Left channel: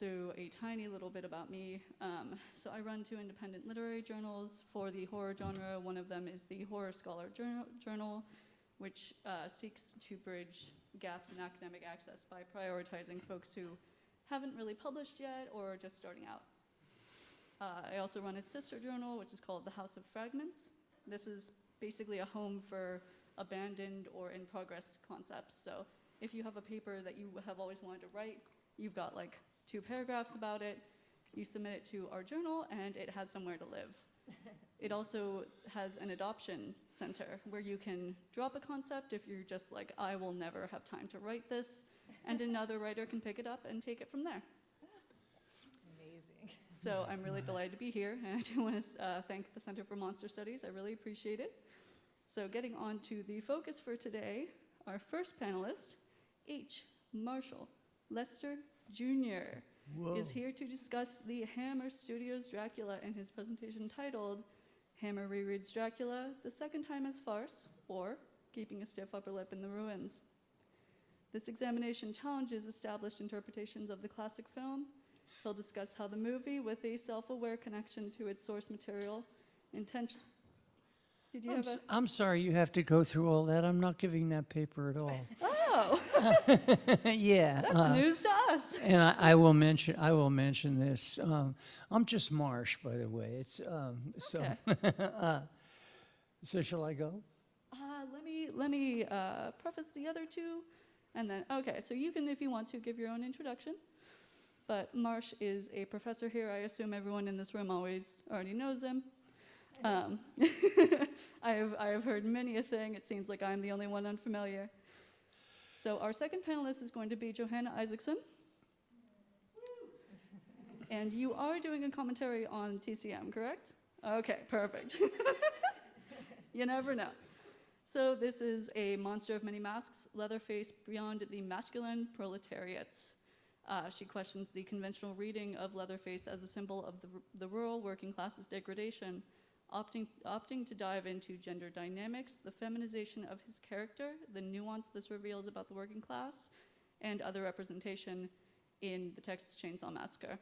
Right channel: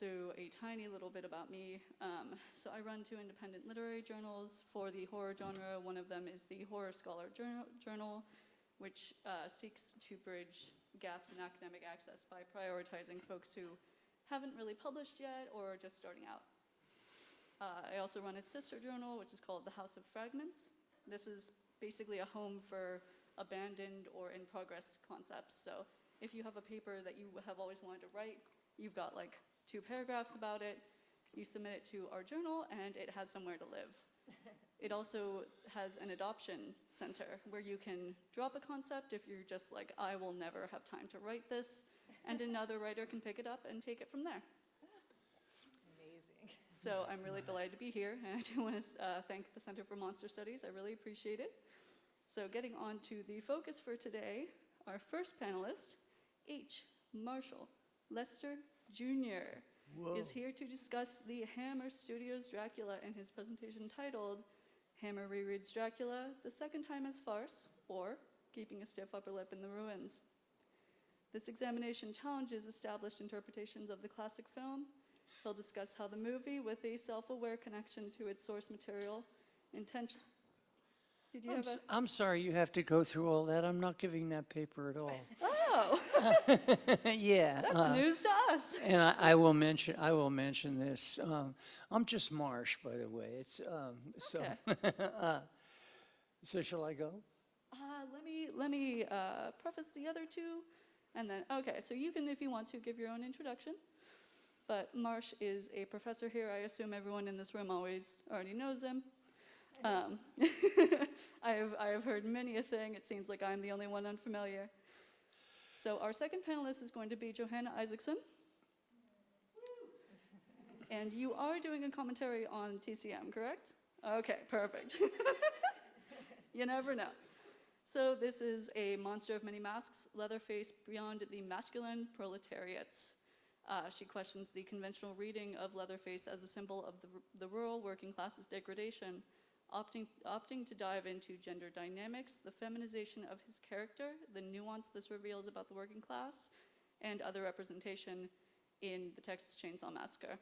So a tiny little bit about me. So I run 2 independent literary journals for the horror genre. One of them is the Horror Scholar Journal, which seeks to bridge gaps in academic access by prioritizing folks who haven't really published yet or are just starting out. I also run its sister journal, which is called The House of Fragments. This is basically a home for abandoned or in-progress concepts. So if you have a paper that you have always wanted to write, you've got like 2 paragraphs about it, you submit it to our journal, and it has somewhere to live. It also has an adoption center where you can drop a concept if you're just like, I will never have time to write this, and another writer can pick it up and take it from there. Amazing. So I'm really delighted to be here, and I do want to thank the Center for Monster Studies. I really appreciate it. So getting on to the focus for today, our first panelist, H. Marshall Leicester Jr. is here to discuss the Hammer Studios Dracula in his presentation titled Hammer Rereads Dracula, the Second Time as Farce, or Keeping a Stiff Upper Lip in the Ruins. This examination challenges established interpretations of the classic film. He'll discuss how the movie, with a self-aware connection to its source material, Did you have a... I'm sorry you have to go through all that. I'm not giving that paper at all. Oh! Yeah. That's news to us. And I will mention this. I'm just Marsh, by the way. It's Okay. So shall I go? Let me preface the other 2, and then, okay, so you can, if you want to, give your own introduction. But Marsh is a professor here. I assume everyone in this room already knows him. I have heard many a thing. It seems like I'm the only one unfamiliar. So our second panelist is going to be Johanna Isaacson. And you are doing a commentary on TCM, correct? Okay, perfect. You never know. So this is a monster of many masks, Leatherface beyond the masculine proletariat. She questions the conventional reading of Leatherface as a symbol of the rural working class's degradation, opting to dive into gender dynamics, the feminization of his character, the nuance this reveals about the working class, and other representation in the Texas Chainsaw Massacre.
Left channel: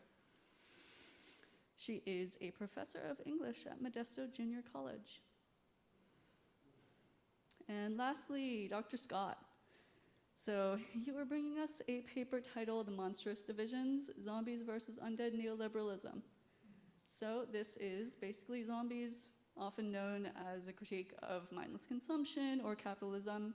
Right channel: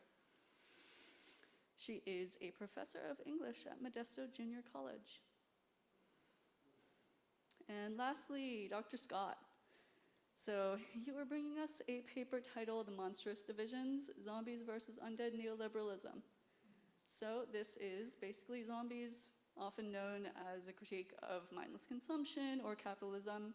She is a professor of English at Modesto Junior College. And lastly, Dr. Scott. So you are bringing us a paper titled Monstrous Divisions, Zombies versus Undead Neoliberalism. So this is basically zombies, often known as a critique of mindless consumption or capitalism,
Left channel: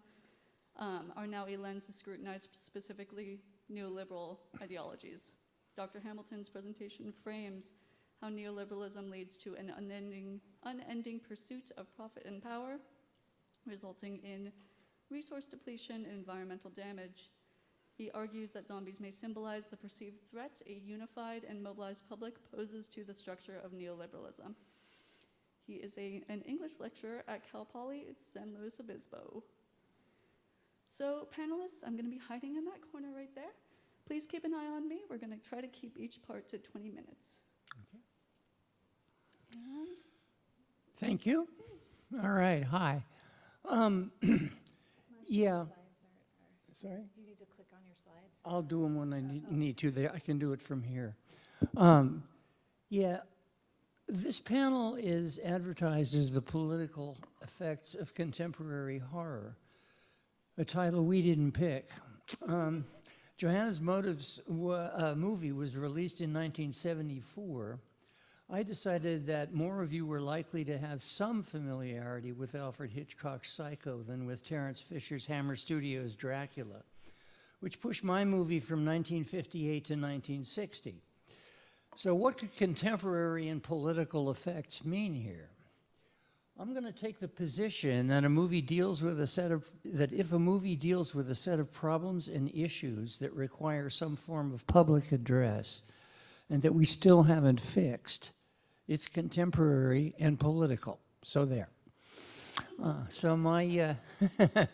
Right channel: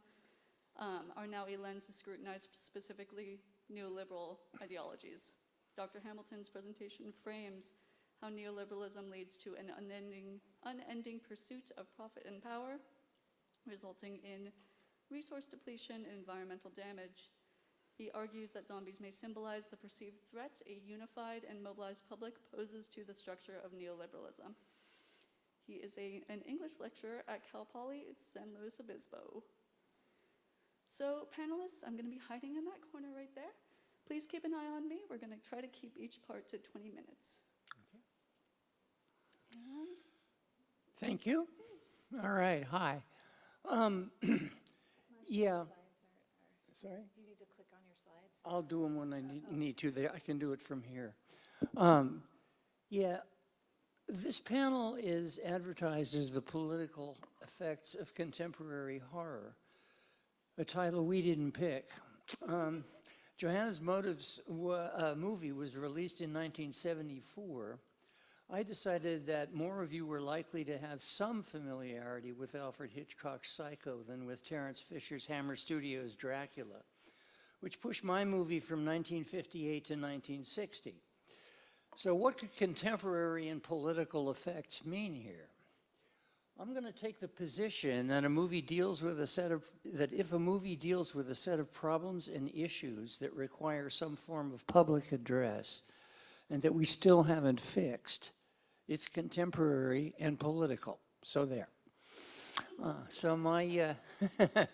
are now a lens to scrutinize specifically neoliberal ideologies. Dr. Hamilton's presentation frames how neoliberalism leads to an unending pursuit of profit and power, resulting in resource depletion and environmental damage. He argues that zombies may symbolize the perceived threat a unified and mobilized public poses to the structure of neoliberalism. He is an English lecturer at Cal Poly San Luis Obispo. So panelists, I'm going to be hiding in that corner right there. Please keep an eye on me. We're going to try to keep each part to 20 minutes. Okay. And Thank you. All right. Hi. Yeah. Sorry? Do you need to click on your slides? I'll do them when I need to. I can do it from here. Yeah, this panel is advertised as the political effects of contemporary horror, a title we didn't pick. Johanna's Motives movie was released in 1974. I decided that more of you were likely to have some familiarity with Alfred Hitchcock's Psycho than with Terence Fisher's Hammer Studios' Dracula, which pushed my movie from 1958 to 1960. So what could contemporary and political effects mean here? I'm going to take the position that if a movie deals with a set of problems and issues that require some form of public address and that we still haven't fixed, it's contemporary and political. So there. So my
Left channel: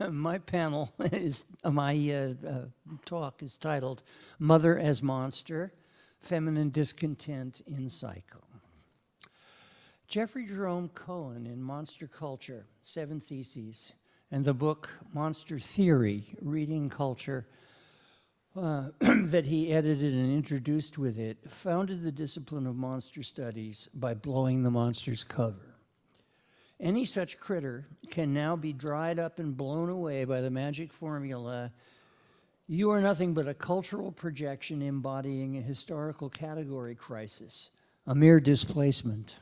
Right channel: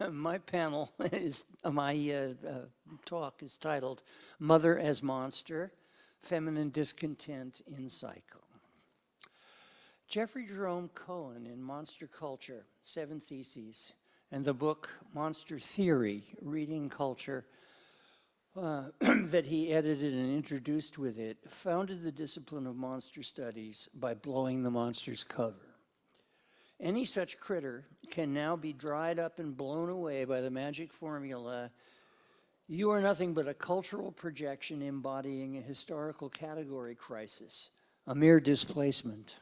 my panel is my talk is titled "Mother as Monster: Feminine Discontent in Psycho." Jeffrey Jerome Cohen in Monster Culture, 7 Theses, and the book Monster Theory, Reading Culture, that he edited and introduced with it, founded the discipline of monster studies by blowing the monster's cover. Any such critter can now be dried up and blown away by the magic formula, "You are nothing but a cultural projection embodying a historical category crisis, a mere displacement."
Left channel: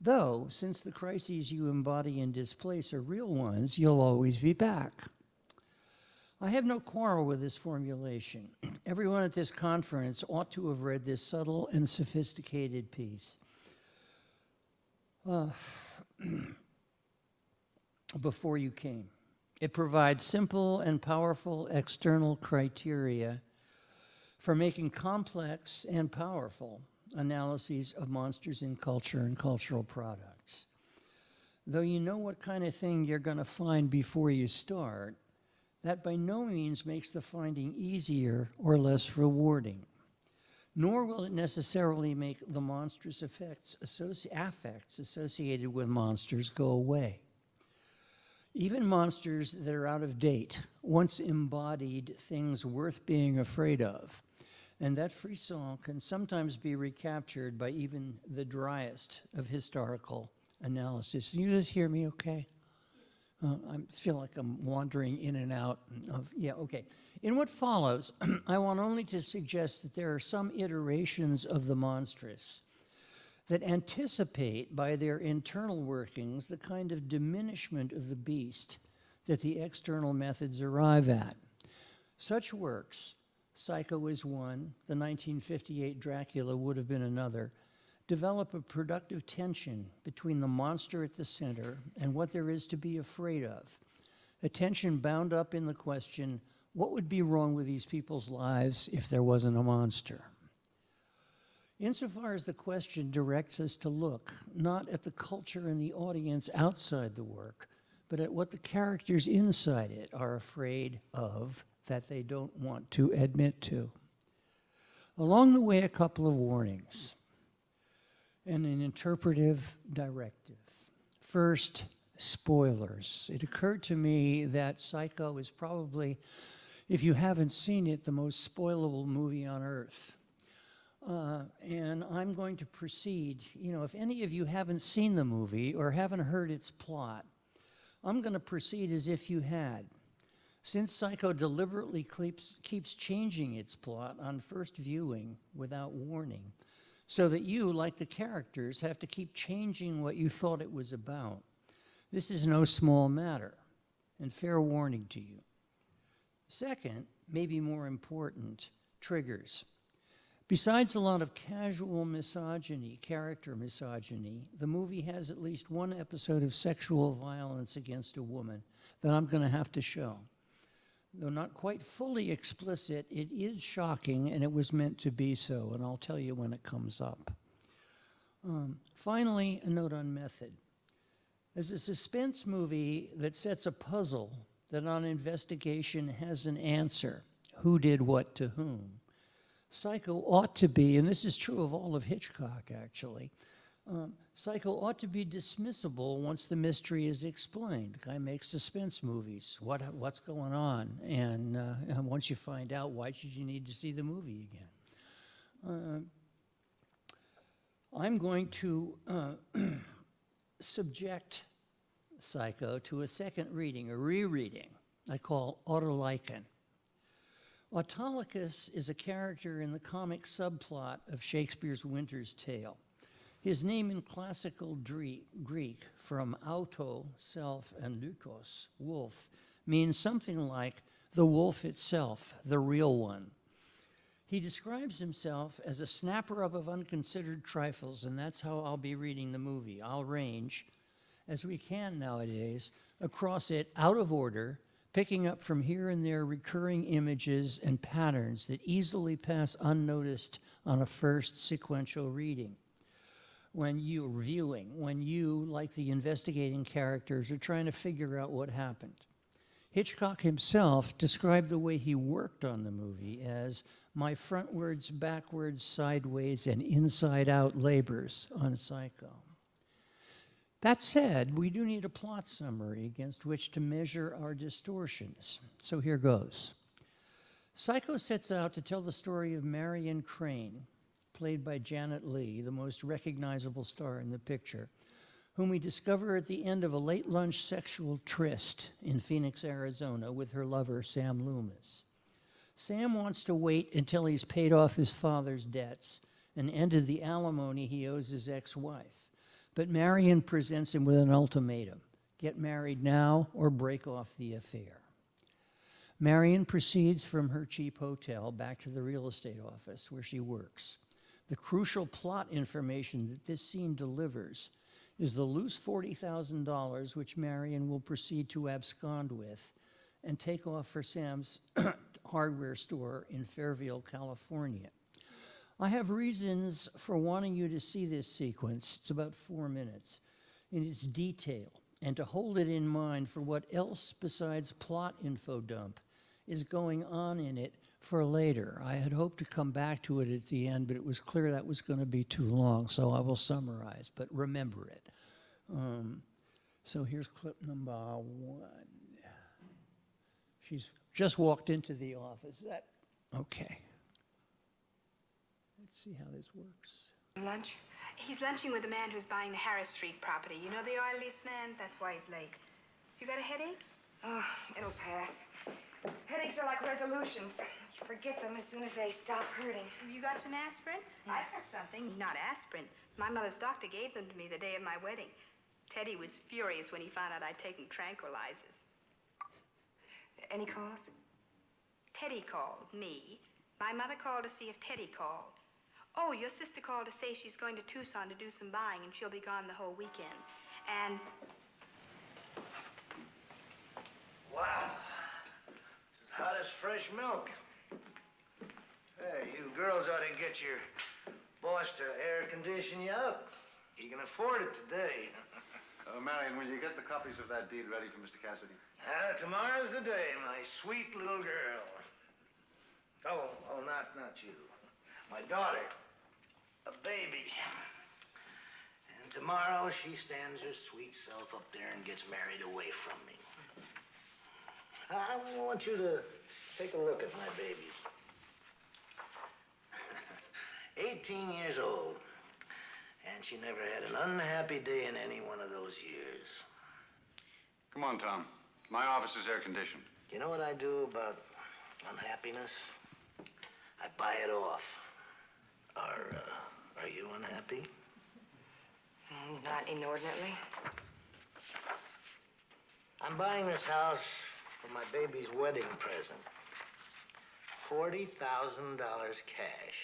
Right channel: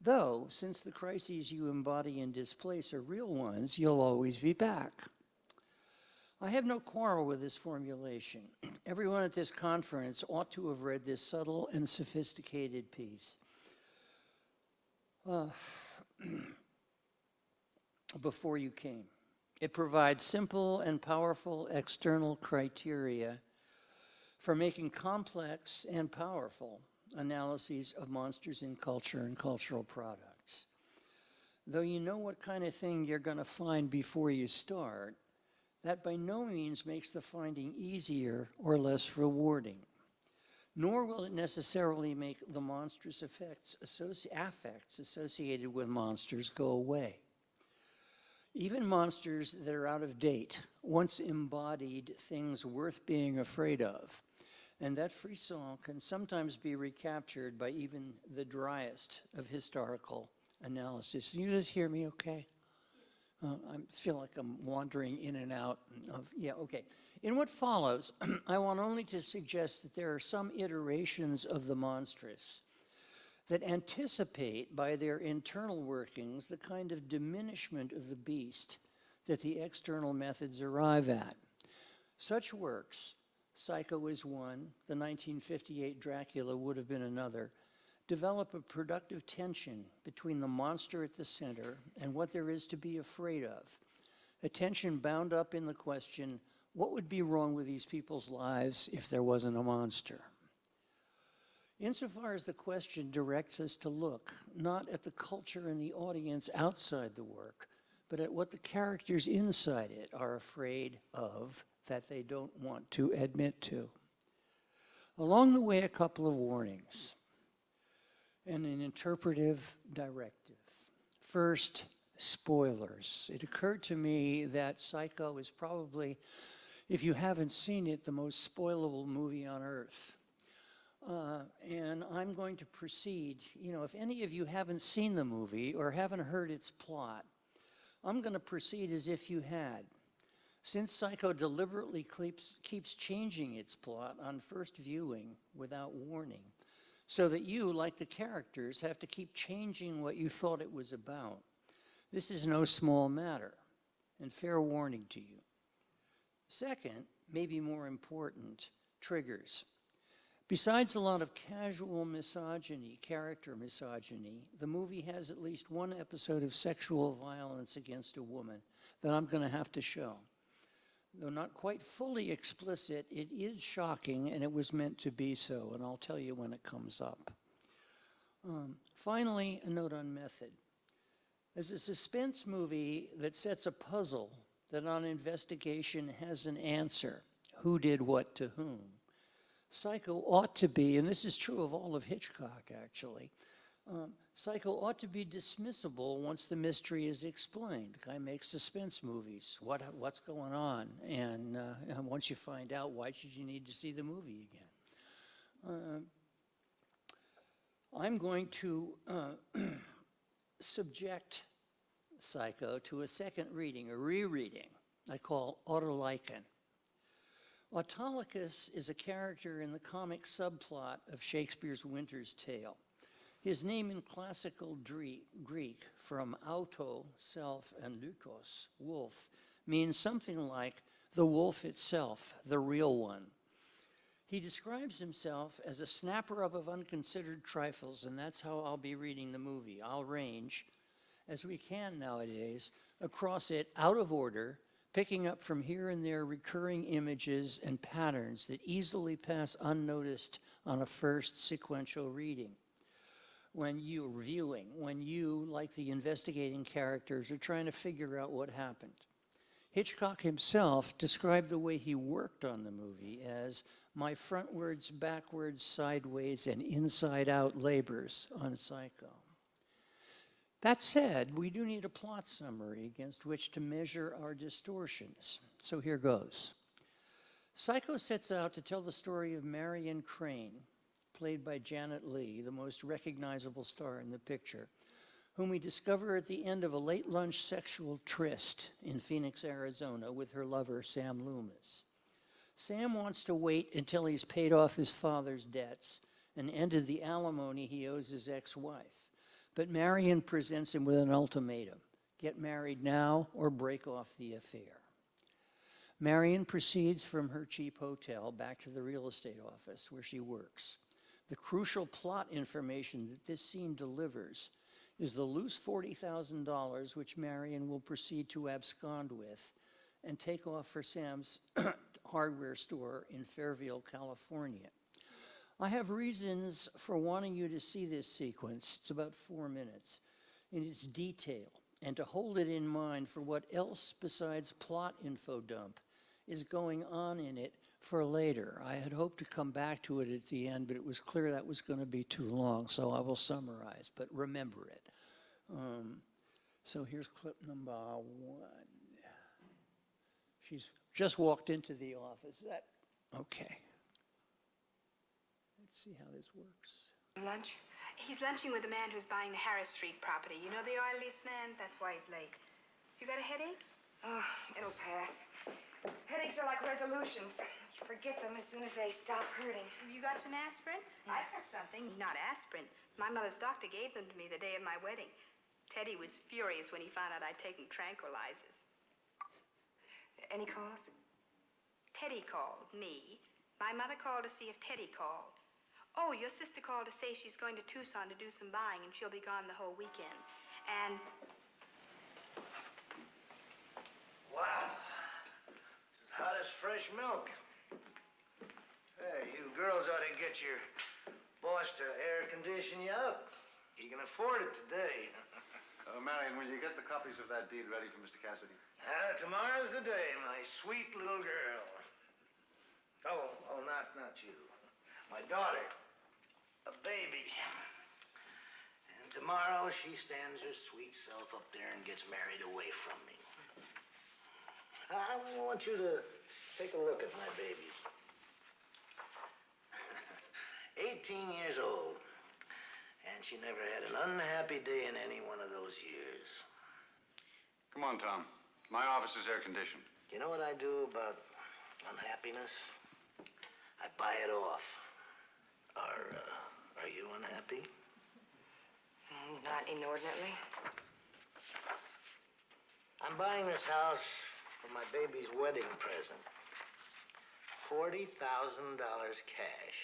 Though, since the crises you embody and displace are real ones, you'll always be back. I have no quarrel with this formulation. Everyone at this conference ought to have read this subtle and sophisticated piece before you came. It provides simple and powerful external criteria for making complex and powerful analyses of monsters in culture and cultural products. Though you know what kind of thing you're going to find before you start, that by no means makes the finding easier or less rewarding. Nor will it necessarily make the monstrous affects associated with monsters go away. Even monsters that are out of date once embodied things worth being afraid of, and that frisson can sometimes be recaptured by even the driest of historical analysis. Can you guys hear me okay? I feel like I'm wandering in and out of, yeah, okay. In what follows, I want only to suggest that there are some iterations of the monstrous that anticipate by their internal workings the kind of diminishment of the beast that the external methods arrive at. Such works, Psycho is one, the 1958 Dracula would have been another, develop a productive tension between the monster at the center and what there is to be afraid of, a tension bound up in the question, what would be wrong with these people's lives if there wasn't a monster? Insofar as the question directs us to look not at the culture and the audience outside the work, but at what the characters inside it are afraid of that they don't want to admit to. Along the way, a couple of warnings and an interpretive directive. First, spoilers. It occurred to me that Psycho is probably, if you haven't seen it, the most spoilable movie on earth. And I'm going to proceed, if any of you haven't seen the movie or haven't heard its plot, I'm going to proceed as if you had. Since Psycho deliberately keeps changing its plot on first viewing without warning, so that you, like the characters, have to keep changing what you thought it was about. This is no small matter, and fair warning to you. Second, maybe more important, triggers. Besides a lot of casual misogyny, character misogyny, the movie has at least one episode of sexual violence against a woman that I'm going to have to show. Though not quite fully explicit, it is shocking, and it was meant to be so, and I'll tell you when it comes up. Finally, a note on method. As a suspense movie that sets a puzzle that on investigation has an answer, who did what to whom, Psycho ought to be, and this is true of all of Hitchcock actually, Psycho ought to be dismissible once the mystery is explained. The guy makes suspense movies. What's going on? And once you find out, why should you need to see the movie again? I'm going to subject Psycho to a second reading, a rereading, I call Autolycan. Autolycus is a character in the comic subplot of Shakespeare's Winter's Tale. His name in classical Greek, from auto, self, and lukos, wolf, means something like the wolf itself, the real one. He describes himself as a snapper up of unconsidered trifles, and that's how I'll be reading the movie. I'll range, as we can nowadays, across it out of order, picking up from here and there recurring images and patterns that easily pass unnoticed on a first sequential reading. When you're viewing, when you, like the investigating characters, are trying to figure out what happened. Hitchcock himself described the way he worked on the movie as my frontwards, backwards, sideways, and inside-out labors on Psycho. That said, we do need a plot summary against which to measure our distortions. So here goes. Psycho sets out to tell the story of Marion Crane, played by Janet Leigh, the most recognizable star in the picture, whom we discover at the end of a late lunch sexual tryst in Phoenix, Arizona, with her lover, Sam Loomis. Sam wants to wait until he's paid off his father's debts and ended the alimony he owes his ex-wife. But Marion presents him with an ultimatum: get married now or break off the affair. Marion proceeds from her cheap hotel back to the real estate office where she works. The crucial plot information that this scene delivers is the loose $40,000 which Marion will proceed to abscond with and take off for Sam's hardware store in Fairfield, California. I have reasons for wanting you to see this sequence. It's about 4 minutes in its detail, and to hold it in mind for what else besides plot info dump is going on in it for later. I had hoped to come back to it at the end, but it was clear that was going to be too long, so I will summarize, but remember it. So here's clip number 1. She's just walked into the office. Okay. Let's see how this works. Lunch? He's lunching with the man who's buying the Harris Street property. You know the oil lease man? That's why he's late. You got a headache? Oh, it'll pass. Headaches are like resolutions. You forget them as soon as they stop hurting. You got some aspirin? I've got something. Not aspirin. My mother's doctor gave them to me the day of my wedding. Teddy was furious when he found out I'd taken tranquilizers. Any calls? Teddy called me. My mother called to see if Teddy called. Oh, your sister called to say she's going to Tucson to do some buying and she'll be gone the whole weekend. And... Wow. It's as hot as fresh milk. Hey, you girls ought to get your boss to air condition you up. He can afford it today. Marion, will you get the copies of that deed ready for Mr. Cassidy? Tomorrow's the day, my sweet little girl. Oh, not you. My daughter, a baby. And tomorrow she stands her sweet self up there and gets married away from me. I want you to take a look at my baby. 18 years old. And she never had an unhappy day in any one of those years. Come on, Tom. My office is air-conditioned. You know what I do about unhappiness? I buy it off. Are you unhappy? Not inordinately. I'm buying this house for my baby's wedding present. $40,000 cash.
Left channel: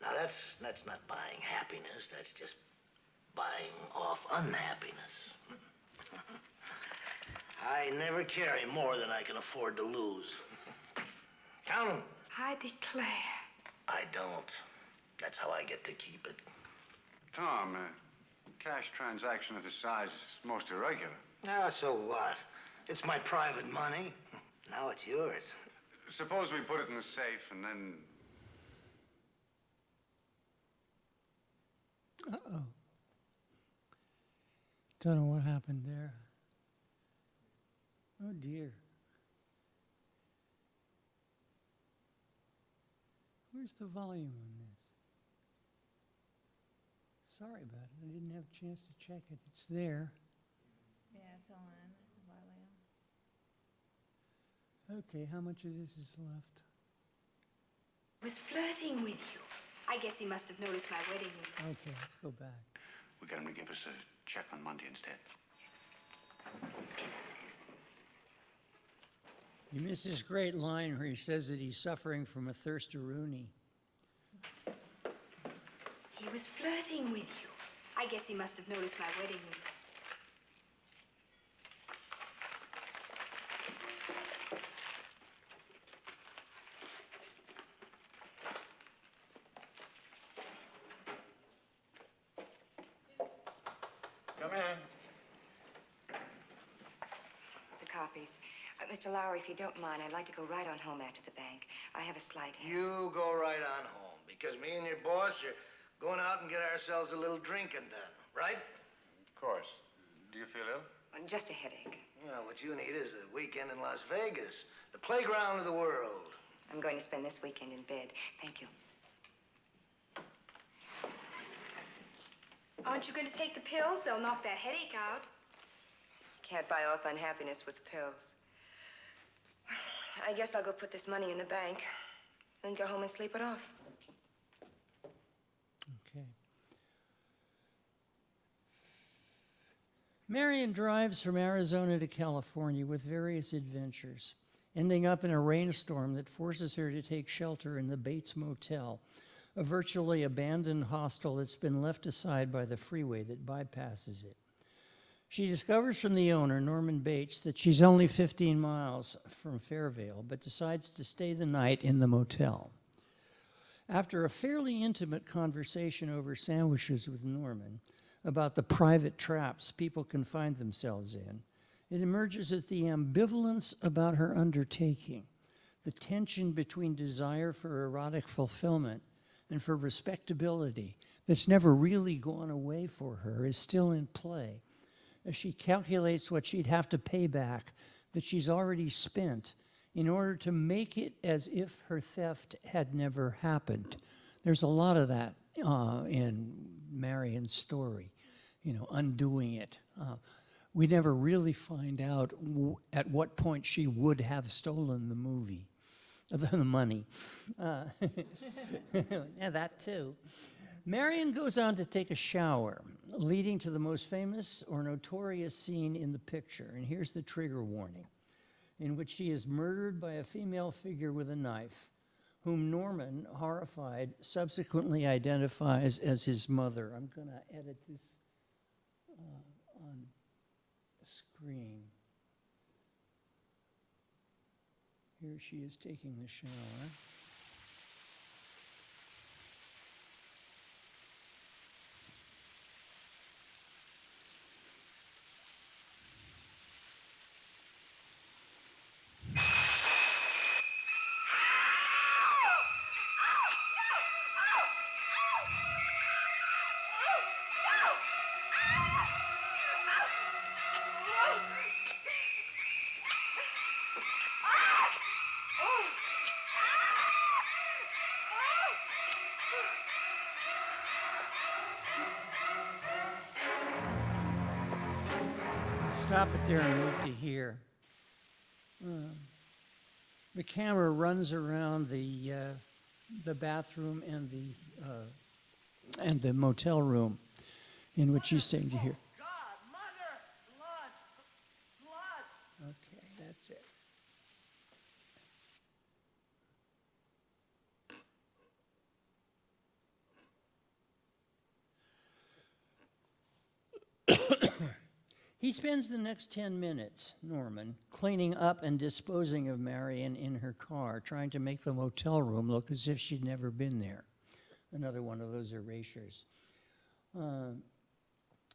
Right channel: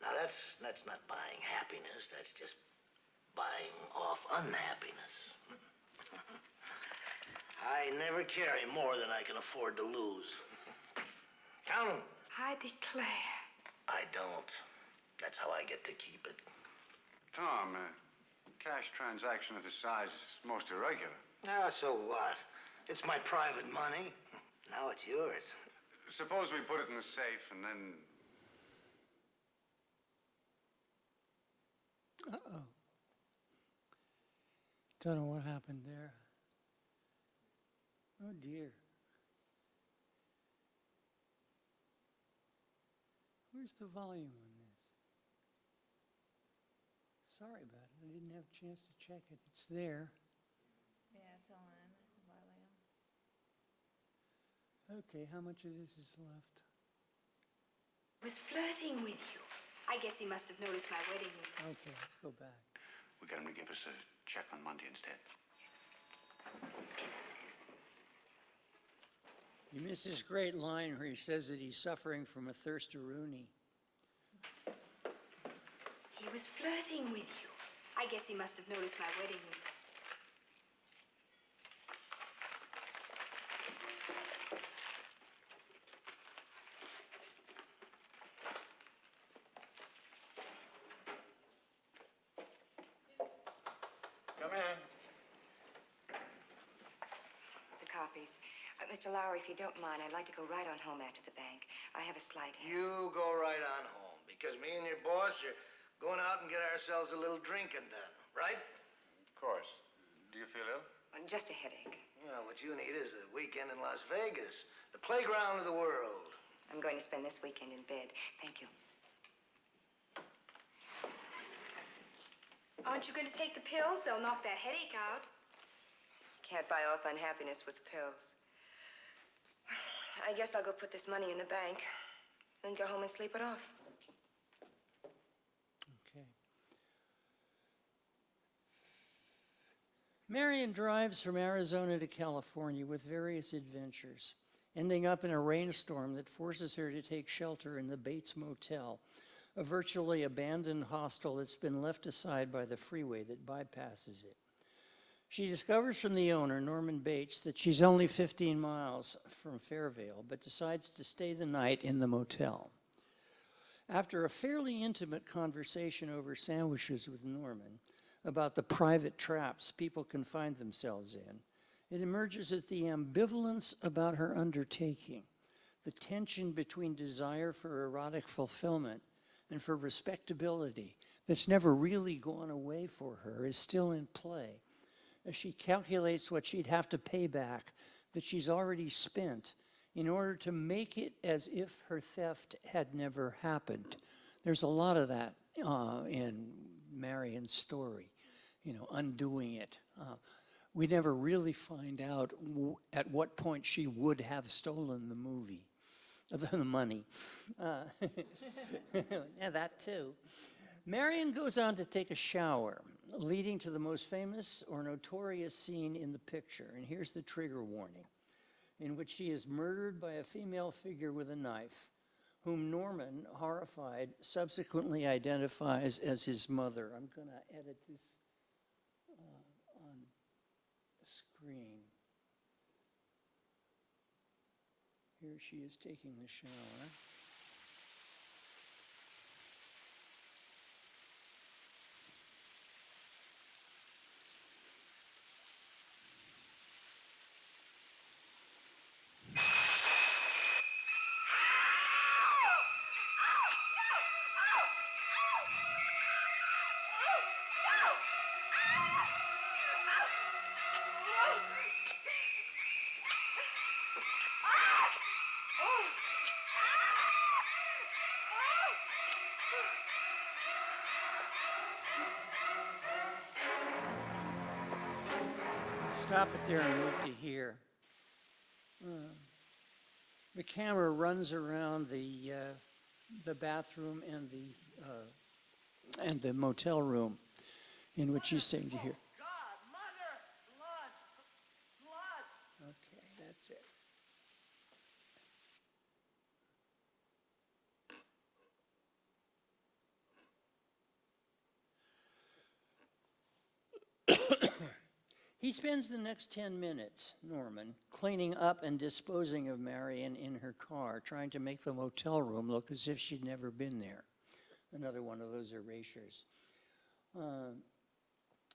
Now, that's not buying happiness. That's just buying off unhappiness. I never carry more than I can afford to lose. Count 'em. I declare. I don't. That's how I get to keep it. Tom, cash transaction of this size is most irregular. Ah, so what? It's my private money. Now it's yours. Suppose we put it in the safe and then... Uh-oh. Don't know what happened there. Oh, dear. Where's the volume on this? Sorry about it. I didn't have a chance to check it. It's there. Yeah, it's on volume. Okay, how much of this is left? Was flirting with you. I guess he must have noticed my wedding ring. Okay, let's go back. We got him to give us a check on Monday instead. You missed this great line where he says that he's suffering from a thirst-a-rooney. He was flirting with you. I guess he must have noticed my wedding ring. Come in. The copies. Mr. Lowry, if you don't mind, I'd like to go right on home after the bank. I have a slight headache. You go right on home, because me and your boss are going out and get ourselves a little drinking done, right? Of course. Do you feel ill? Just a headache. Yeah, what you need is a weekend in Las Vegas, the playground of the world. I'm going to spend this weekend in bed. Thank you. Aren't you going to take the pills? They'll knock that headache out. Can't buy off unhappiness with pills. I guess I'll go put this money in the bank, then go home and sleep it off. Okay. Marion drives from Arizona to California with various adventures, ending up in a rainstorm that forces her to take shelter in the Bates Motel, a virtually abandoned hostel that's been left aside by the freeway that bypasses it. She discovers from the owner, Norman Bates, that she's only 15 miles from Fairvale, but decides to stay the night in the motel. After a fairly intimate conversation over sandwiches with Norman about the private traps people can find themselves in, it emerges that the ambivalence about her undertaking, the tension between desire for erotic fulfillment and for respectability that's never really gone away for her, is still in play as she calculates what she'd have to pay back that she's already spent in order to make it as if her theft had never happened. There's a lot of that in Marion's story, undoing it. We never really find out at what point she would have stolen the money. Yeah, that too. Marion goes on to take a shower, leading to the most famous or notorious scene in the picture. And here's the trigger warning, in which she is murdered by a female figure with a knife, whom Norman, horrified, subsequently identifies as his mother. I'm going to edit this on the screen. Here she is taking the shower. Stop it there and move to here. The camera runs around the bathroom and the motel room in which she's staying to here. God, mother, blood. Okay, that's it. He spends the next 10 minutes, Norman, cleaning up and disposing of Marion in her car, trying to make the motel room look as if she'd never been there. Another one of those erasures.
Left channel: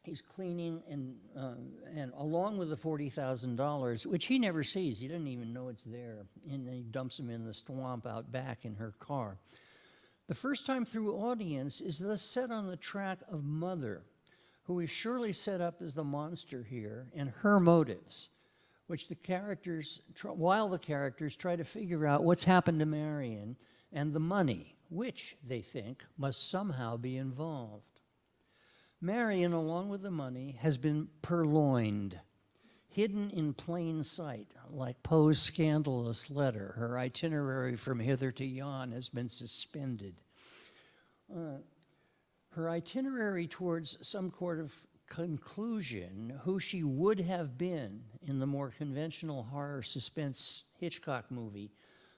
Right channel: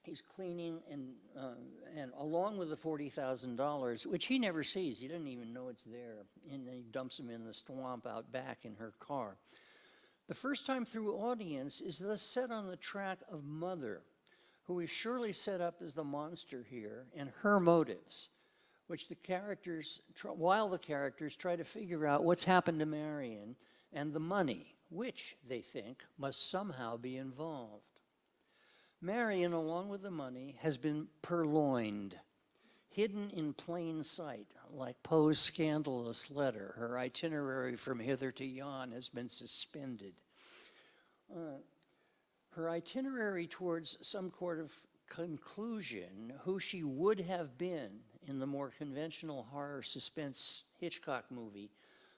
He's cleaning and along with the $40,000, which he never sees. He doesn't even know it's there. And he dumps them in the swamp out back in her car. The first time through audience is thus set on the track of Mother, who is surely set up as the monster here, and her motives, which the characters, while the characters try to figure out what's happened to Marion and the money, which they think must somehow be involved. Marion, along with the money, has been purloined, hidden in plain sight, like Poe's scandalous letter. Her itinerary from hither to yon has been suspended. Her itinerary towards some sort of conclusion, who she would have been in the more conventional horror suspense Hitchcock movie,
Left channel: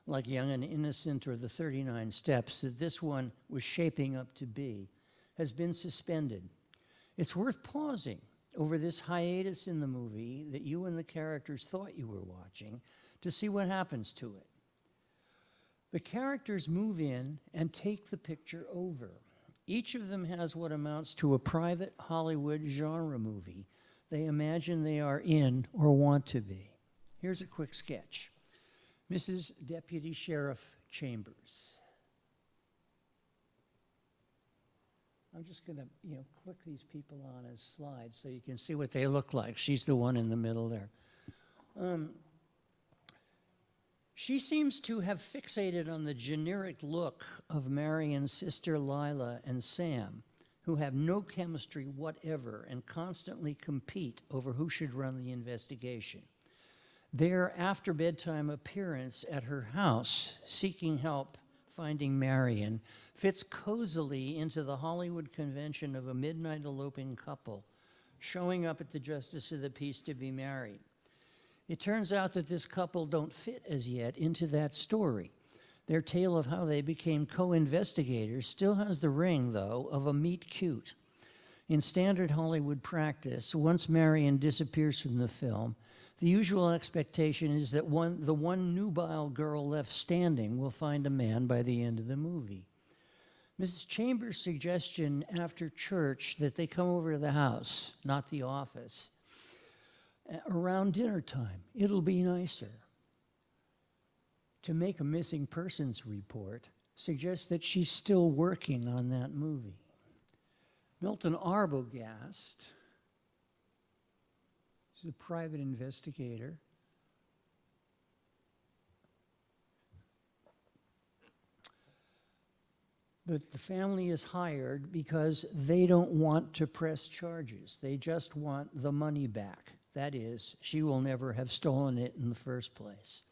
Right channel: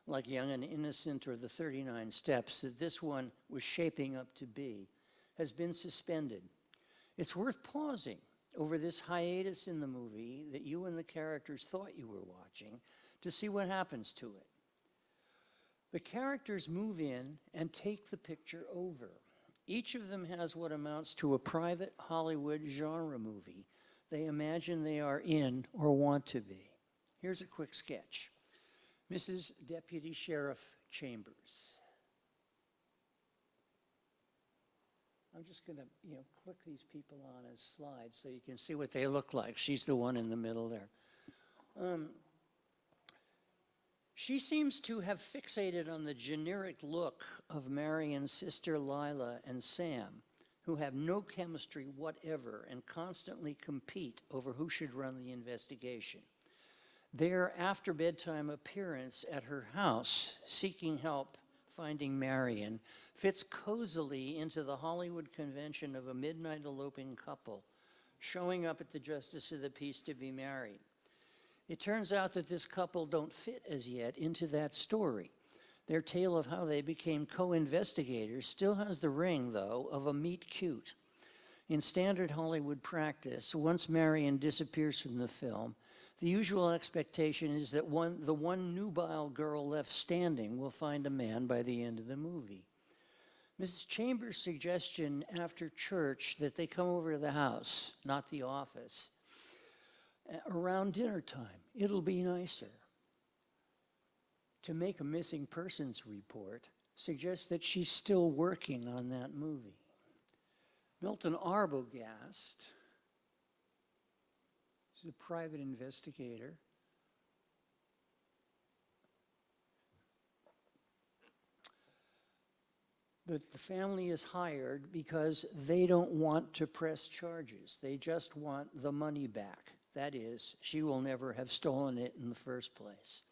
like Young and Innocent or The 39 Steps, that this one was shaping up to be, has been suspended. It's worth pausing over this hiatus in the movie that you and the characters thought you were watching to see what happens to it. The characters move in and take the picture over. Each of them has what amounts to a private Hollywood genre movie they imagine they are in or want to be. Here's a quick sketch. Mrs. Deputy Sheriff Chambers. I'm just going to, click these people on as slides so you can see what they look like. She's the one in the middle there. She seems to have fixated on the generic look of Marion's sister Lila and Sam, who have no chemistry whatever and constantly compete over who should run the investigation. Their after bedtime appearance at her house, seeking help finding Marion, fits cozily into the Hollywood convention of a midnight eloping couple showing up at the Justice of the Peace to be married. It turns out that this couple don't fit as yet into that story. Their tale of how they became co-investigators still has the ring, though, of a meet cute. In standard Hollywood practice, once Marion disappears from the film, the usual expectation is that the one nubile girl left standing will find a man by the end of the movie. Mrs. Chambers' suggestion after church that they come over to the house, not the office, around dinner time, it'll be nicer, to make a missing persons report suggests that she's still working on that movie. Milton Arbogast is a private investigator. That the family is hired because they don't want to press charges. They just want the money back. That is, she will never have stolen it in the first place.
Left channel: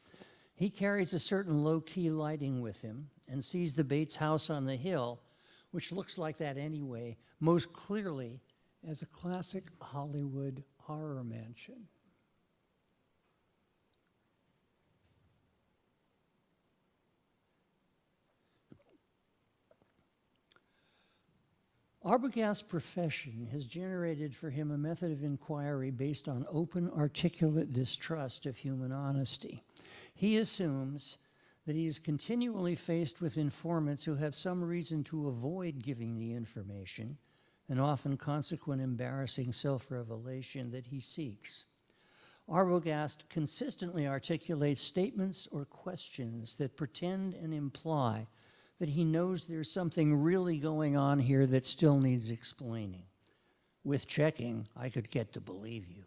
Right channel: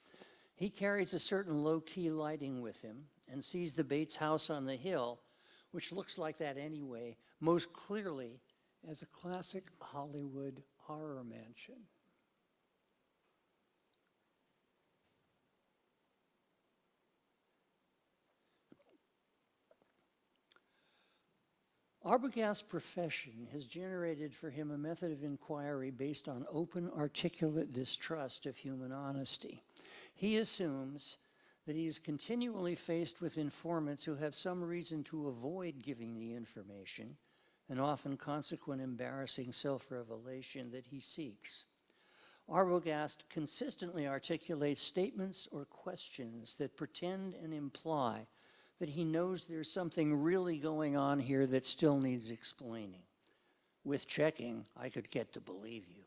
He carries a certain low-key lighting with him and sees the Bates house on the hill, which looks like that anyway, most clearly as a classic Hollywood horror mansion. Arbogast's profession has generated for him a method of inquiry based on open, articulate distrust of human honesty. He assumes that he is continually faced with informants who have some reason to avoid giving the information, and often consequent embarrassing self-revelation that he seeks. Arbogast consistently articulates statements or questions that pretend and imply that he knows there's something really going on here that still needs explaining. With checking, I could get to believe you.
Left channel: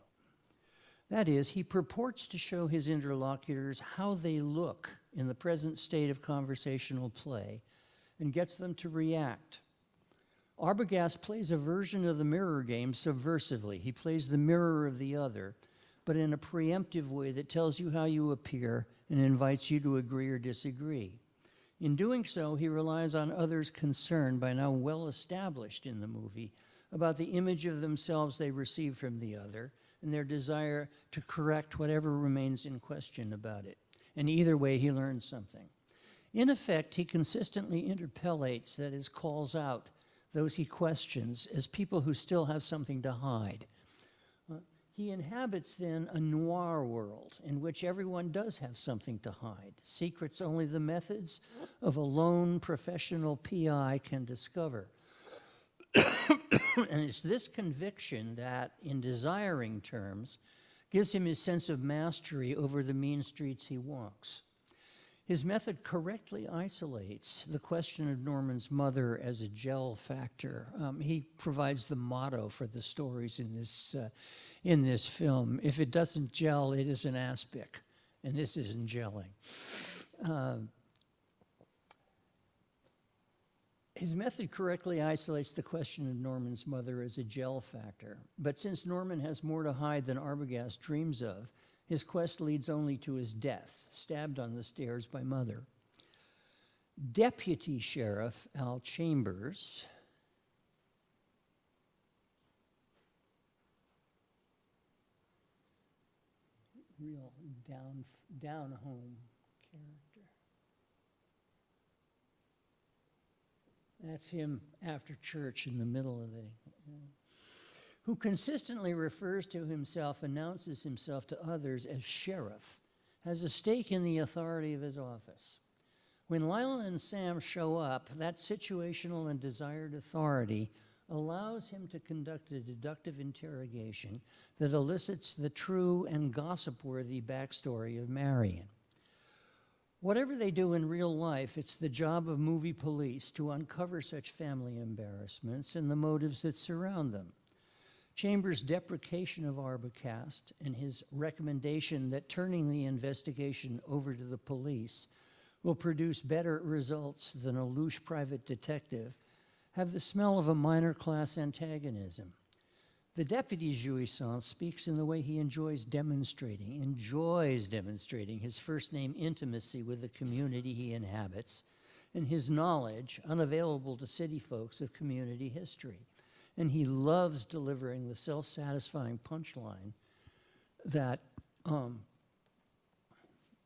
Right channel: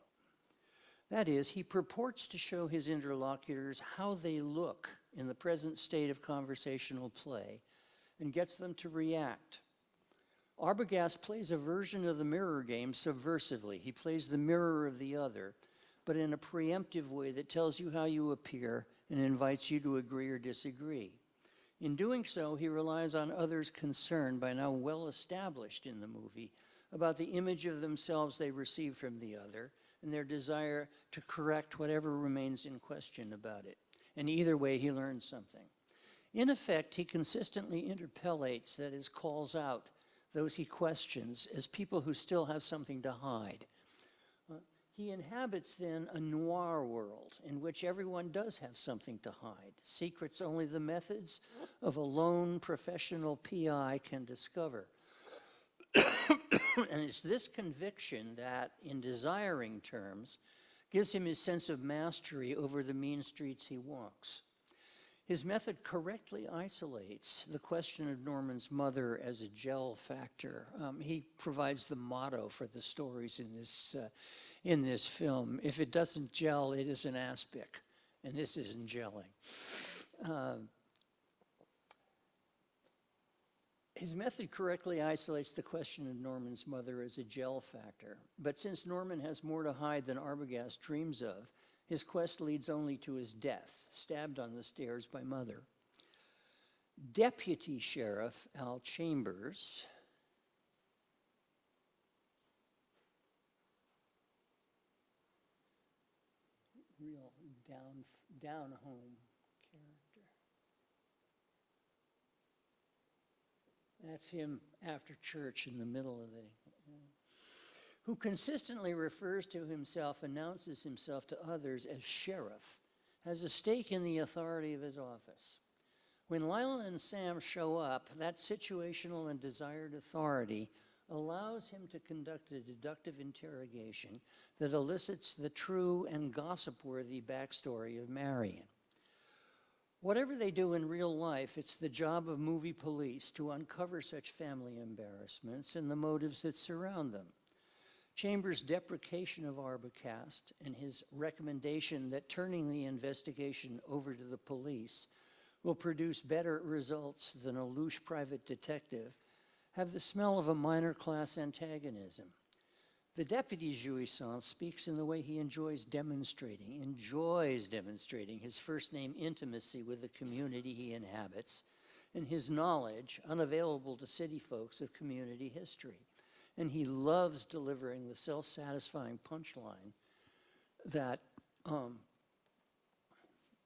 That is, he purports to show his interlocutors how they look in the present state of conversational play and gets them to react. Arbogast plays a version of the mirror game subversively. He plays the mirror of the other, but in a preemptive way that tells you how you appear and invites you to agree or disagree. In doing so, he relies on others' concern, by now well established in the movie, about the image of themselves they receive from the other and their desire to correct whatever remains in question about it. And either way, he learns something. In effect, he consistently interpellates, that is, calls out those he questions as people who still have something to hide. He inhabits then a noir world in which everyone does have something to hide, secrets only the methods of a lone professional PI can discover. And it's this conviction that, in desiring terms, gives him his sense of mastery over the mean streets he walks. His method correctly isolates the question of Norman's mother as a gel factor. He provides the motto for the stories in this film. If it doesn't gel, it is an aspic, and this isn't gelling. His method correctly isolates the question of Norman's mother as a gel factor, but since Norman has more to hide than Arbogast dreams of, his quest leads only to his death, stabbed on the stairs by Mother. Deputy Sheriff Al Chambers real down-home character. That's him after church in the middle of it. Who consistently refers to himself, announces himself to others as sheriff, has a stake in the authority of his office. When Lila and Sam show up, that situational and desired authority allows him to conduct a deductive interrogation that elicits the true and gossip-worthy backstory of Marion. Whatever they do in real life, it's the job of movie police to uncover such family embarrassments and the motives that surround them. Chambers' deprecation of Arbogast and his recommendation that turning the investigation over to the police will produce better results than a louche private detective have the smell of a minor class antagonism. The deputy jouissance speaks in the way he enjoys demonstrating his first name intimacy with the community he inhabits and his knowledge, unavailable to city folks, of community history. And he loves delivering the self-satisfying punchline that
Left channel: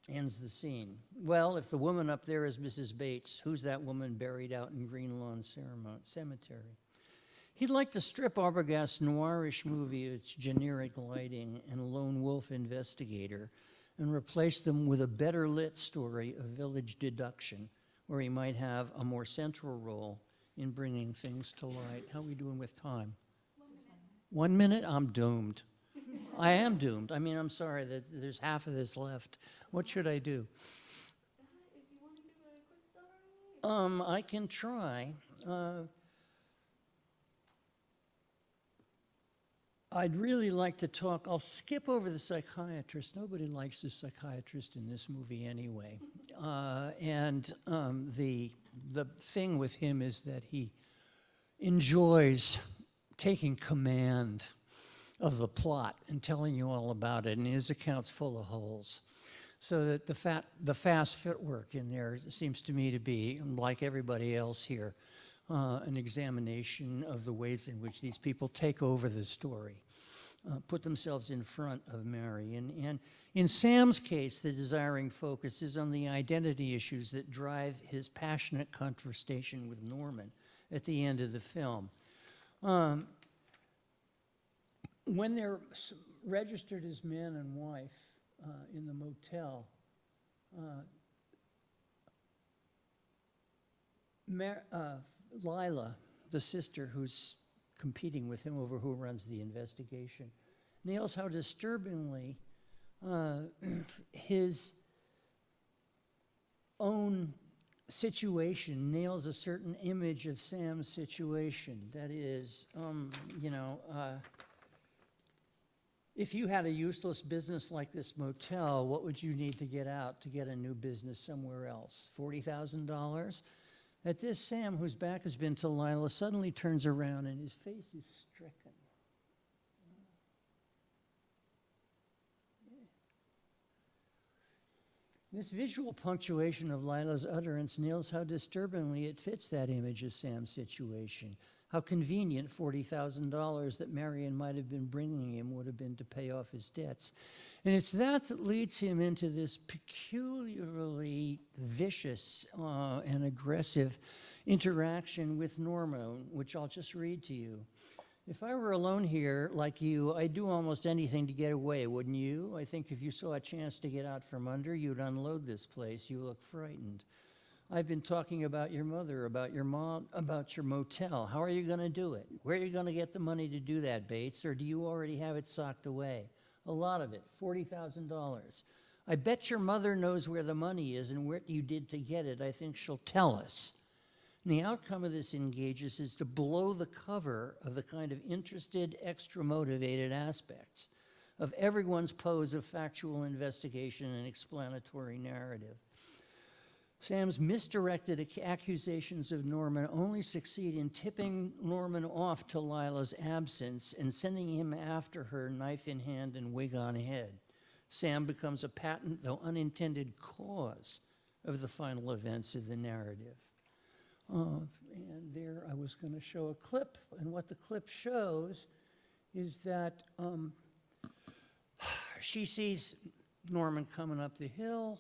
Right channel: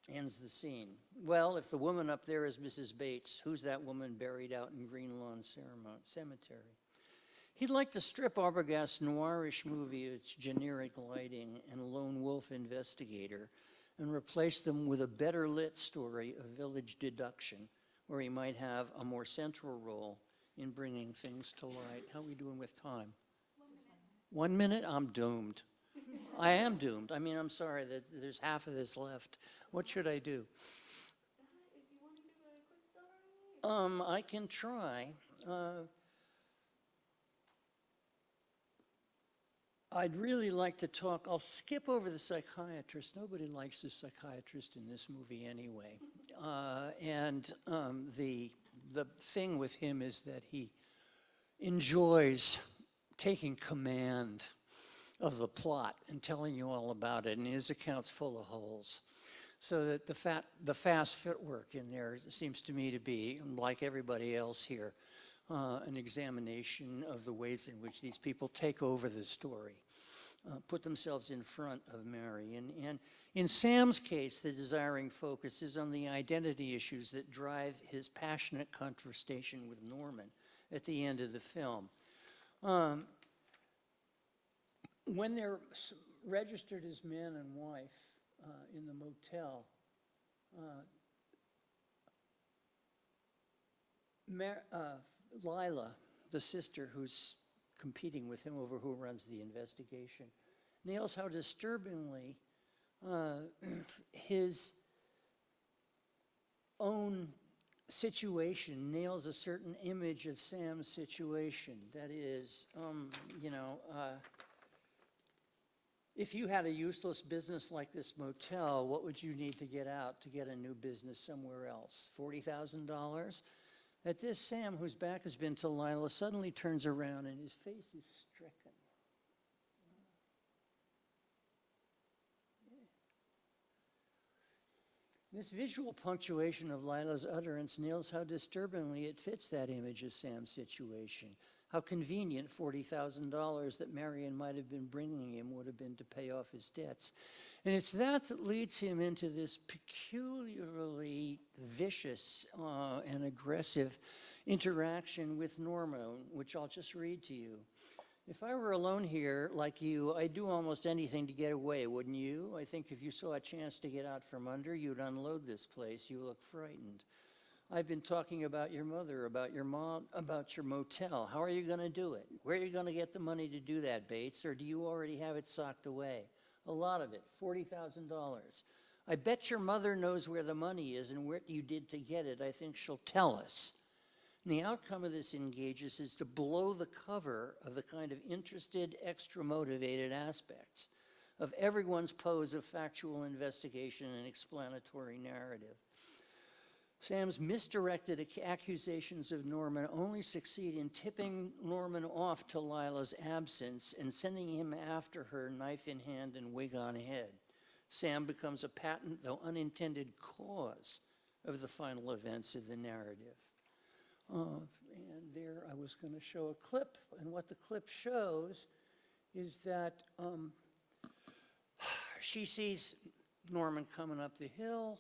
ends the scene. Well, if the woman up there is Mrs. Bates, who's that woman buried out in Green Lawn Cemetery? He'd like to strip Arbogast's noirish movie of its generic lighting and lone wolf investigator and replace them with a better lit story of village deduction, where he might have a more central role in bringing things to light. How are we doing with time? 1 minute? I'm doomed. I am doomed. I mean, I'm sorry that there's half of this left. What should I do? If you want to give a quick summary. I can try. I'd really like to talk, I'll skip over the psychiatrist. Nobody likes the psychiatrist in this movie anyway. The thing with him is that he enjoys taking command of the plot and telling you all about it, and his account's full of holes. So that the fast footwork in there seems to me to be, like everybody else here, an examination of the ways in which these people take over the story, put themselves in front of Mary. And in Sam's case, the desiring focus is on the identity issues that drive his passionate conversation with Norman at the end of the film. When they're registered as man and wife in the motel, Lila, the sister who's competing with him over who runs the investigation, nails how disturbingly his own situation nails a certain image of Sam's situation. That is, if you had a useless business like this motel, what would you need to get out to get a new business somewhere else? $40,000? At this, Sam, whose back has been to Lila, suddenly turns around and his face is stricken. This visual punctuation of Lila's utterance nails how disturbingly it fits that image of Sam's situation. How convenient $40,000 that Marion might have been bringing him would have been to pay off his debts. And it's that leads him into this peculiarly vicious and aggressive interaction with Norma, which I'll just read to you. If I were alone here, like you, I'd do almost anything to get away, wouldn't you? I think if you saw a chance to get out from under, you'd unload this place. You look frightened. I've been talking about your mother, about your mom, about your motel. How are you going to do it? Where are you going to get the money to do that, Bates? Or do you already have it socked away? A lot of it, $40,000. I bet your mother knows where the money is and what you did to get it. I think she'll tell us. And the outcome of this engages is to blow the cover of the kind of interested, extra-motivated aspects of everyone's pose of factual investigation and explanatory narrative. Sam's misdirected accusations of Norman only succeed in tipping Norman off to Lila's absence and sending him after her, knife in hand and wig on head. Sam becomes a patent, though unintended, cause of the final events of the narrative. And there I was going to show a clip, and what the clip shows is that she sees Norman coming up the hill.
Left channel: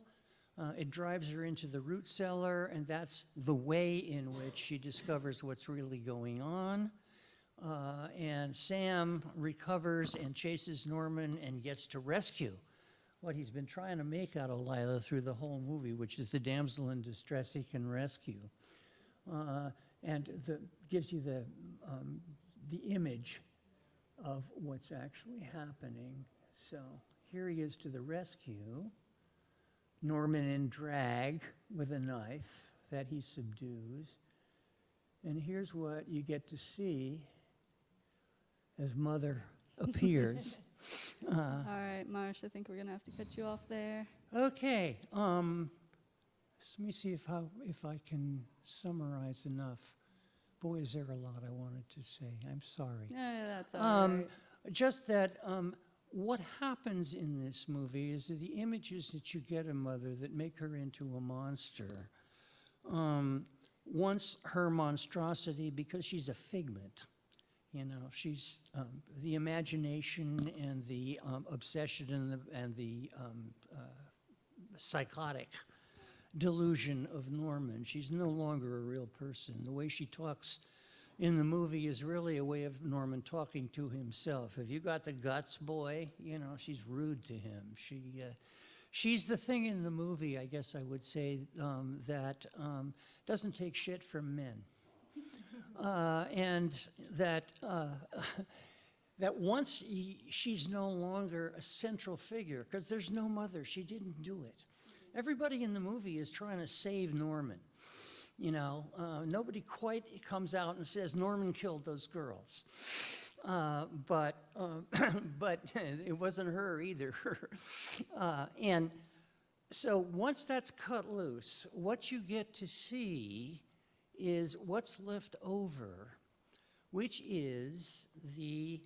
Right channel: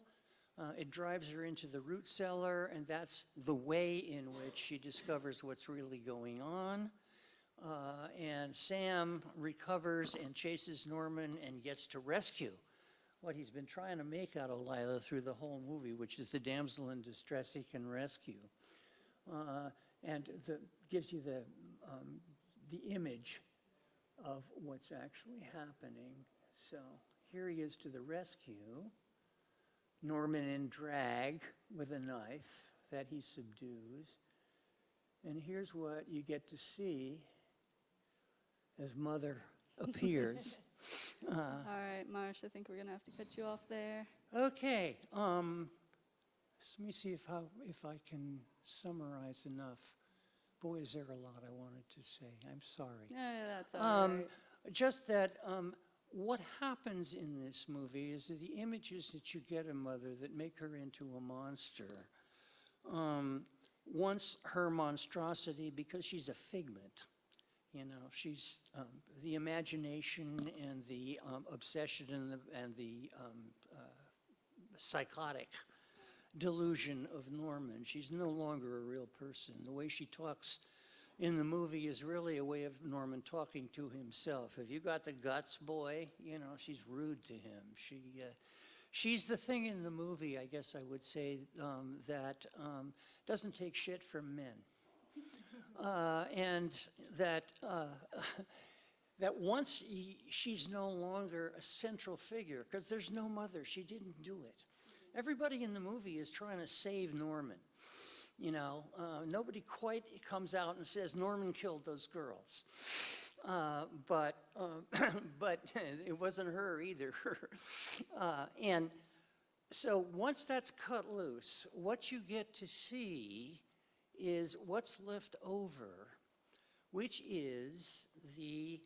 It drives her into the root cellar, and that's the way in which she discovers what's really going on. And Sam recovers and chases Norman and gets to rescue what he's been trying to make out of Lila through the whole movie, which is the damsel in distress he can rescue. And gives you the image of what's actually happening. So here he is to the rescue. Norman in drag with a knife that he subdues. And here's what you get to see as Mother appears. All right, Marsh, I think we're going to have to cut you off there. Okay, let me see if I can summarize enough. Boy, is there a lot I wanted to say. I'm sorry. That's all right. Just that what happens in this movie is that the images that you get of Mother that make her into a monster, once her monstrosity, because she's a figment, you know, she's the imagination and the obsession and the psychotic delusion of Norman. She's no longer a real person. The way she talks in the movie is really a way of Norman talking to himself. Have you got the guts, boy? You know, she's rude to him. She's the thing in the movie, I guess I would say, that doesn't take shit from men. And that once she's no longer a central figure, because there's no mother, she didn't do it. Everybody in the movie is trying to save Norman. You know, nobody quite comes out and says Norman killed those girls. But it wasn't her either. And so once that's cut loose, what you get to see is what's left over, which is the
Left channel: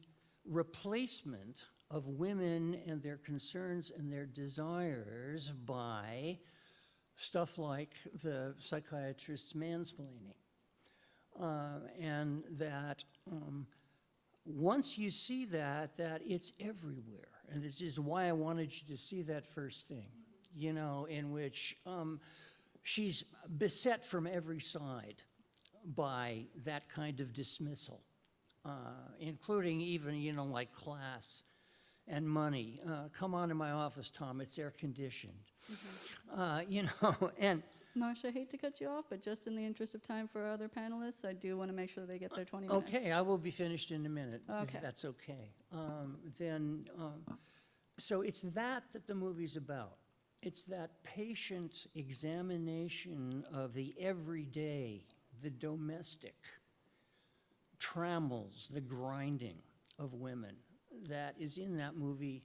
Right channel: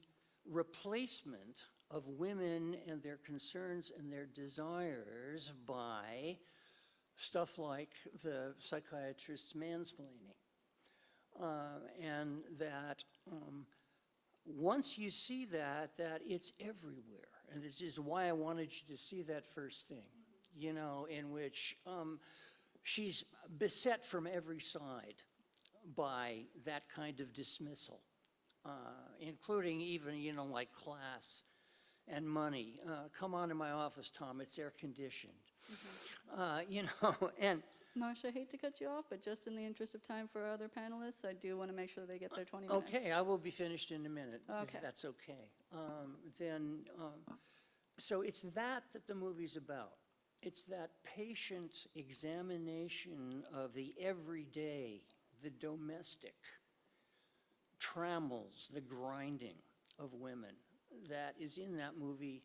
replacement of women and their concerns and their desires by stuff like the psychiatrist's mansplaining. And that once you see that it's everywhere. And this is why I wanted you to see that first thing, you know, in which she's beset from every side by that kind of dismissal, including even, you know, like class and money. Come on to my office, Tom, it's air conditioned. You know, and Marcia, I hate to cut you off, but just in the interest of time for our other panelists, I do want to make sure they get their 20 minutes. okay, I will be finished in a minute, Okay. if that's okay. So it's that the movie's about. It's that patient examination of the everyday, the domestic trammels, the grinding of women that is in that movie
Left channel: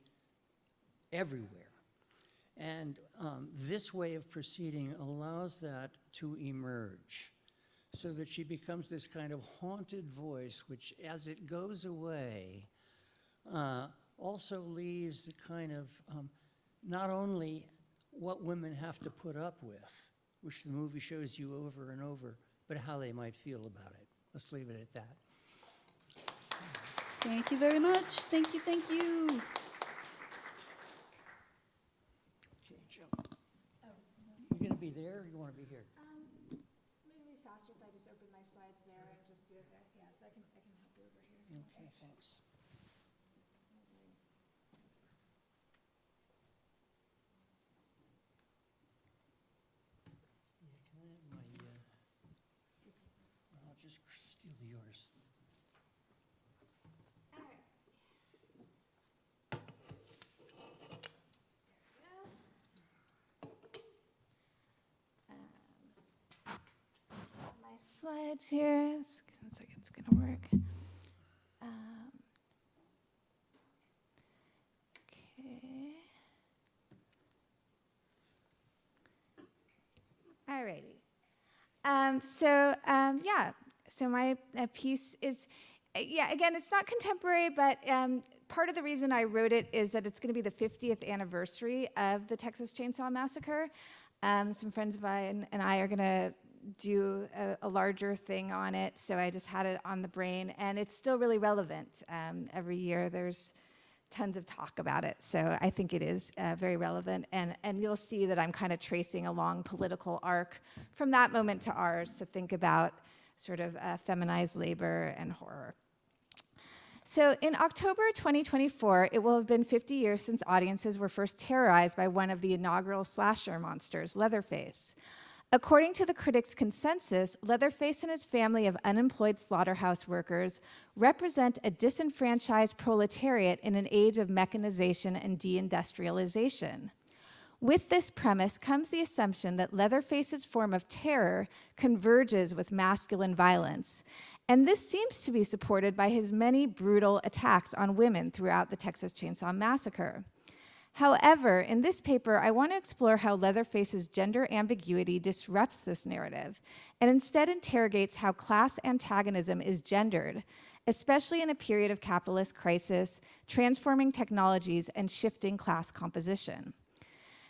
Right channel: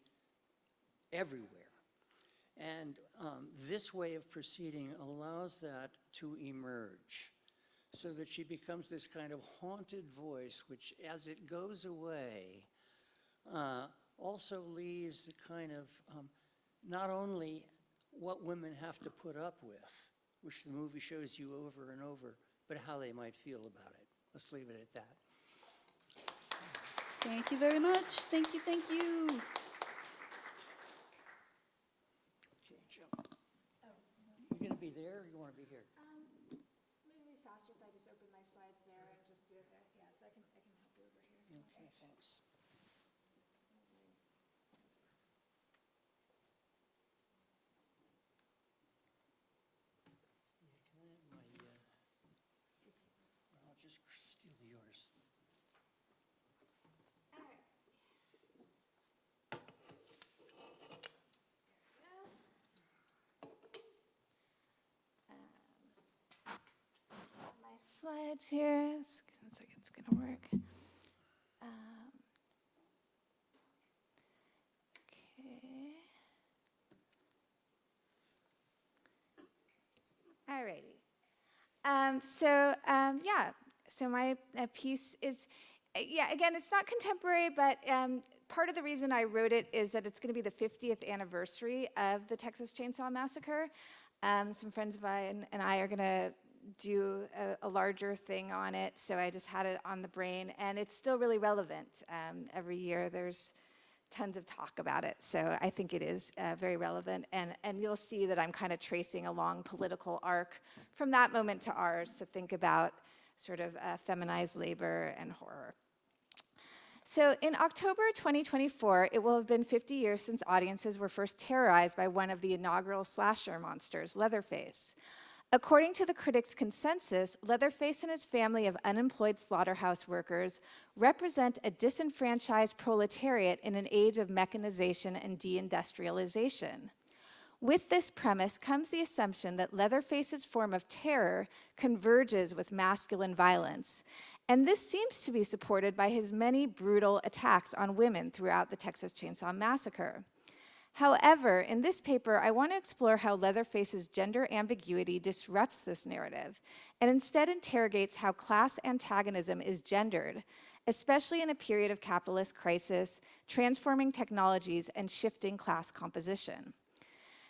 everywhere. And this way of proceeding allows that to emerge so that she becomes this kind of haunted voice, which as it goes away, also leaves the kind of not only what women have to put up with, which the movie shows you over and over, but how they might feel about it. Let's leave it at that. Thank you very much. Thank you, thank you. Okay, Joe. You gonna be there or you wanna be here? Maybe faster if I just open my slides there and just do it there. Yeah, so I can help you over here. Okay, thanks. Yeah, can I have my, I'll just steal yours. All right. My slides here. Looks like it's gonna work. Okay. Alrighty. So my piece is, again, it's not contemporary, but part of the reason I wrote it is that it's going to be the 50th anniversary of the Texas Chainsaw Massacre. Some friends of mine and I are going to do a larger thing on it, so I just had it on the brain, and it's still really relevant. Every year there's tons of talk about it, so I think it is very relevant, and you'll see that I'm kind of tracing a long political arc from that moment to ours to think about sort of feminized labor and horror. So in October 2024, it will have been 50 years since audiences were first terrorized by one of the inaugural slasher monsters, Leatherface. According to the critics' consensus, Leatherface and his family of unemployed slaughterhouse workers represent a disenfranchised proletariat in an age of mechanization and deindustrialization. With this premise comes the assumption that Leatherface's form of terror converges with masculine violence, and this seems to be supported by his many brutal attacks on women throughout the Texas Chainsaw Massacre. However, in this paper, I want to explore how Leatherface's gender ambiguity disrupts this narrative, and instead interrogates how class antagonism is gendered, especially in a period of capitalist crisis, transforming technologies, and shifting class composition.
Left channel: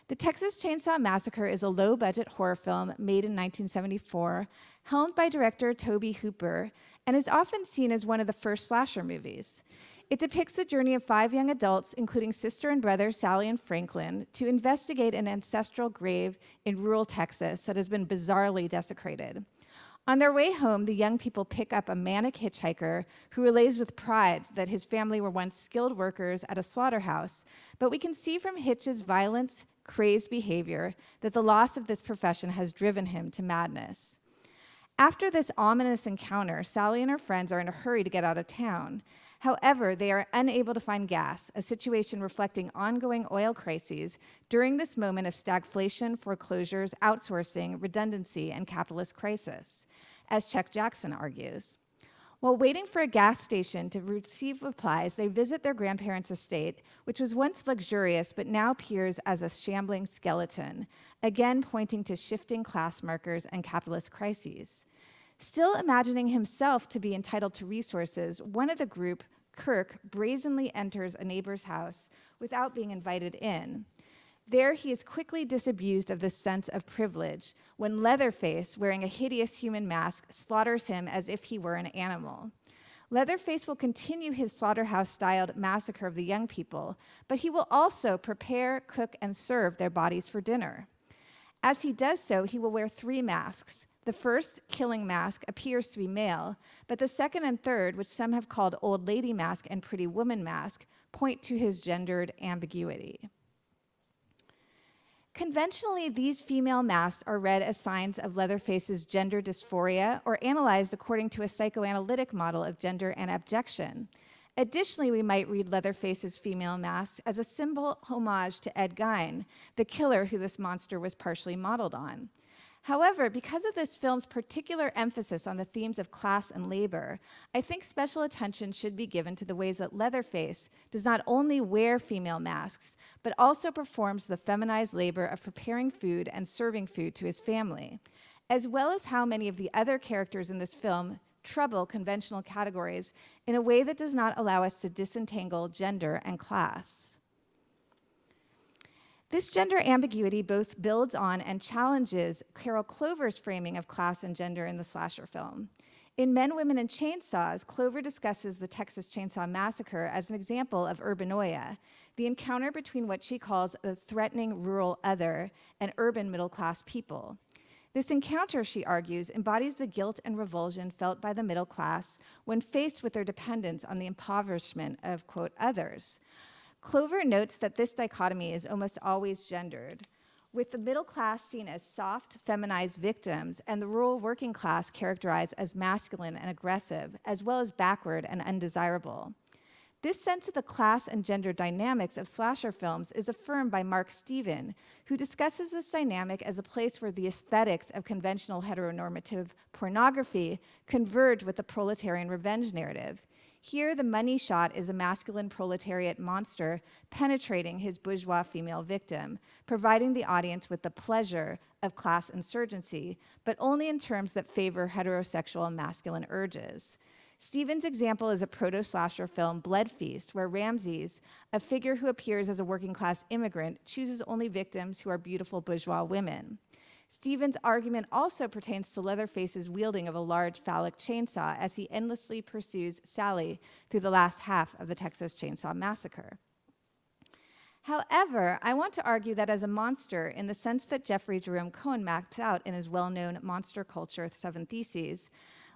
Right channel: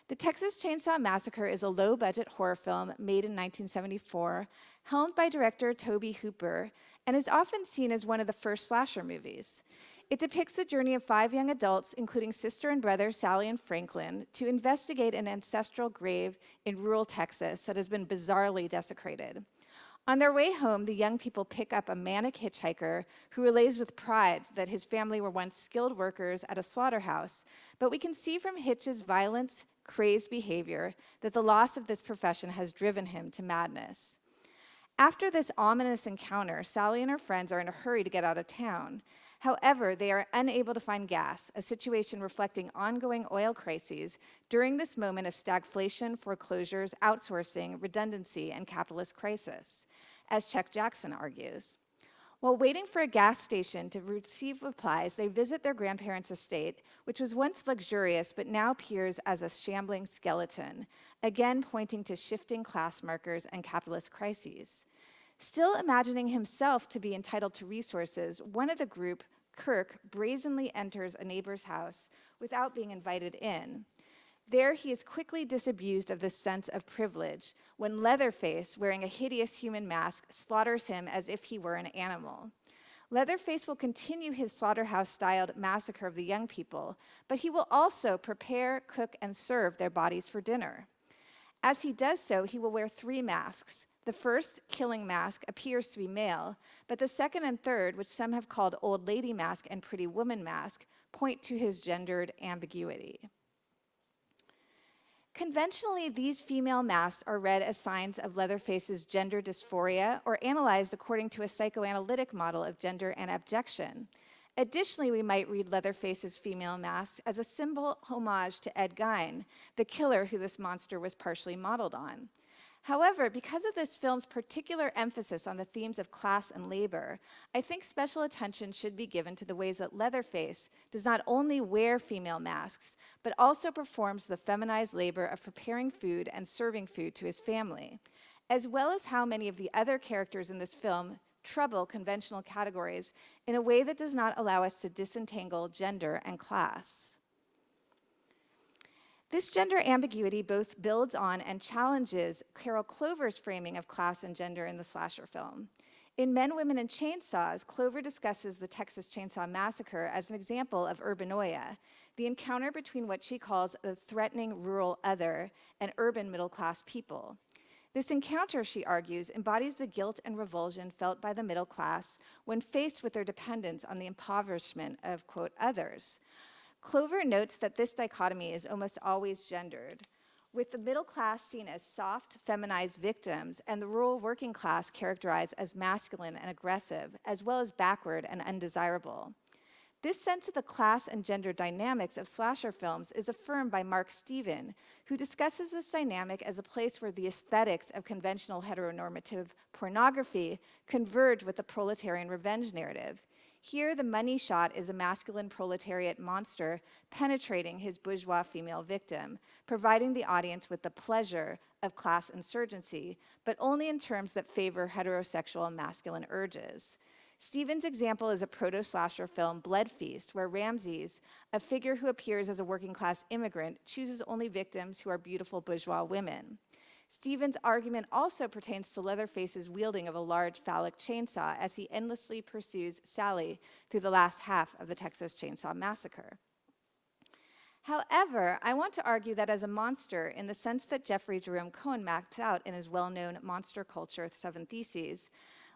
The Texas Chainsaw Massacre is a low-budget horror film made in 1974, helmed by director Tobe Hooper, and is often seen as one of the first slasher movies. It depicts the journey of 5 young adults, including sister and brother Sally and Franklin, to investigate an ancestral grave in rural Texas that has been bizarrely desecrated. On their way home, the young people pick up a manic hitchhiker who relays with pride that his family were once skilled workers at a slaughterhouse, but we can see from Hitch's violent, crazed behavior that the loss of this profession has driven him to madness. After this ominous encounter, Sally and her friends are in a hurry to get out of town. However, they are unable to find gas, a situation reflecting ongoing oil crises during this moment of stagflation, foreclosures, outsourcing, redundancy, and capitalist crisis, as Chuck Jackson argues. While waiting for a gas station to receive supplies, they visit their grandparents' estate, which was once luxurious but now appears as a shambling skeleton, again pointing to shifting class markers and capitalist crises. Still imagining himself to be entitled to resources, one of the group, Kirk, brazenly enters a neighbor's house without being invited in. There, he is quickly disabused of this sense of privilege when Leatherface, wearing a hideous human mask, slaughters him as if he were an animal. Leatherface will continue his slaughterhouse-styled massacre of the young people, but he will also prepare, cook, and serve their bodies for dinner. As he does so, he will wear 3 masks. The first, killing mask, appears to be male, but the second and third, which some have called old lady mask and pretty woman mask, point to his gendered ambiguity. Conventionally, these female masks are read as signs of Leatherface's gender dysphoria or analyzed according to a psychoanalytic model of gender and abjection. Additionally, we might read Leatherface's female mask as a symbol homage to Ed Gein, the killer who this monster was partially modeled on. However, because of this film's particular emphasis on the themes of class and labor, I think special attention should be given to the ways that Leatherface does not only wear female masks, but also performs the feminized labor of preparing food and serving food to his family, as well as how many of the other characters in this film trouble conventional categories in a way that does not allow us to disentangle gender and class. This gender ambiguity both builds on and challenges Carol Clover's framing of class and gender in the slasher film. In Men, Women, and Chainsaws, Clover discusses the Texas Chainsaw Massacre as an example of urbanoia, the encounter between what she calls the threatening rural other and urban middle-class people. This encounter, she argues, embodies the guilt and revulsion felt by the middle class when faced with their dependence on the impoverishment of, quote, others. Clover notes that this dichotomy is almost always gendered, with the middle class seen as soft, feminized victims and the rural working class characterized as masculine and aggressive, as well as backward and undesirable. This sense of the class and gender dynamics of slasher films is affirmed by Mark Steven, who discusses this dynamic as a place where the aesthetics of conventional heteronormative pornography converge with the proletarian revenge narrative. Here, the money shot is a masculine proletariat monster penetrating his bourgeois female victim, providing the audience with the pleasure of class insurgency, but only in terms that favor heterosexual masculine urges. Stevens' example is a proto-slasher film, Blood Feast, where Ramses, a figure who appears as a working-class immigrant, chooses only victims who are beautiful bourgeois women. Stevens' argument also pertains to Leatherface's wielding of a large phallic chainsaw as he endlessly pursues Sally through the last half of the Texas Chainsaw Massacre. However, I want to argue that as a monster, in the sense that Jeffrey Jerome Cohen maps out in his well-known Monster Culture 7 Theses,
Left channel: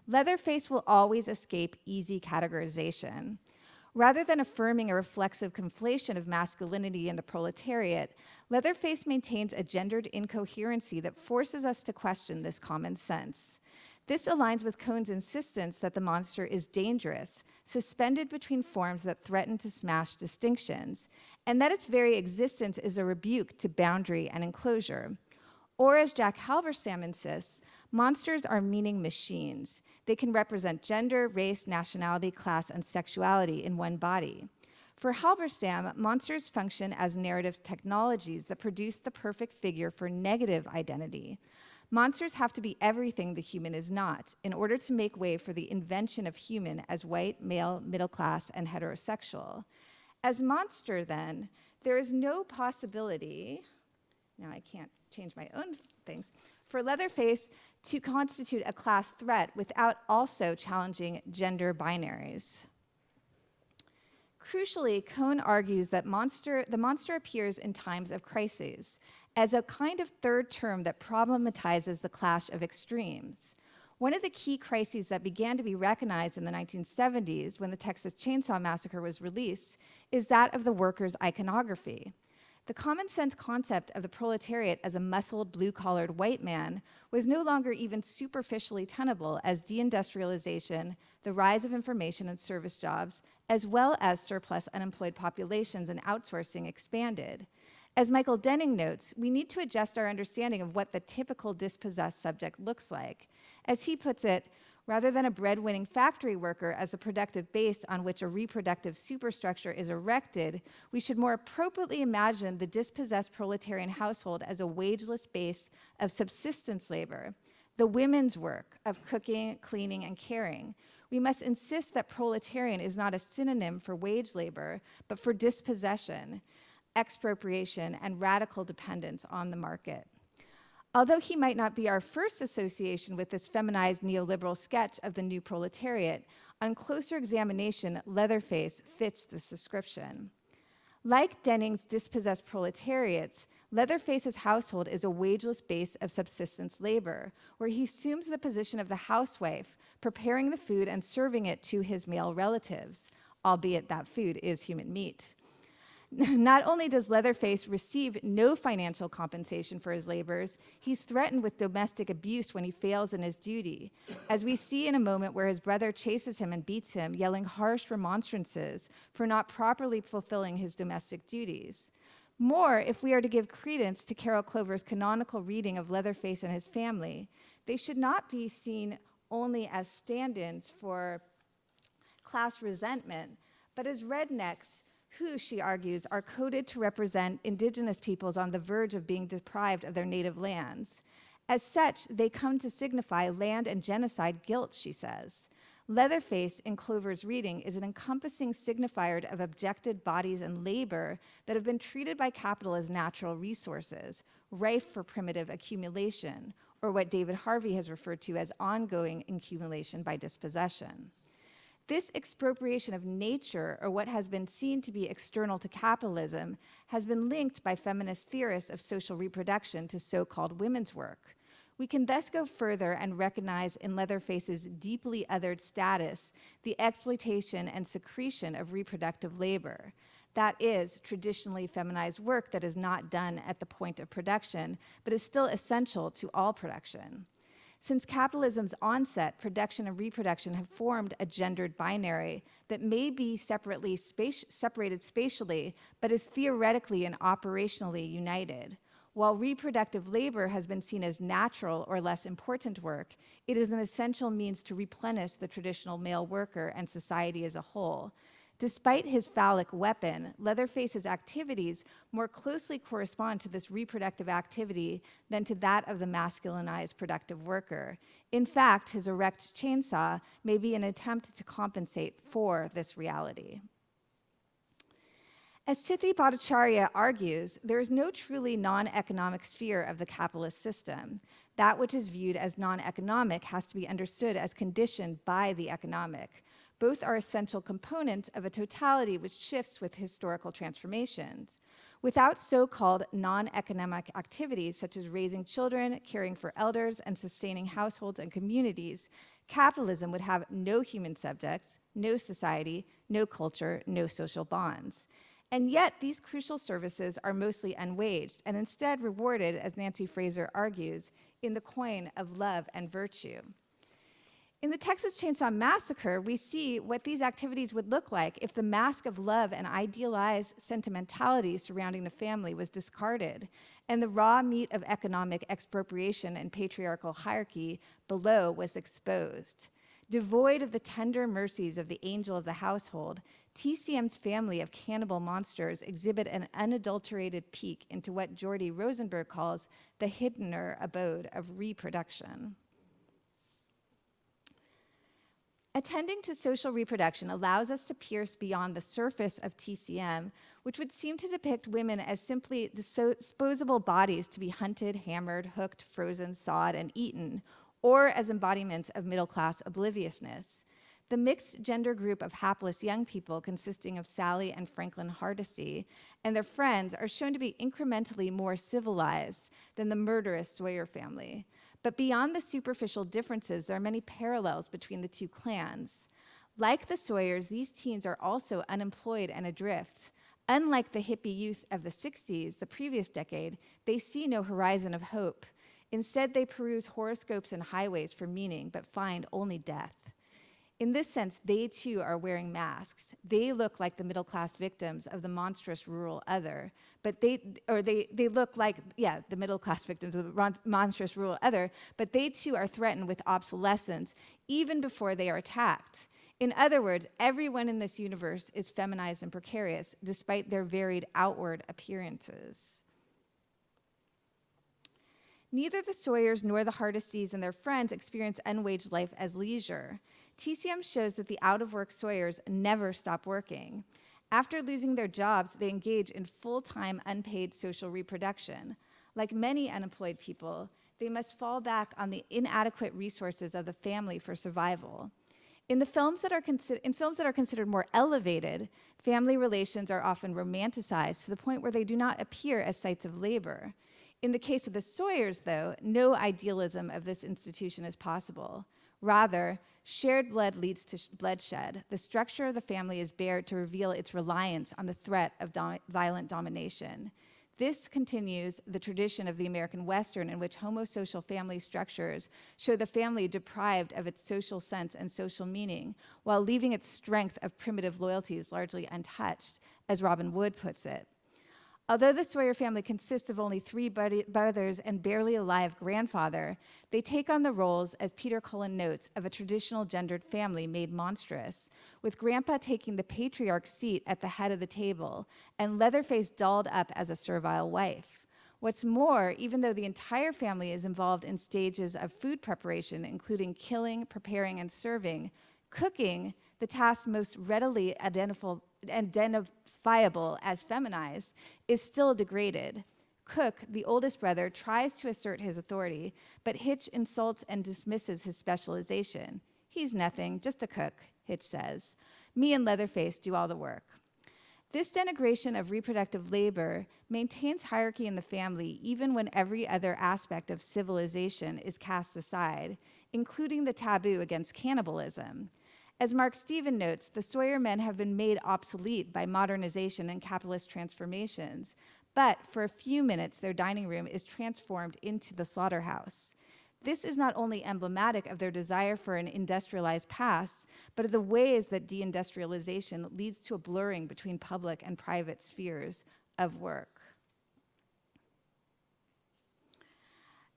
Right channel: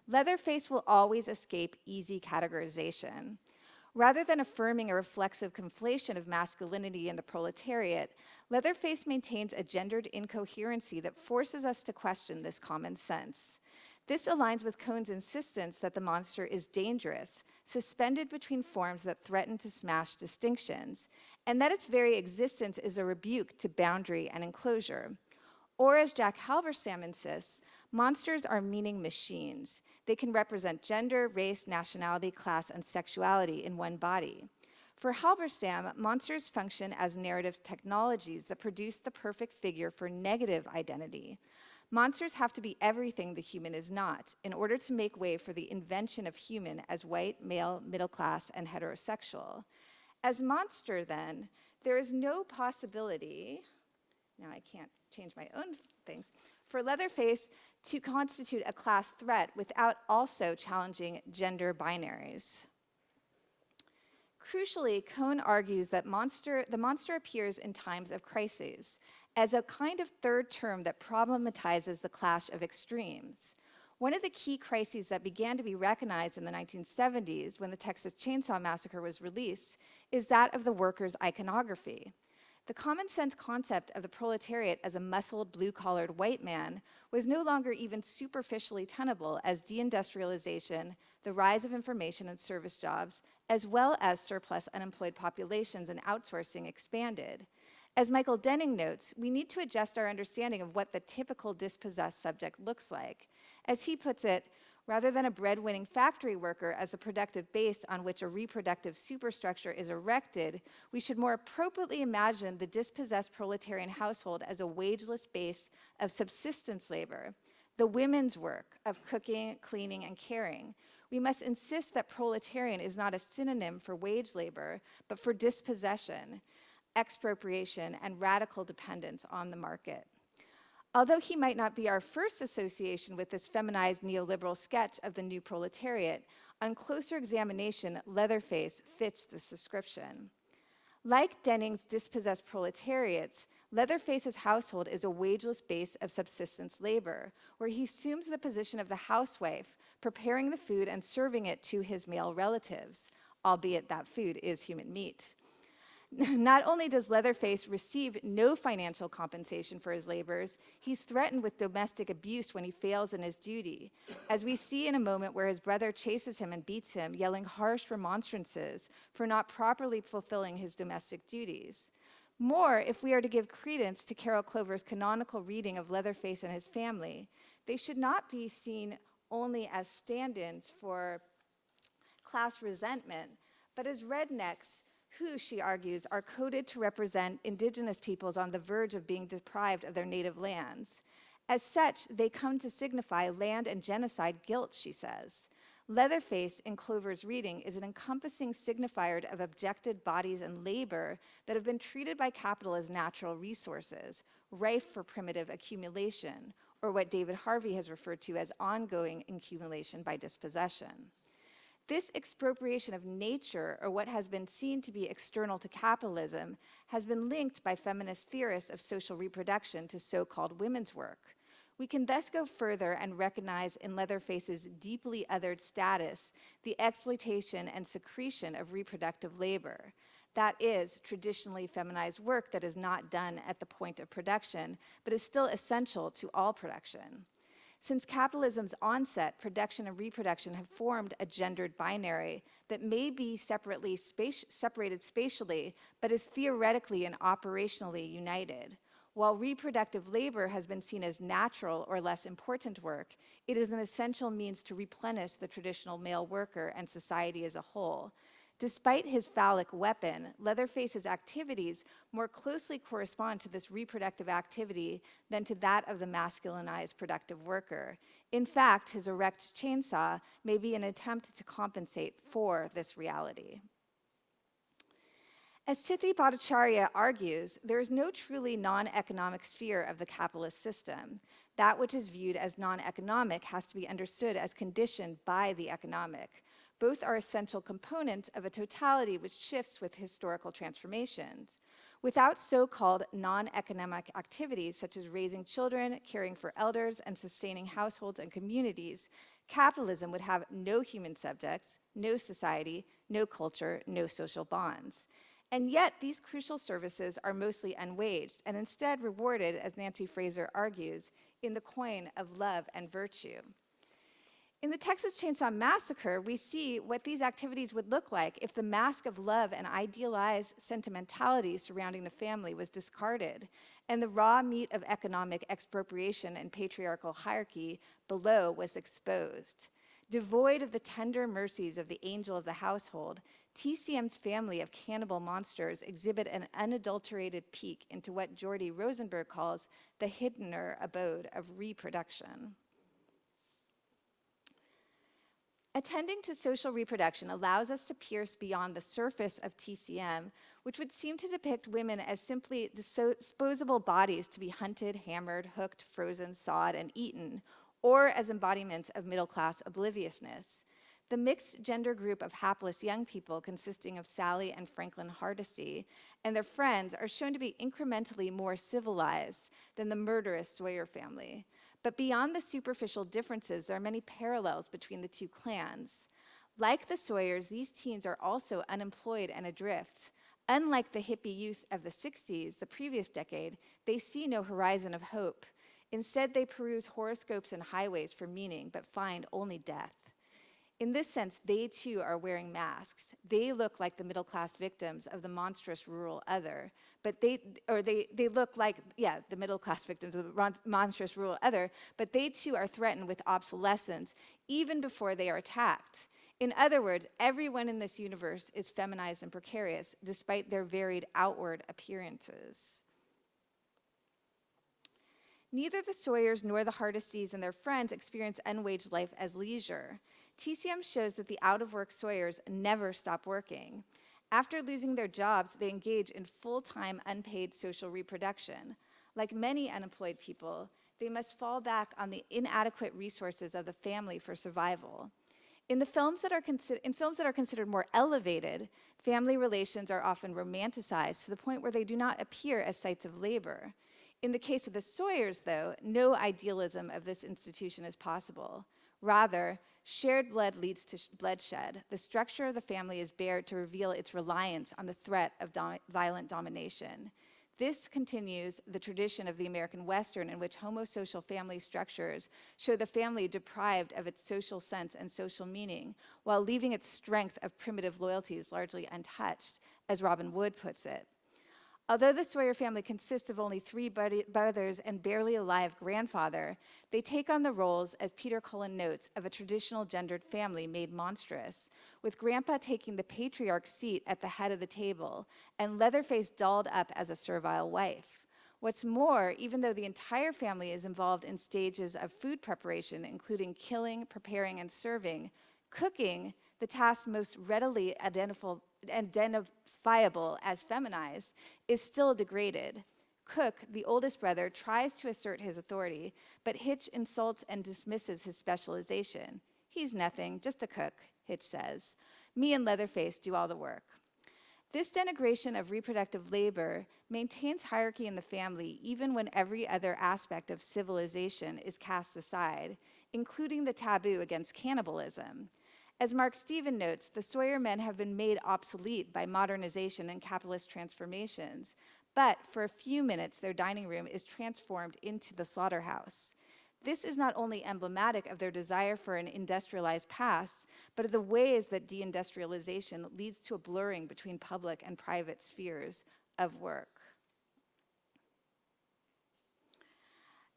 Leatherface will always escape easy categorization. Rather than affirming a reflexive conflation of masculinity and the proletariat, Leatherface maintains a gendered incoherency that forces us to question this common sense. This aligns with Cohn's insistence that the monster is dangerous, suspended between forms that threaten to smash distinctions, and that its very existence is a rebuke to boundary and enclosure. Or, as Jack Halberstam insists, monsters are meaning machines. They can represent gender, race, nationality, class, and sexuality in one body. For Halberstam, monsters function as narrative technologies that produce the perfect figure for negative identity. Monsters have to be everything the human is not in order to make way for the invention of human as white, male, middle class, and heterosexual. As monster, then, there is no possibility, now I can't change my own things, for Leatherface to constitute a class threat without also challenging gender binaries. Crucially, Cohn argues that the monster appears in times of crises as a kind of third term that problematizes the clash of extremes. One of the key crises that began to be recognized in the 1970s when the Texas Chainsaw Massacre was released is that of the workers' iconography. The common sense concept of the proletariat as a muscled, blue-collared white man was no longer even superficially tenable as deindustrialization, the rise of information and service jobs, as well as surplus unemployed populations and outsourcing expanded. As Michael Denning notes, we need to adjust our understanding of what the typical dispossessed subject looks like. As he puts it, rather than a breadwinning factory worker as a productive base on which a reproductive superstructure is erected, we should more appropriately imagine the dispossessed proletarian household as a wageless base of subsistence labor, the women's work of cooking, cleaning, and caring. We must insist that proletarian is not a synonym for wage labor, but for dispossession, expropriation, and radical dependence on the market. Although he might not be our first association with this feminized neoliberal sketch of the new proletariat, on closer examination, Leatherface fits this description. Like Denning's dispossessed proletariats, Leatherface's household is a wageless base of subsistence labor, where he assumes the position of the housewife, preparing the food and serving it to his male relatives, albeit that food is human meat. Not only does Leatherface receive no financial compensation for his labors, he's threatened with domestic abuse when he fails in his duty, as we see in a moment where his brother chases him and beats him, yelling harsh remonstrances for not properly fulfilling his domestic duties. More, if we are to give credence to Carol Clover's canonical reading of Leatherface and his family, they should not be seen only as stand-ins for class resentment, but as rednecks who, she argues, are coded to represent indigenous peoples on the verge of being deprived of their native lands. As such, they come to signify land and genocide guilt, she says. Leatherface, in Clover's reading, is an encompassing signifier of objected bodies and labor that have been treated by capital as natural resources, rife for primitive accumulation, or what David Harvey has referred to as ongoing accumulation by dispossession. This expropriation of nature, or what has been seen to be external to capitalism, has been linked by feminist theorists of social reproduction to so-called women's work. We can thus go further and recognize in Leatherface's deeply othered status the exploitation and secretion of reproductive labor. That is, traditionally feminized work that is not done at the point of production, but is still essential to all production. Since capitalism's onset, production and reproduction have formed a gendered binary that may be separated spatially, but is theoretically and operationally united. While reproductive labor has been seen as natural or less important work, it is an essential means to replenish the traditional male worker and society as a whole. Despite his phallic weapon, Leatherface's activities more closely correspond to this reproductive activity than to that of the masculinized productive worker. In fact, his erect chainsaw may be an attempt to compensate for this reality. As Tithi Bhattacharya argues, there is no truly non-economic sphere of the capitalist system. That which is viewed as non-economic has to be understood as conditioned by the economic. Both are essential components of a totality which shifts with historical transformations. Without so-called non-economic activities such as raising children, caring for elders, and sustaining households and communities, capitalism would have no human subjects, no society, no culture, no social bonds. And yet, these crucial services are mostly unwaged and instead rewarded, as Nancy Fraser argues, in the coin of love and virtue. In the Texas Chainsaw Massacre, we see what these activities would look like if the mask of love and idealized sentimentality surrounding the family was discarded, and the raw meat of economic expropriation and patriarchal hierarchy below was exposed. Devoid of the tender mercies of the angel of the household, TCM's family of cannibal monsters exhibit an unadulterated peek into what Jordy Rosenberg calls the hiddener abode of reproduction. Attending to social reproduction allows us to pierce beyond the surface of TCM, which would seem to depict women as simply disposable bodies to be hunted, hammered, hooked, frozen, sawed, and eaten, or as embodiments of middle-class obliviousness. The mixed gender group of hapless young people consisting of Sally and Franklin Hardesty and their friends are shown to be incrementally more civilized than the murderous Sawyer family. But beyond the superficial differences, there are many parallels between the two clans. Like the Sawyers, these teens are also unemployed and adrift. Unlike the hippie youth of the 60s, the previous decade, they see no horizon of hope. Instead, they peruse horoscopes and highways for meaning, but find only death. In this sense, they too are wearing masks. They look like the middle-class victims of the monstrous rural other, but they look like, the middle-class victims of the monstrous rural other, but they too are threatened with obsolescence even before they are attacked. In other words, everyone in this universe is feminized and precarious, despite their varied outward appearances. Neither the Sawyers nor the Hardesties and their friends experience unwaged life as leisure. TCM shows that the out-of-work Sawyers never stop working. After losing their jobs, they engage in full-time unpaid social reproduction. Like many unemployed people, they must fall back on the inadequate resources of the family for survival. In films that are considered more elevated, family relations are often romanticized to the point where they do not appear as sites of labor. In the case of the Sawyers, though, no idealism of this institution is possible. Rather, shared blood leads to bloodshed. The structure of the family is bared to reveal its reliance on the threat of violent domination. This continues the tradition of the American Western, in which homosocial family structures show the family deprived of its social sense and social meaning, while leaving its strength of primitive loyalties largely untouched, as Robin Wood puts it. Although the Sawyer family consists of only 3 brothers and barely alive grandfather, they take on the roles, as Peter Cullen notes, of a traditional gendered family made monstrous, with Grandpa taking the patriarch's seat at the head of the table and Leatherface dolled up as a servile wife. What's more, even though the entire family is involved in stages of food preparation, including killing, preparing, and serving, cooking, the task most readily identifiable as feminized, is still degraded. Cook, the oldest brother, tries to assert his authority, but Hitch insults and dismisses his specialization. He's nothing, just a cook, Hitch says. Me and Leatherface do all the work. This denigration of reproductive labor maintains hierarchy in the family even when every other aspect of civilization is cast aside, including the taboo against cannibalism. As Mark Steven notes, the Sawyer men have been made obsolete by modernization and capitalist transformations, but for a few minutes their dining room is transformed into the slaughterhouse. This is not only emblematic of their desire for an industrialized past, but of the ways that deindustrialization leads to a blurring between public and private spheres of work.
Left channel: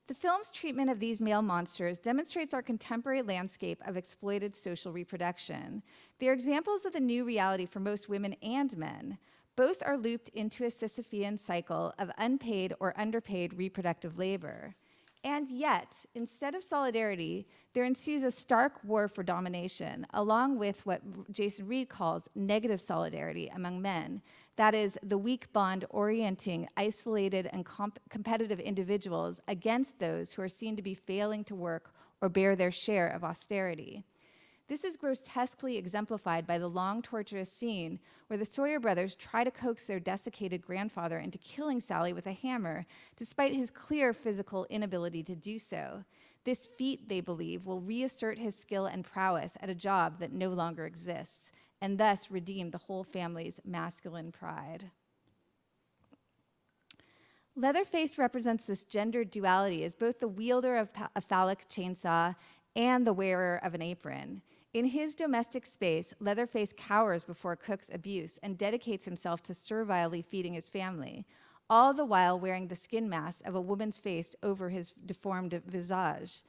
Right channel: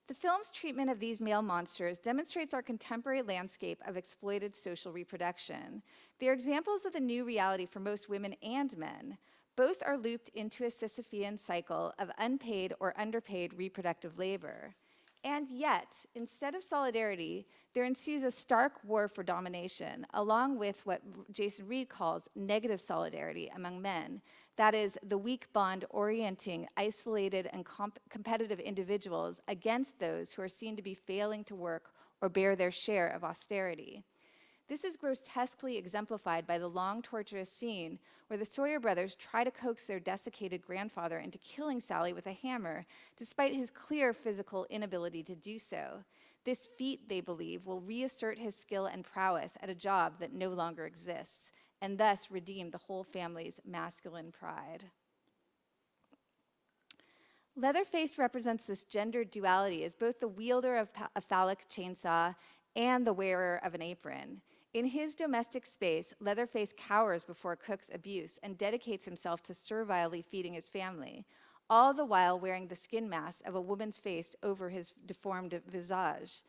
The film's treatment of these male monsters demonstrates our contemporary landscape of exploited social reproduction. They are examples of the new reality for most women and men. Both are looped into a Sisyphean cycle of unpaid or underpaid reproductive labor. And yet, instead of solidarity, there ensues a stark war for domination, along with what Jason Reed calls negative solidarity among men. That is, the weak bond orienting isolated and competitive individuals against those who are seen to be failing to work or bear their share of austerity. This is grotesquely exemplified by the long, torturous scene where the Sawyer brothers try to coax their desiccated grandfather into killing Sally with a hammer, despite his clear physical inability to do so. This feat, they believe, will reassert his skill and prowess at a job that no longer exists, and thus redeem the whole family's masculine pride. Leatherface represents this gendered duality as both the wielder of a phallic chainsaw and the wearer of an apron. In his domestic space, Leatherface cowers before Cook's abuse and dedicates himself to servilely feeding his family, all the while wearing the skin mask of a woman's face over his deformed visage.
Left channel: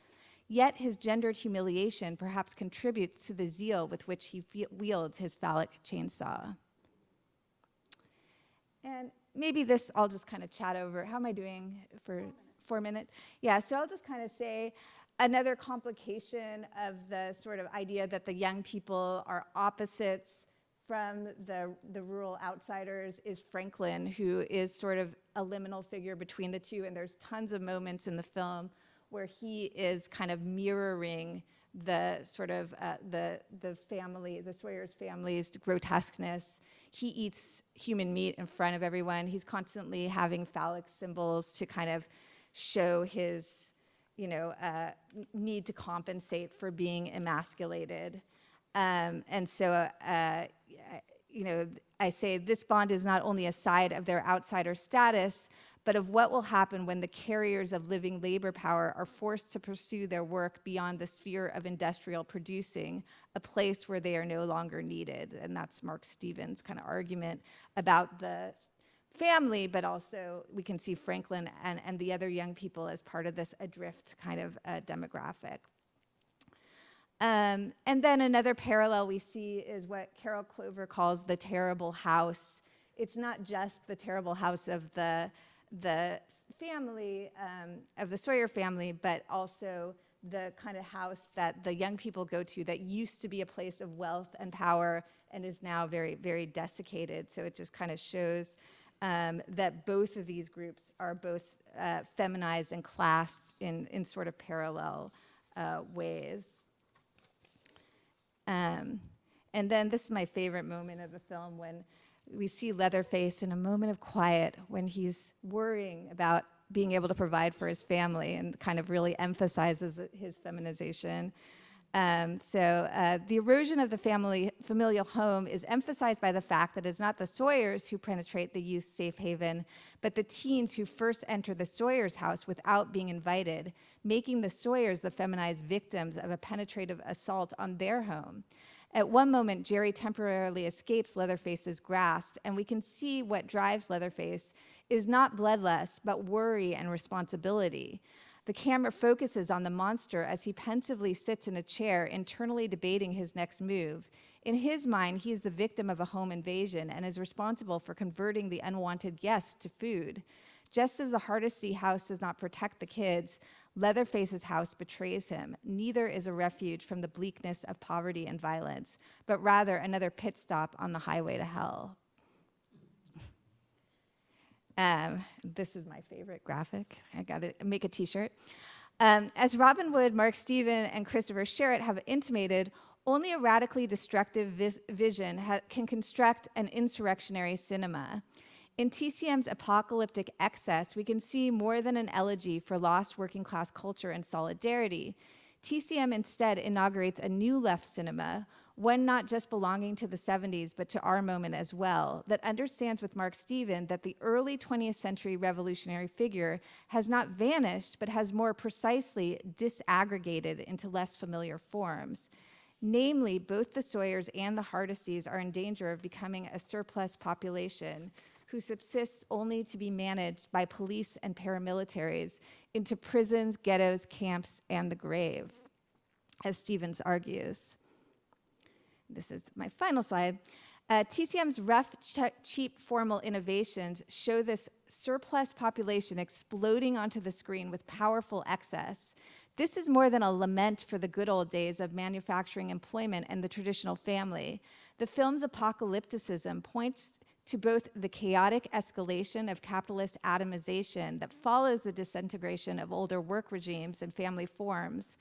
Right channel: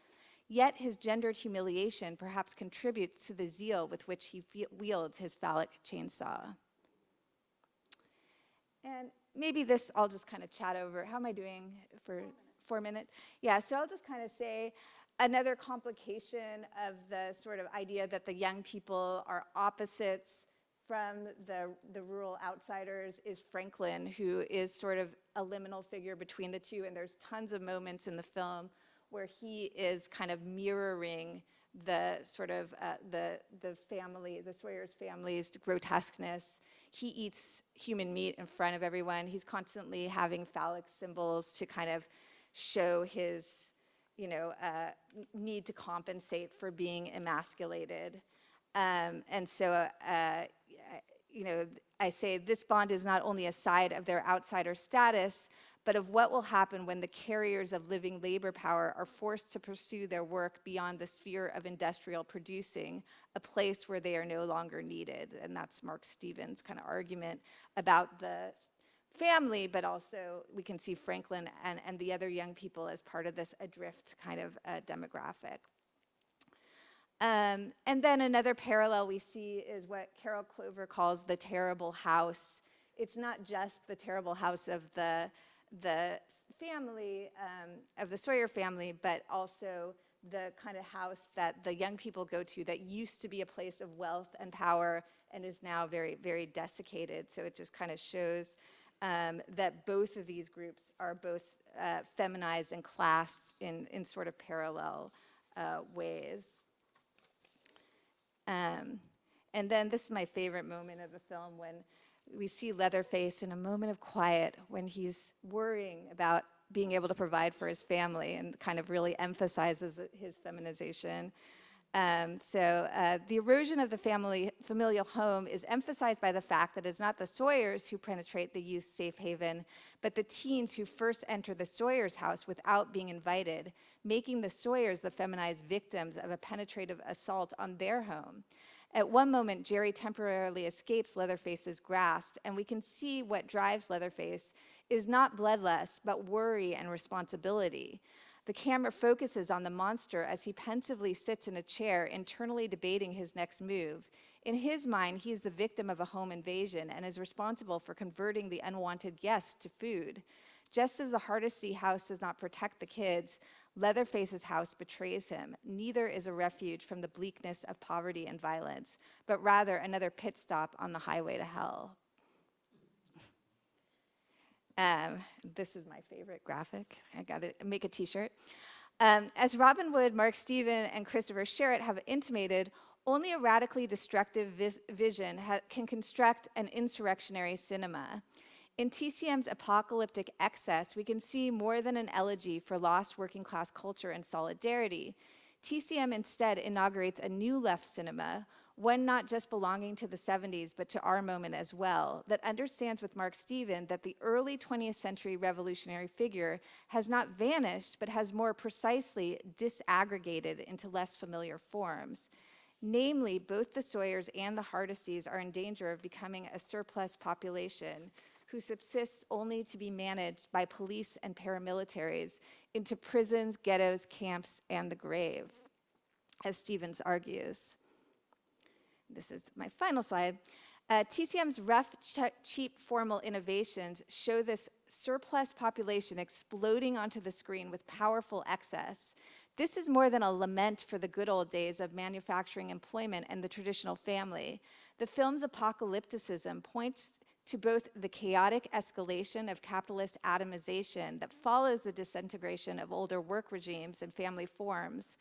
Yet his gendered humiliation perhaps contributes to the zeal with which he wields his phallic chainsaw. And maybe this I'll just kind of chat over. How am I doing for 4 minutes? Yeah, so I'll just kind of say another complication of the sort of idea that the young people are opposites from the rural outsiders is Franklin, who is sort of a liminal figure between the two. And there's tons of moments in the film where he is kind of mirroring the sort of the family, the Sawyer's family's grotesqueness. He eats human meat in front of everyone. He's constantly having phallic symbols to kind of show his, need to compensate for being emasculated. And so, I say this bond is not only a side of their outsider status, but of what will happen when the carriers of living labor power are forced to pursue their work beyond the sphere of industrial producing, a place where they are no longer needed. And that's Mark Stevens' kind of argument about the family, but also we can see Franklin and the other young people as part of this adrift kind of demographic. And then another parallel we see is what Carol Clover calls the terrible house. It's not just the terrible house of the family, of the Sawyer family, but also the kind of house that the young people go to that used to be a place of wealth and power and is now very, very desiccated. So it just kind of shows that both of these groups are both feminized and classed in sort of parallel ways. And then this is my favorite moment of the film, when we see Leatherface in a moment of quiet when he's worrying about being able to provide for his family, and kind of really emphasizes his feminization. The erosion of the familial home is emphasized by the fact that it's not the Sawyers who penetrate the youth's safe haven, but the teens who first enter the Sawyers' house without being invited, making the Sawyers the feminized victims of a penetrative assault on their home. At one moment, Jerry temporarily escapes Leatherface's grasp, and we can see what drives Leatherface is not bloodlust, but worry and responsibility. The camera focuses on the monster as he pensively sits in a chair, internally debating his next move. In his mind, he is the victim of a home invasion and is responsible for converting the unwanted guests to food. Just as the Hardesty house does not protect the kids, Leatherface's house betrays him. Neither is a refuge from the bleakness of poverty and violence, but rather another pit stop on the highway to hell. This is my favorite graphic. I got to make a t-shirt. As Robin Wood, Mark Steven, and Christopher Sherritt have intimated, only a radically destructive vision can construct an insurrectionary cinema. In TCM's apocalyptic excess, we can see more than an elegy for lost working class culture and solidarity. TCM instead inaugurates a new left cinema, one not just belonging to the 70s, but to our moment as well, that understands with Mark Steven that the early 20th century revolutionary figure has not vanished, but has more precisely disaggregated into less familiar forms. Namely, both the Sawyers and the Hardesties are in danger of becoming a surplus population who subsists only to be managed by police and paramilitaries into prisons, ghettos, camps, and the grave, as Stevens argues. This is my final slide. TCM's rough, cheap formal innovations show this surplus population exploding onto the screen with powerful excess. This is more than a lament for the good old days of manufacturing employment and the traditional family. The film's apocalypticism points to both the chaotic escalation of capitalist atomization that follows the disintegration of older work regimes and family forms,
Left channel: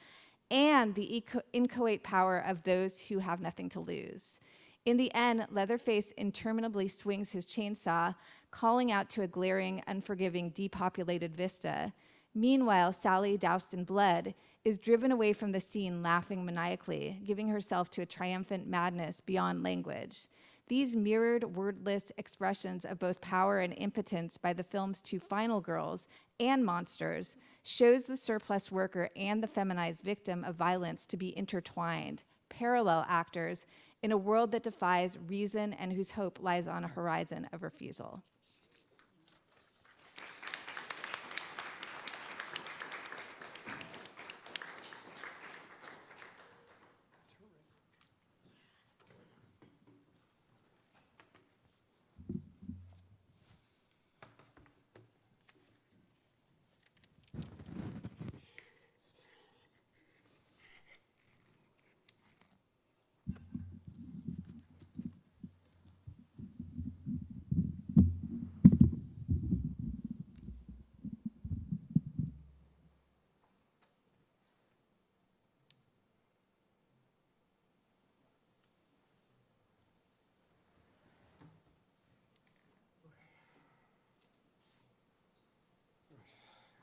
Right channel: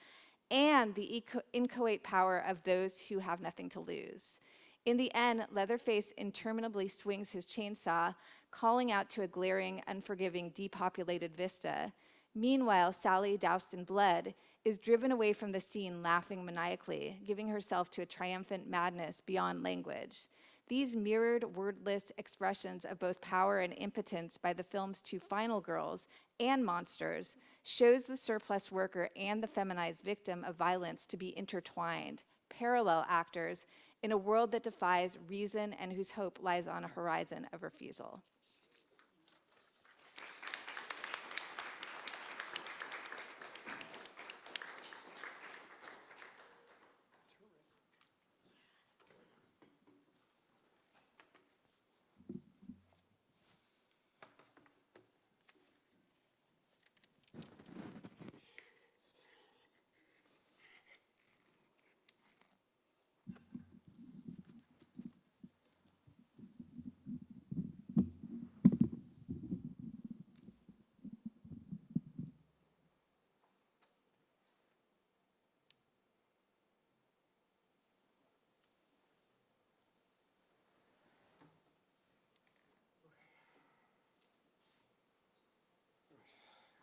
and the inchoate power of those who have nothing to lose. In the end, Leatherface interminably swings his chainsaw, calling out to a glaring, unforgiving, depopulated vista. Meanwhile, Sally, doused in blood, is driven away from the scene, laughing maniacally, giving herself to a triumphant madness beyond language. These mirrored wordless expressions of both power and impotence by the film's two final girls and monsters shows the surplus worker and the feminized victim of violence to be intertwined, parallel actors in a world that defies reason and whose hope lies on a horizon of refusal.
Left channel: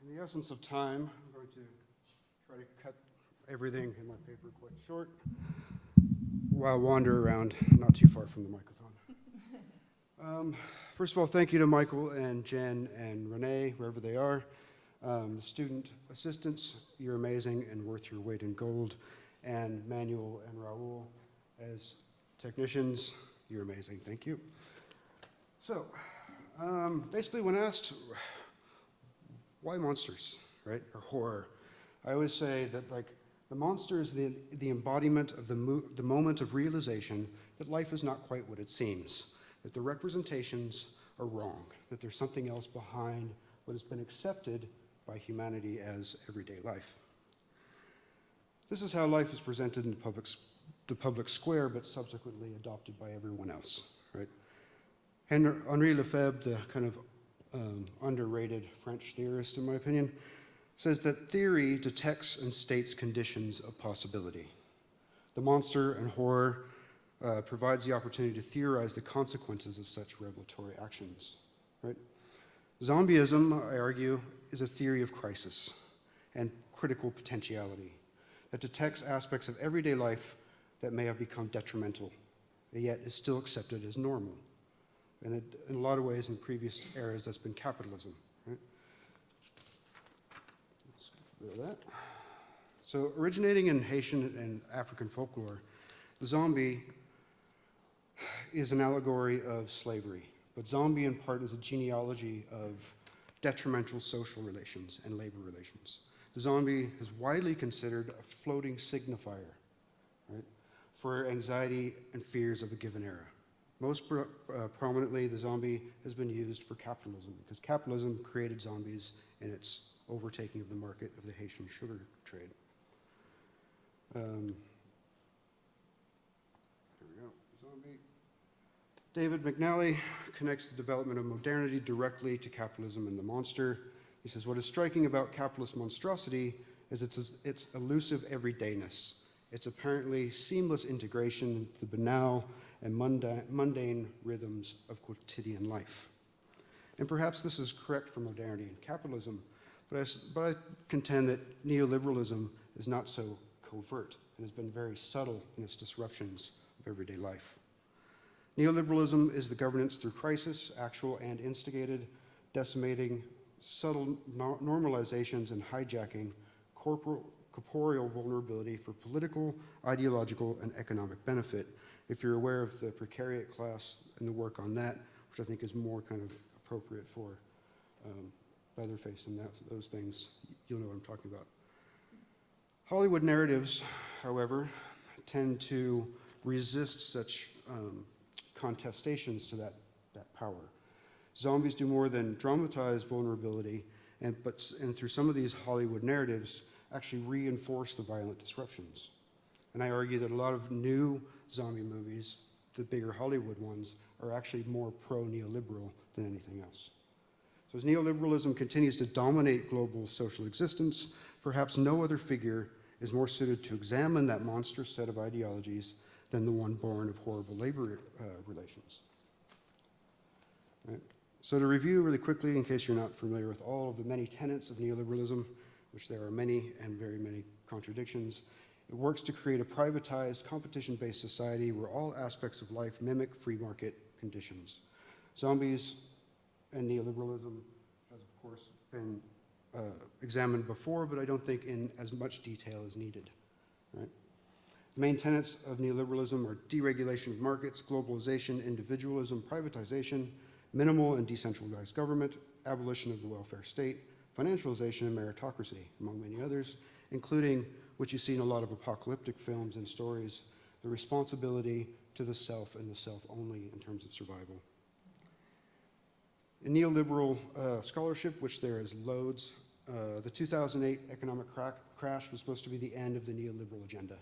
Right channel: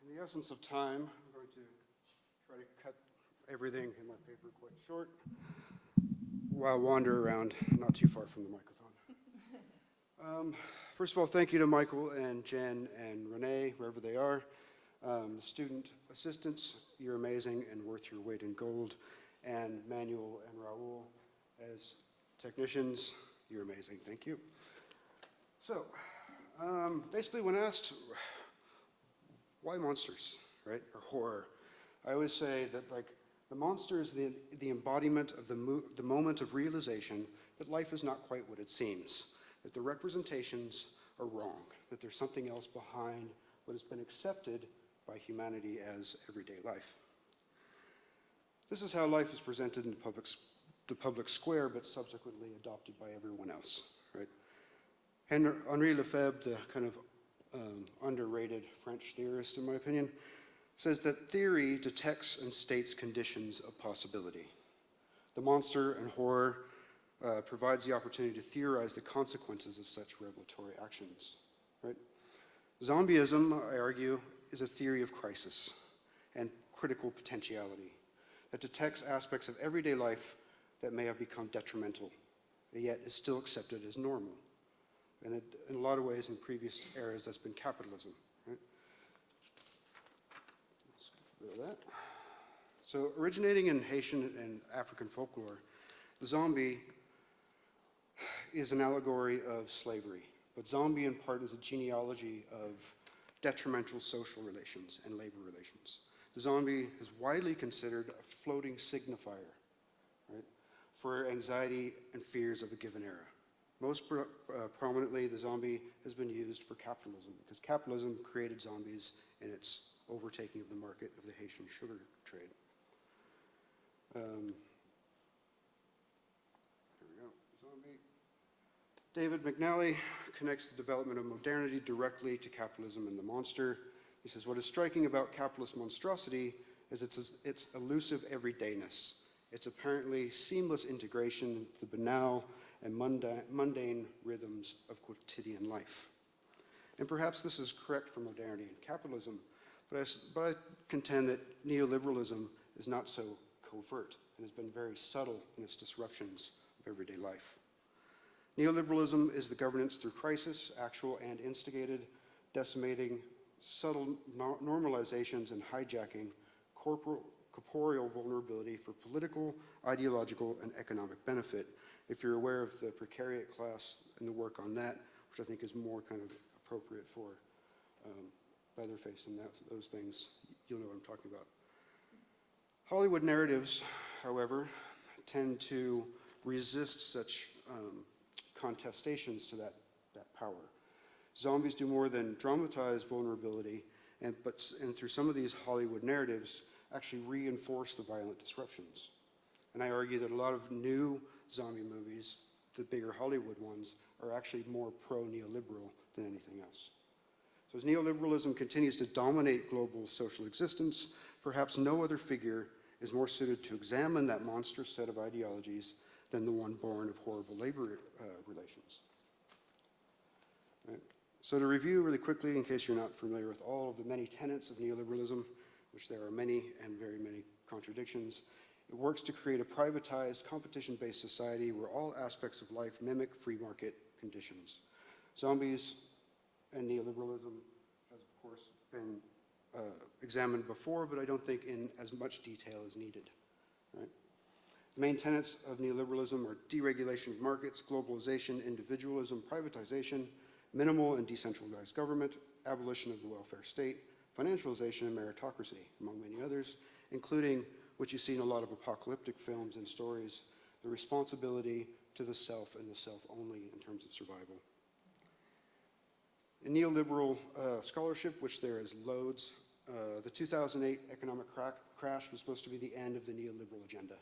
In the essence of time, I'm going to try to cut everything in my paper quite short while wander around not too far from the microphone. First of all, thank you to Michael and Jen and Renee, wherever they are. The student assistants, you're amazing and worth your weight in gold. And Manuel and Raul as technicians, you're amazing, thank you. So, basically when asked, why monsters, right, or horror? I always say that like the monster is the embodiment of the moment of realization that life is not quite what it seems, that the representations are wrong, that there's something else behind what has been accepted by humanity as everyday life. This is how life is presented in the public square, but subsequently adopted by everyone else, right? Henri Lefebvre, the kind of underrated French theorist, in my opinion, says that theory detects and states conditions of possibility. The monster and horror provides the opportunity to theorize the consequences of such revelatory actions, right? Zombieism, I argue, is a theory of crisis and critical potentiality that detects aspects of everyday life that may have become detrimental, and yet is still accepted as normal. And in a lot of ways, in previous eras, that's been capitalism, right? Let's get rid of that. So originating in Haitian and African folklore, the zombie is an allegory of slavery. But zombie, in part, is a genealogy of detrimental social relations and labor relations. The zombie is widely considered a floating signifier, right, for anxiety and fears of a given era. Most prominently, the zombie has been used for capitalism because capitalism created zombies in its overtaking of the market of the Haitian sugar trade. Here we go, zombie. David McNally connects the development of modernity directly to capitalism and the monster. He says, what is striking about capitalist monstrosity is its elusive everydayness, its apparently seamless integration into the banal and mundane rhythms of quotidian life. And perhaps this is correct for modernity and capitalism, but I contend that neoliberalism is not so covert and has been very subtle in its disruptions of everyday life. Neoliberalism is the governance through crisis, actual and instigated, decimating subtle normalizations and hijacking corporeal vulnerability for political, ideological, and economic benefit. If you're aware of the precariat class and the work on that, which I think is more kind of appropriate for Leatherface and those things, you'll know what I'm talking about. Hollywood narratives, however, tend to resist such contestations to that power. Zombies do more than dramatize vulnerability, and through some of these Hollywood narratives, actually reinforce the violent disruptions. And I argue that a lot of new zombie movies, the bigger Hollywood ones, are actually more pro-neoliberal than anything else. So as neoliberalism continues to dominate global social existence, perhaps no other figure is more suited to examine that monstrous set of ideologies than the one born of horrible labor relations. Right. So to review really quickly, in case you're not familiar with all of the many tenets of neoliberalism, which there are many and very many contradictions, It works to create a privatized, competition-based society where all aspects of life mimic free market conditions. Zombies and neoliberalism has, of course, been examined before, but I don't think in as much detail as needed. Right? The main tenets of neoliberalism are deregulation of markets, globalization, individualism, privatization, minimal and decentralized government, abolition of the welfare state, financialization and meritocracy, among many others, including, which you see in a lot of apocalyptic films and stories, the responsibility to the self and the self only in terms of survival. In neoliberal scholarship, which there is loads, the 2008 economic crash was supposed to be the end of the neoliberal agenda.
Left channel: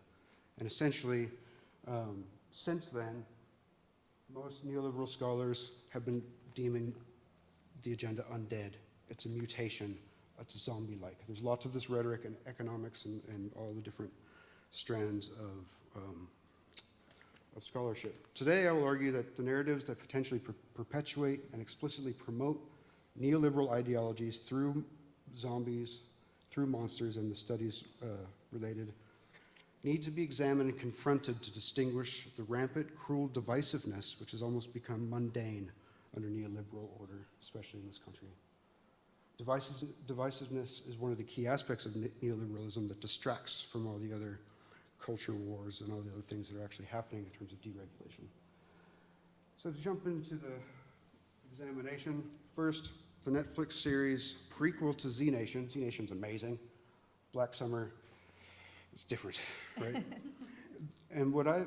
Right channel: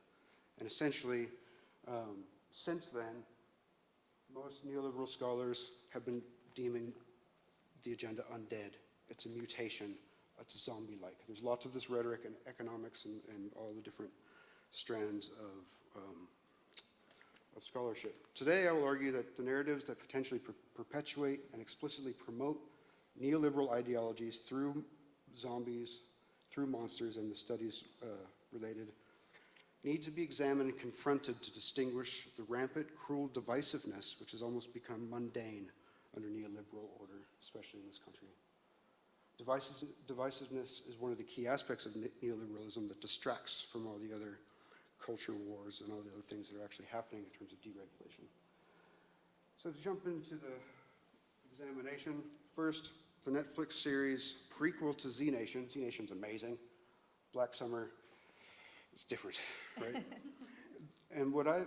And essentially, since then, most neoliberal scholars have been deeming the agenda undead. It's a mutation. It's zombie-like. There's lots of this rhetoric in economics and all the different strands of scholarship. Today, I will argue that the narratives that potentially perpetuate and explicitly promote neoliberal ideologies through zombies, through monsters, and the studies related, need to be examined and confronted to distinguish the rampant, cruel divisiveness which has almost become mundane under neoliberal order, especially in this country. Divisiveness is one of the key aspects of neoliberalism that distracts from all the other culture wars and all the other things that are actually happening in terms of deregulation. So to jump into the examination, first, the Netflix series prequel to Z Nation. Z Nation's amazing. Black Summer is different, right? And what I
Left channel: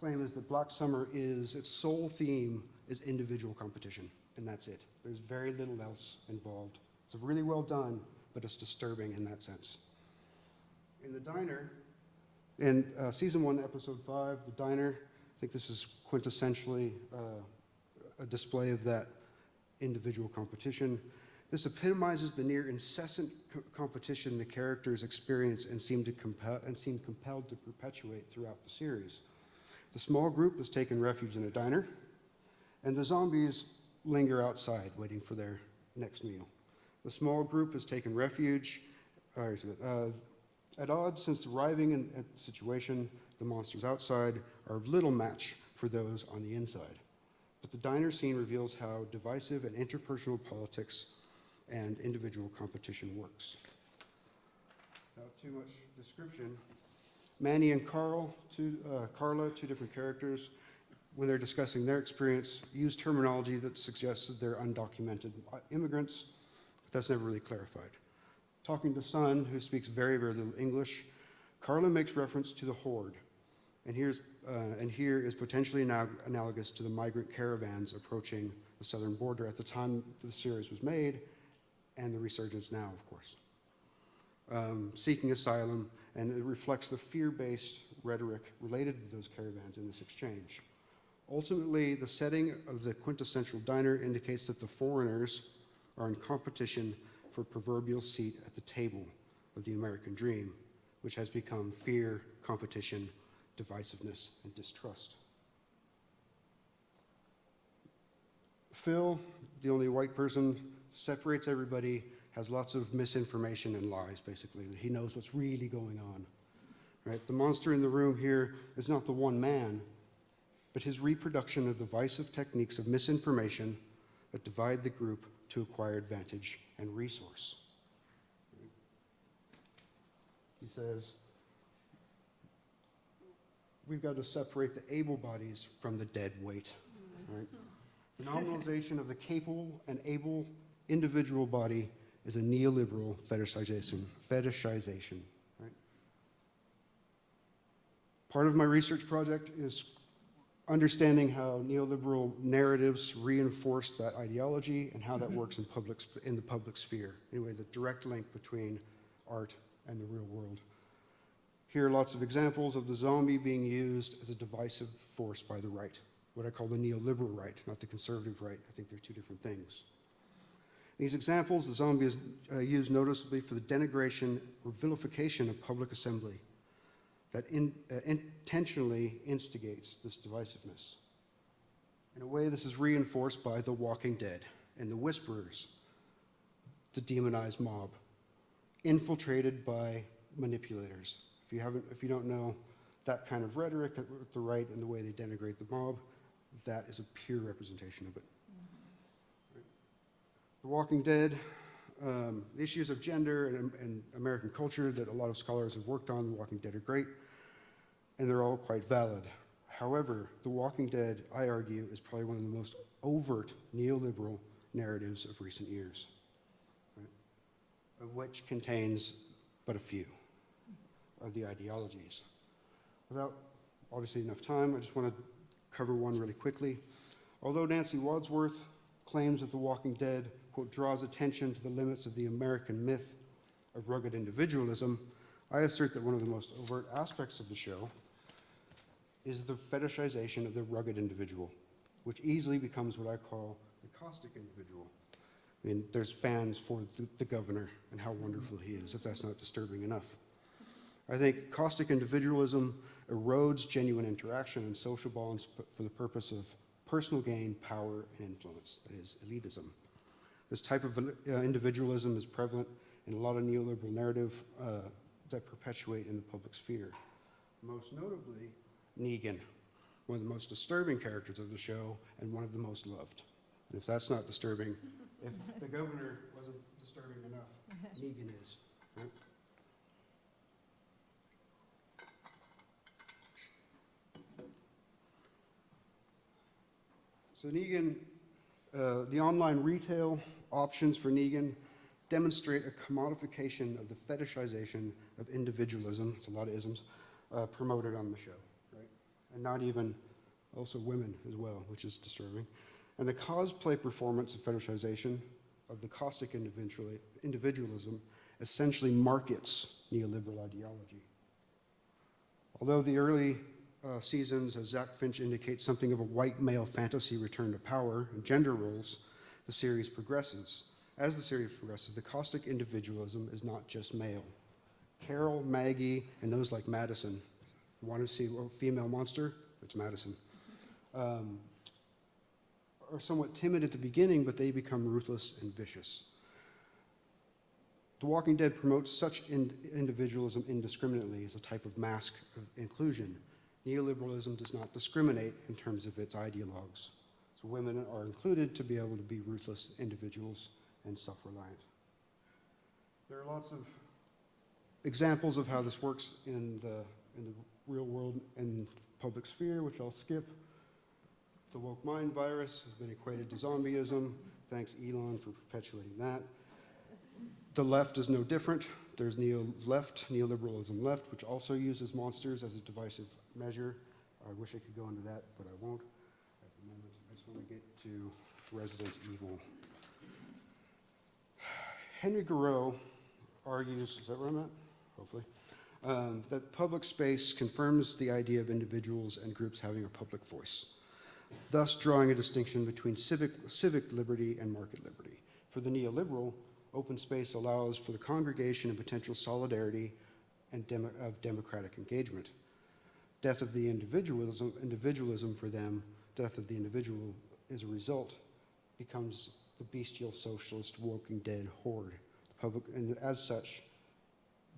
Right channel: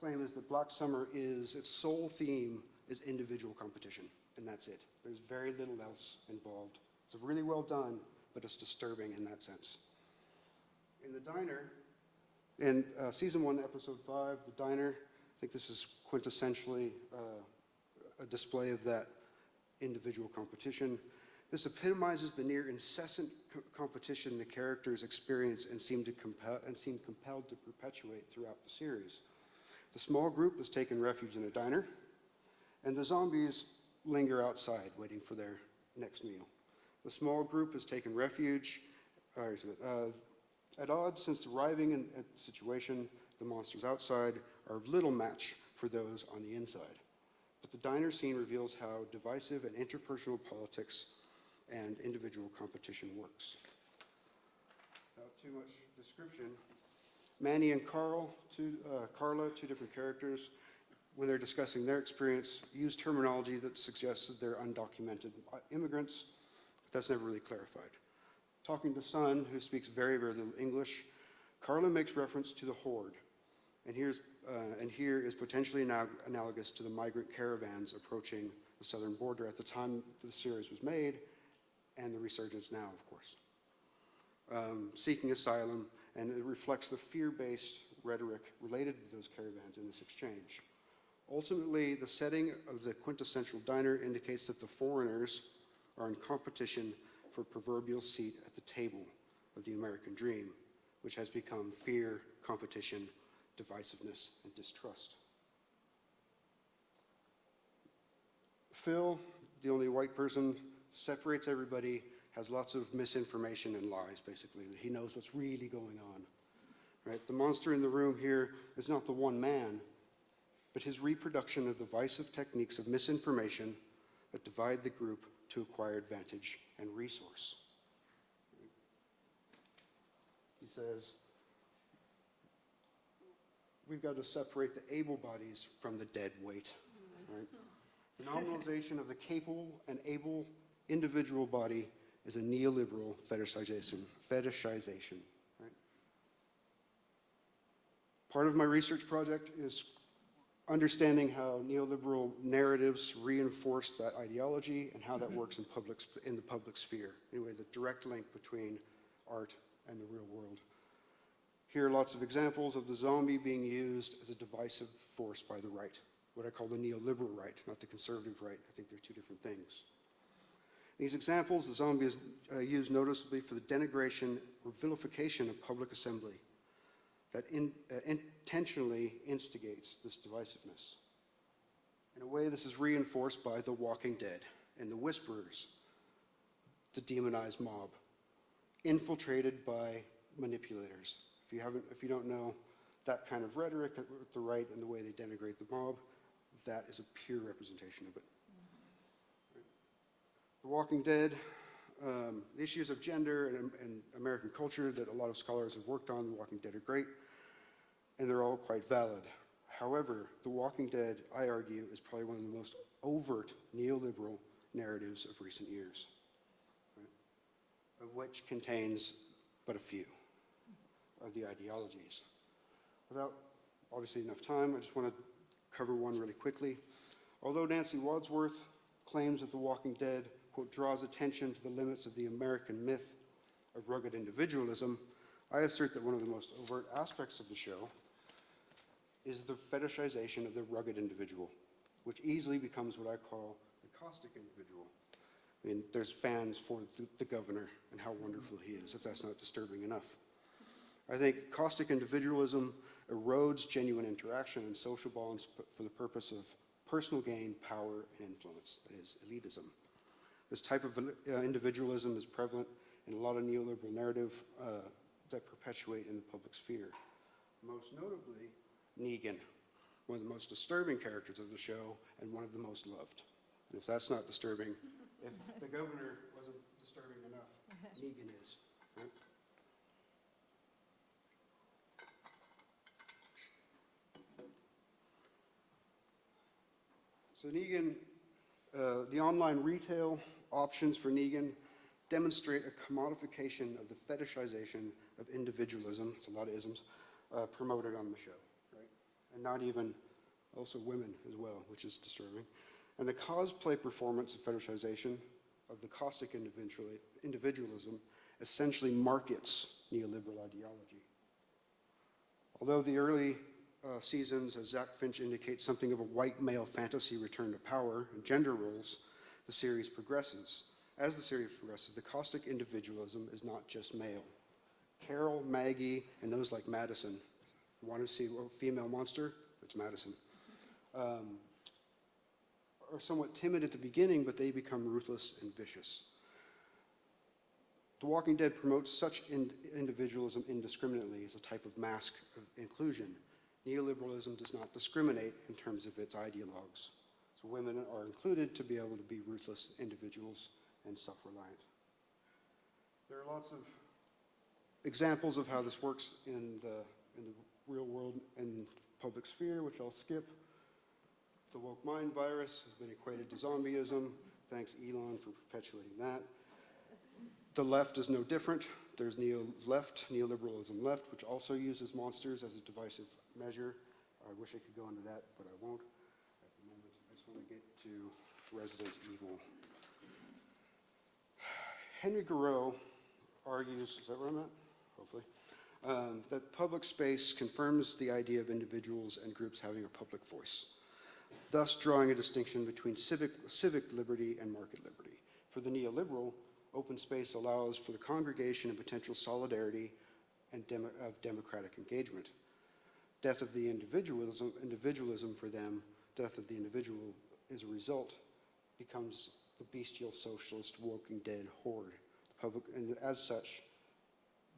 claim is that Black Summer is, its sole theme is individual competition, and that's it. There's very little else involved. It's really well done, but it's disturbing in that sense. In The Diner, in season 1, episode 5, The Diner, I think this is quintessentially a display of that individual competition. This epitomizes the near incessant competition the characters experience and seem compelled to perpetuate throughout the series. The small group has taken refuge in a diner, and the zombies linger outside waiting for their next meal. The small group has taken refuge at odds since arriving at the situation. The monsters outside are of little match for those on the inside. But the diner scene reveals how divisive and interpersonal politics and individual competition works. Without too much description, Manny and Carla, two different characters, when they're discussing their experience, use terminology that suggests that they're undocumented immigrants, but that's never really clarified. Talking to Son, who speaks very, very little English, Carla makes reference to the horde, and here is potentially analogous to the migrant caravans approaching the southern border at the time the series was made, and the resurgence now, of course. Seeking asylum, and it reflects the fear-based rhetoric related to those caravans in this exchange. Ultimately, the setting of the quintessential diner indicates that the foreigners are in competition for proverbial seat at the table of the American dream, which has become fear, competition, divisiveness, and distrust. Phil, the only white person, separates everybody, has lots of misinformation and lies, basically. He knows what's really going on. Right? The monster in the room here is not the one man, but his reproduction of the divisive techniques of misinformation that divide the group to acquire advantage and resource. He says, we've got to separate the able bodies from the dead weight. Right? The nominalization of the capable and able individual body is a neoliberal fetishization. Right? Part of my research project is understanding how neoliberal narratives reinforce that ideology and how that works in the public sphere. Anyway, the direct link between art and the real world. Here are lots of examples of the zombie being used as a divisive force by the right, what I call the neoliberal right, not the conservative right. I think they're two different things. In these examples, the zombie is used noticeably for the denigration or vilification of public assembly that intentionally instigates this divisiveness. In a way, this is reinforced by The Walking Dead and the Whisperers, the demonized mob, infiltrated by manipulators, If you don't know that kind of rhetoric at the right and the way they denigrate the mob, that is a pure representation of it. Right. The Walking Dead, the issues of gender and American culture that a lot of scholars have worked on, The Walking Dead are great, and they're all quite valid. However, The Walking Dead, I argue, is probably one of the most overt neoliberal narratives of recent years, right? Of which contains but a few of the ideologies. Without obviously enough time, I just want to cover one really quickly. Although Nancy Wadsworth claims that The Walking Dead, quote, draws attention to the limits of the American myth of rugged individualism, I assert that one of the most overt aspects of the show is the fetishization of the rugged individual, which easily becomes what I call the caustic individual. I mean, there's fans for the governor and how wonderful he is, if that's not disturbing enough. I think caustic individualism erodes genuine interaction and social bonds for the purpose of personal gain, power, and influence, that is, elitism. This type of individualism is prevalent in a lot of neoliberal narrative that perpetuate in the public sphere. Most notably, Negan, one of the most disturbing characters of the show and one of the most loved. And if that's not disturbing, if the governor wasn't disturbing enough, Negan is. Right? So Negan, the online retail options for Negan demonstrate a commodification of the fetishization of individualism, it's a lot of isms, promoted on the show, right? And not even, also women as well, which is disturbing. And the cosplay performance of fetishization of the caustic individualism essentially markets neoliberal ideology. Although the early seasons, as Zach Finch indicates, something of a white male fantasy return to power and gender roles, the series progresses. As the series progresses, the caustic individualism is not just male. Carol, Maggie, and those like Madison, want to see a female monster? It's Madison. Are somewhat timid at the beginning, but they become ruthless and vicious. The Walking Dead promotes such individualism indiscriminately as a type of mask of inclusion. Neoliberalism does not discriminate in terms of its ideologues. So women are included to be able to be ruthless individuals and self-reliant. There are lots of examples of how this works in the real world and public sphere, which I'll skip. The woke mind virus has been equated to zombieism. Thanks, Elon, for perpetuating that. The left is no different. There's neoliberalism left, which also uses monsters as a divisive measure. I wish I could go into that, but I won't at the moment. I just want to get to Resident Evil. Henry Thoreau argues, is that where I'm at? Hopefully. That public space confirms the idea of individuals and groups having a public voice, thus drawing a distinction between civic liberty and market liberty. For the neoliberal, open space allows for the congregation and potential solidarity and of democratic engagement. Death of the individualism for them, death of the individual as a result, becomes the bestial socialist Walking Dead horde. And as such,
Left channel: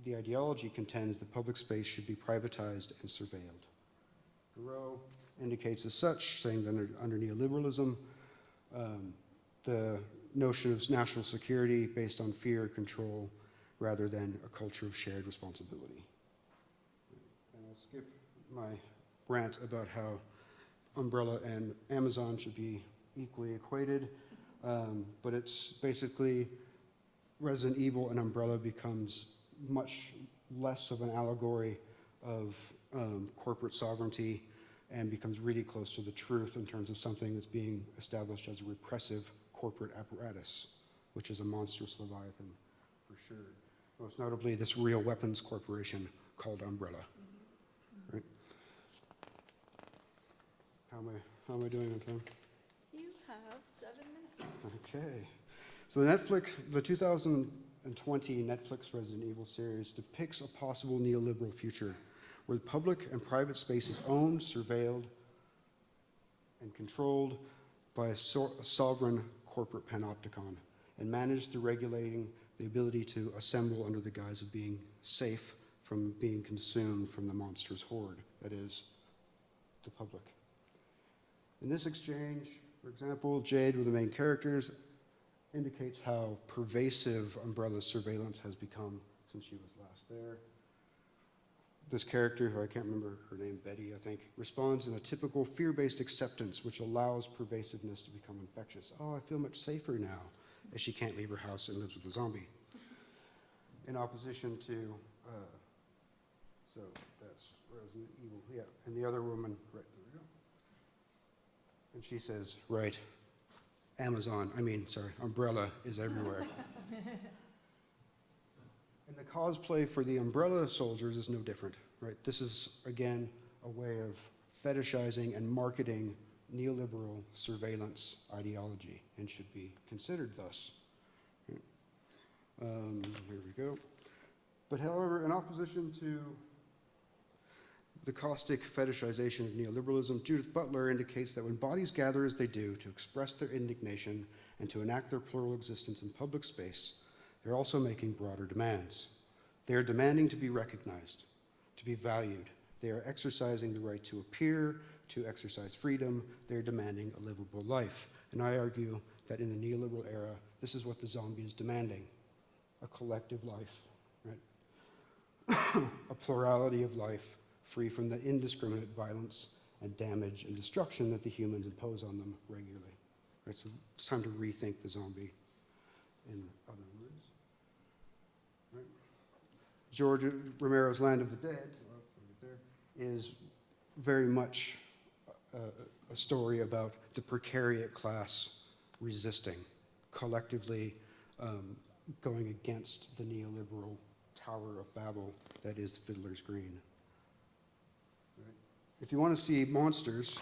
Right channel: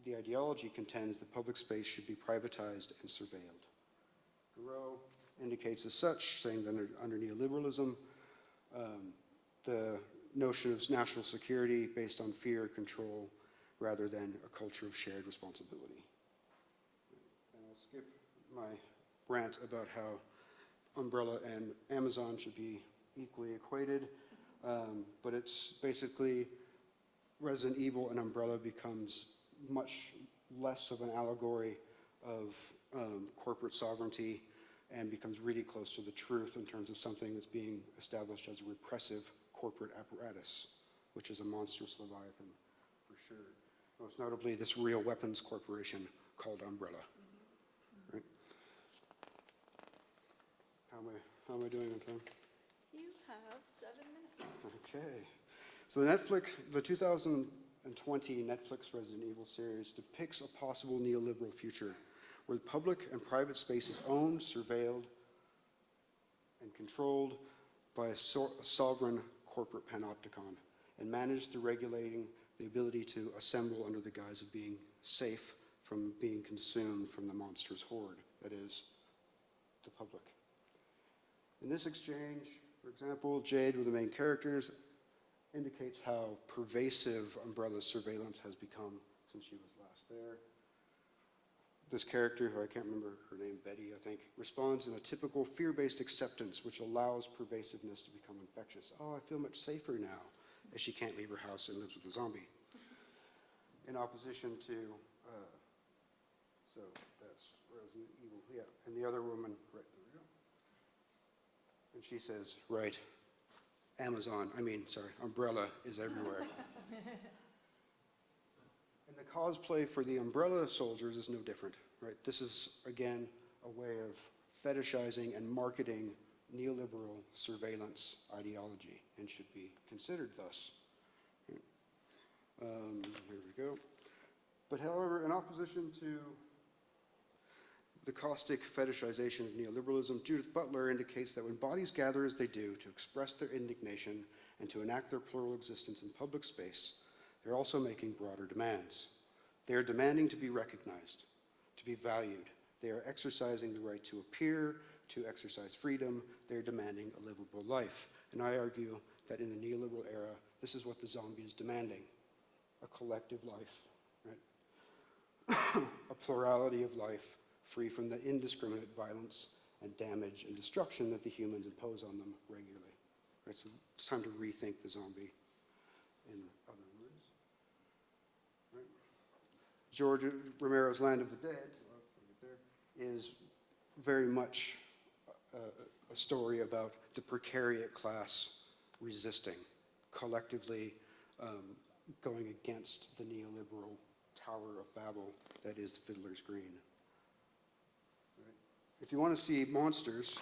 the ideology contends that public space should be privatized and surveilled. Thoreau indicates as such, saying that under neoliberalism, the notion of national security based on fear and control rather than a culture of shared responsibility. And I'll skip my rant about how Umbrella and Amazon should be equally equated, but it's basically Resident Evil and Umbrella becomes much less of an allegory of corporate sovereignty and becomes really close to the truth in terms of something that's being established as a repressive corporate apparatus, which is a monstrous leviathan for sure. Most notably, this real weapons corporation called Umbrella. Right? How am I doing on time? You have 7 minutes. Okay. So the 2020 Netflix Resident Evil series depicts a possible neoliberal future where the public and private space is owned, surveilled, and controlled by a sovereign corporate panopticon and managed through regulating the ability to assemble under the guise of being safe from being consumed from the monster's horde, that is, the public. In this exchange, for example, Jade, with the main characters, indicates how pervasive Umbrella's surveillance has become since she was last there. This character, who I can't remember her name, Betty, I think, responds in a typical fear-based acceptance, which allows pervasiveness to become infectious. Oh, I feel much safer now, as she can't leave her house and lives with a zombie. In opposition to, so that's Resident Evil, yeah, and the other woman, right, there we go. And she says, right, Umbrella is everywhere. And the cosplay for the Umbrella soldiers is no different, right? This is, again, a way of fetishizing and marketing neoliberal surveillance ideology and should be considered thus. Here we go. But however, in opposition to the caustic fetishization of neoliberalism, Judith Butler indicates that when bodies gather as they do to express their indignation and to enact their plural existence in public space, they're also making broader demands. They are demanding to be recognized, to be valued. They are exercising the right to appear, to exercise freedom. They're demanding a livable life. And I argue that in the neoliberal era, this is what the zombie is demanding, a collective life, right? A plurality of life, free from the indiscriminate violence and damage and destruction that the humans impose on them regularly. Right, so it's time to rethink the zombie, in other words. Right. George Romero's Land of the Dead, is very much a story about the precariat class resisting, collectively going against the neoliberal Tower of Babel that is Fiddler's Green. Right. If you want to see monsters,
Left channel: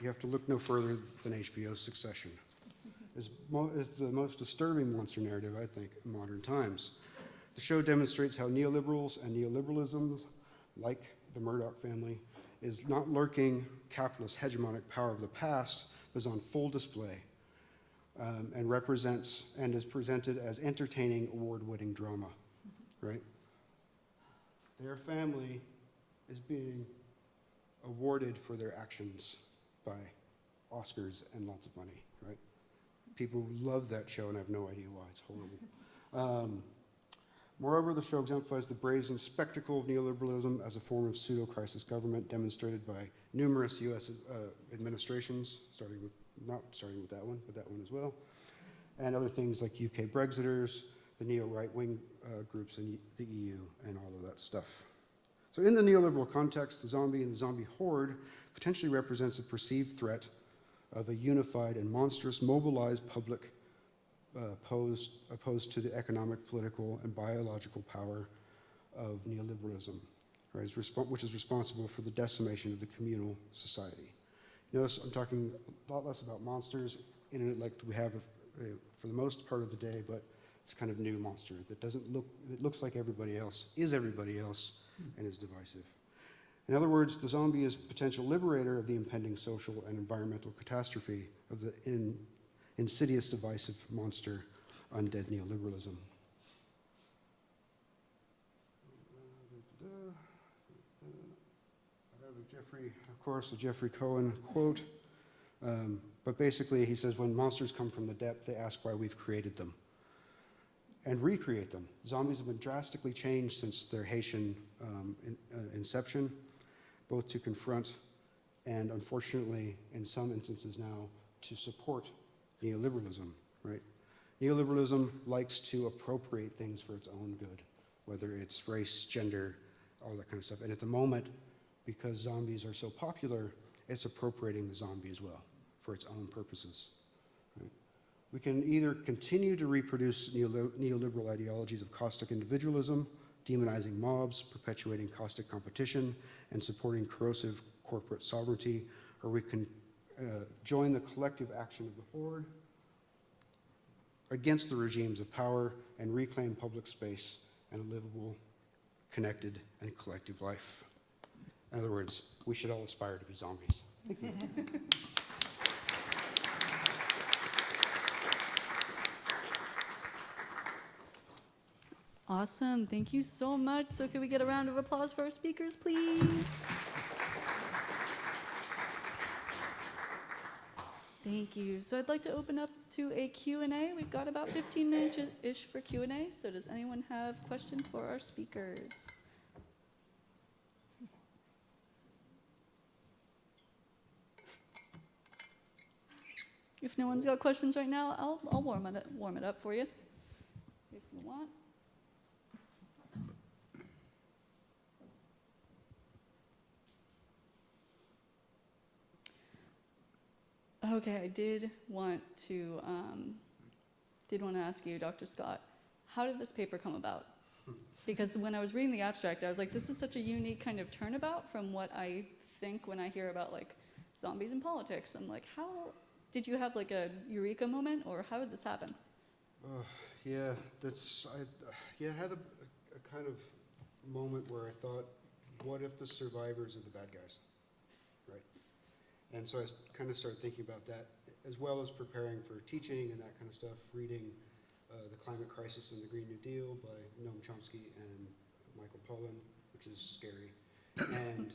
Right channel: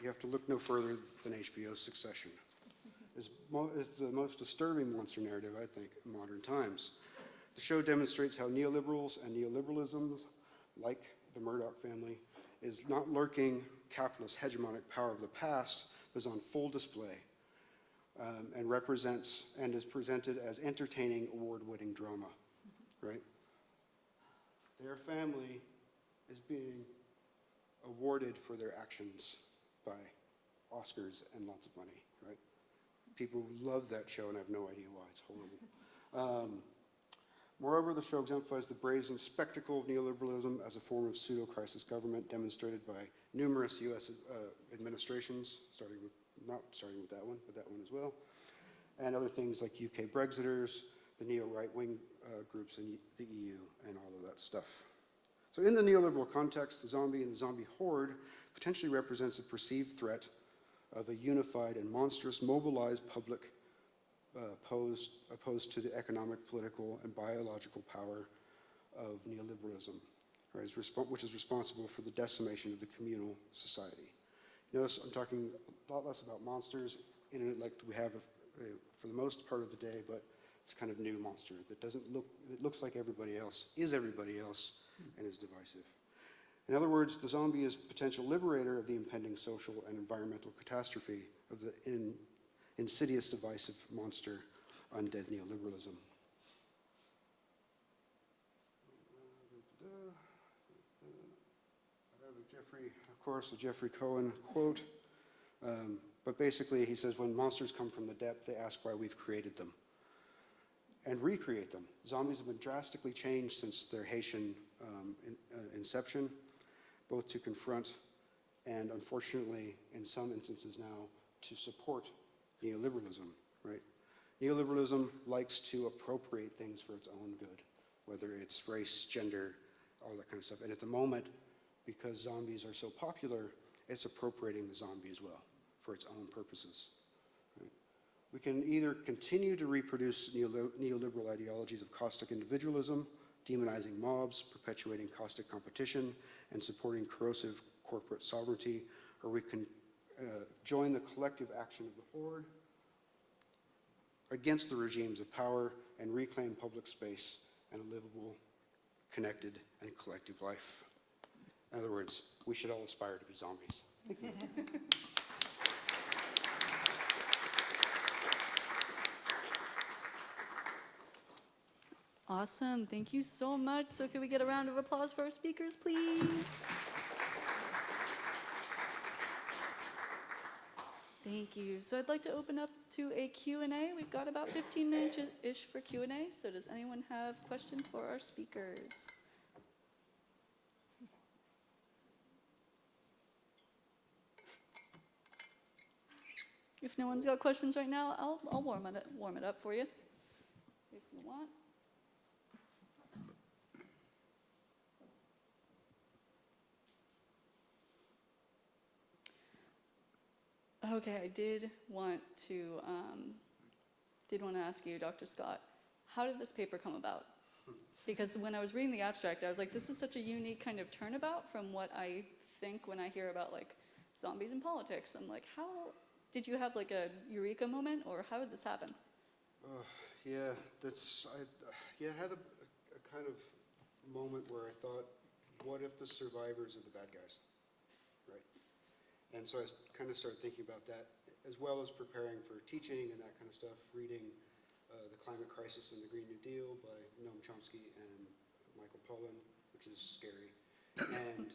you have to look no further than HBO's Succession. Is the most disturbing monster narrative, I think, in modern times. The show demonstrates how neoliberals and neoliberalisms, like the Murdoch family, is not lurking capitalist hegemonic power of the past, but is on full display and represents and is presented as entertaining, award-winning drama, right? Their family is being awarded for their actions by Oscars and lots of money, right? People love that show and I have no idea why. It's horrible. Moreover, the show exemplifies the brazen spectacle of neoliberalism as a form of pseudo-crisis government demonstrated by numerous U.S. Administrations, not starting with that one, but that one as well, and other things like UK Brexiters, the neo-right-wing groups in the EU, and all of that stuff. So in the neoliberal context, the zombie and the zombie horde potentially represents a perceived threat of a unified and monstrous mobilized public opposed to the economic, political, and biological power of neoliberalism, right, which is responsible for the decimation of the communal society. Notice I'm talking a lot less about monsters in it like we have for the most part of the day, but it's kind of new monster that doesn't look, it looks like everybody else, is everybody else, and is divisive. In other words, the zombie is potential liberator of the impending social and environmental catastrophe of the insidious, divisive monster, undead neoliberalism. I have a Jeffrey, of course, a Jeffrey Cohen quote. But basically, he says, when monsters come from the depth, they ask why we've created them and recreate them. Zombies have been drastically changed since their Haitian inception, both to confront and, unfortunately, in some instances now, to support neoliberalism, right? Neoliberalism likes to appropriate things for its own good, whether it's race, gender, all that kind of stuff. And at the moment, because zombies are so popular, it's appropriating the zombie as well for its own purposes. Right? We can either continue to reproduce neoliberal ideologies of caustic individualism, demonizing mobs, perpetuating caustic competition, and supporting corrosive corporate sovereignty, or we can join the collective action of the horde against the regimes of power and reclaim public space and a livable, connected, and collective life. In other words, we should all aspire to be zombies. Thank you. Awesome. Thank you so much. So can we get a round of applause for our speakers, please? Thank you. So I'd like to open up to a Q&A. We've got about 15 minutes-ish for Q&A. So does anyone have questions for our speakers? If no one's got questions right now, I'll warm it up for you, if you want. Okay, I did want to ask you, Dr. Scott, how did this paper come about? Because when I was reading the abstract, I was like, this is such a unique kind of turnabout from what I think when I hear about like zombies in politics. I'm like, how did you have like a eureka moment, or how did this happen? Yeah, I had a kind of moment where I thought, what if the survivors are the bad guys, right? And so I kind of started thinking about that, as well as preparing for teaching and that kind of stuff, reading The Climate Crisis and the Green New Deal by Noam Chomsky and Michael Pollan, which is scary. And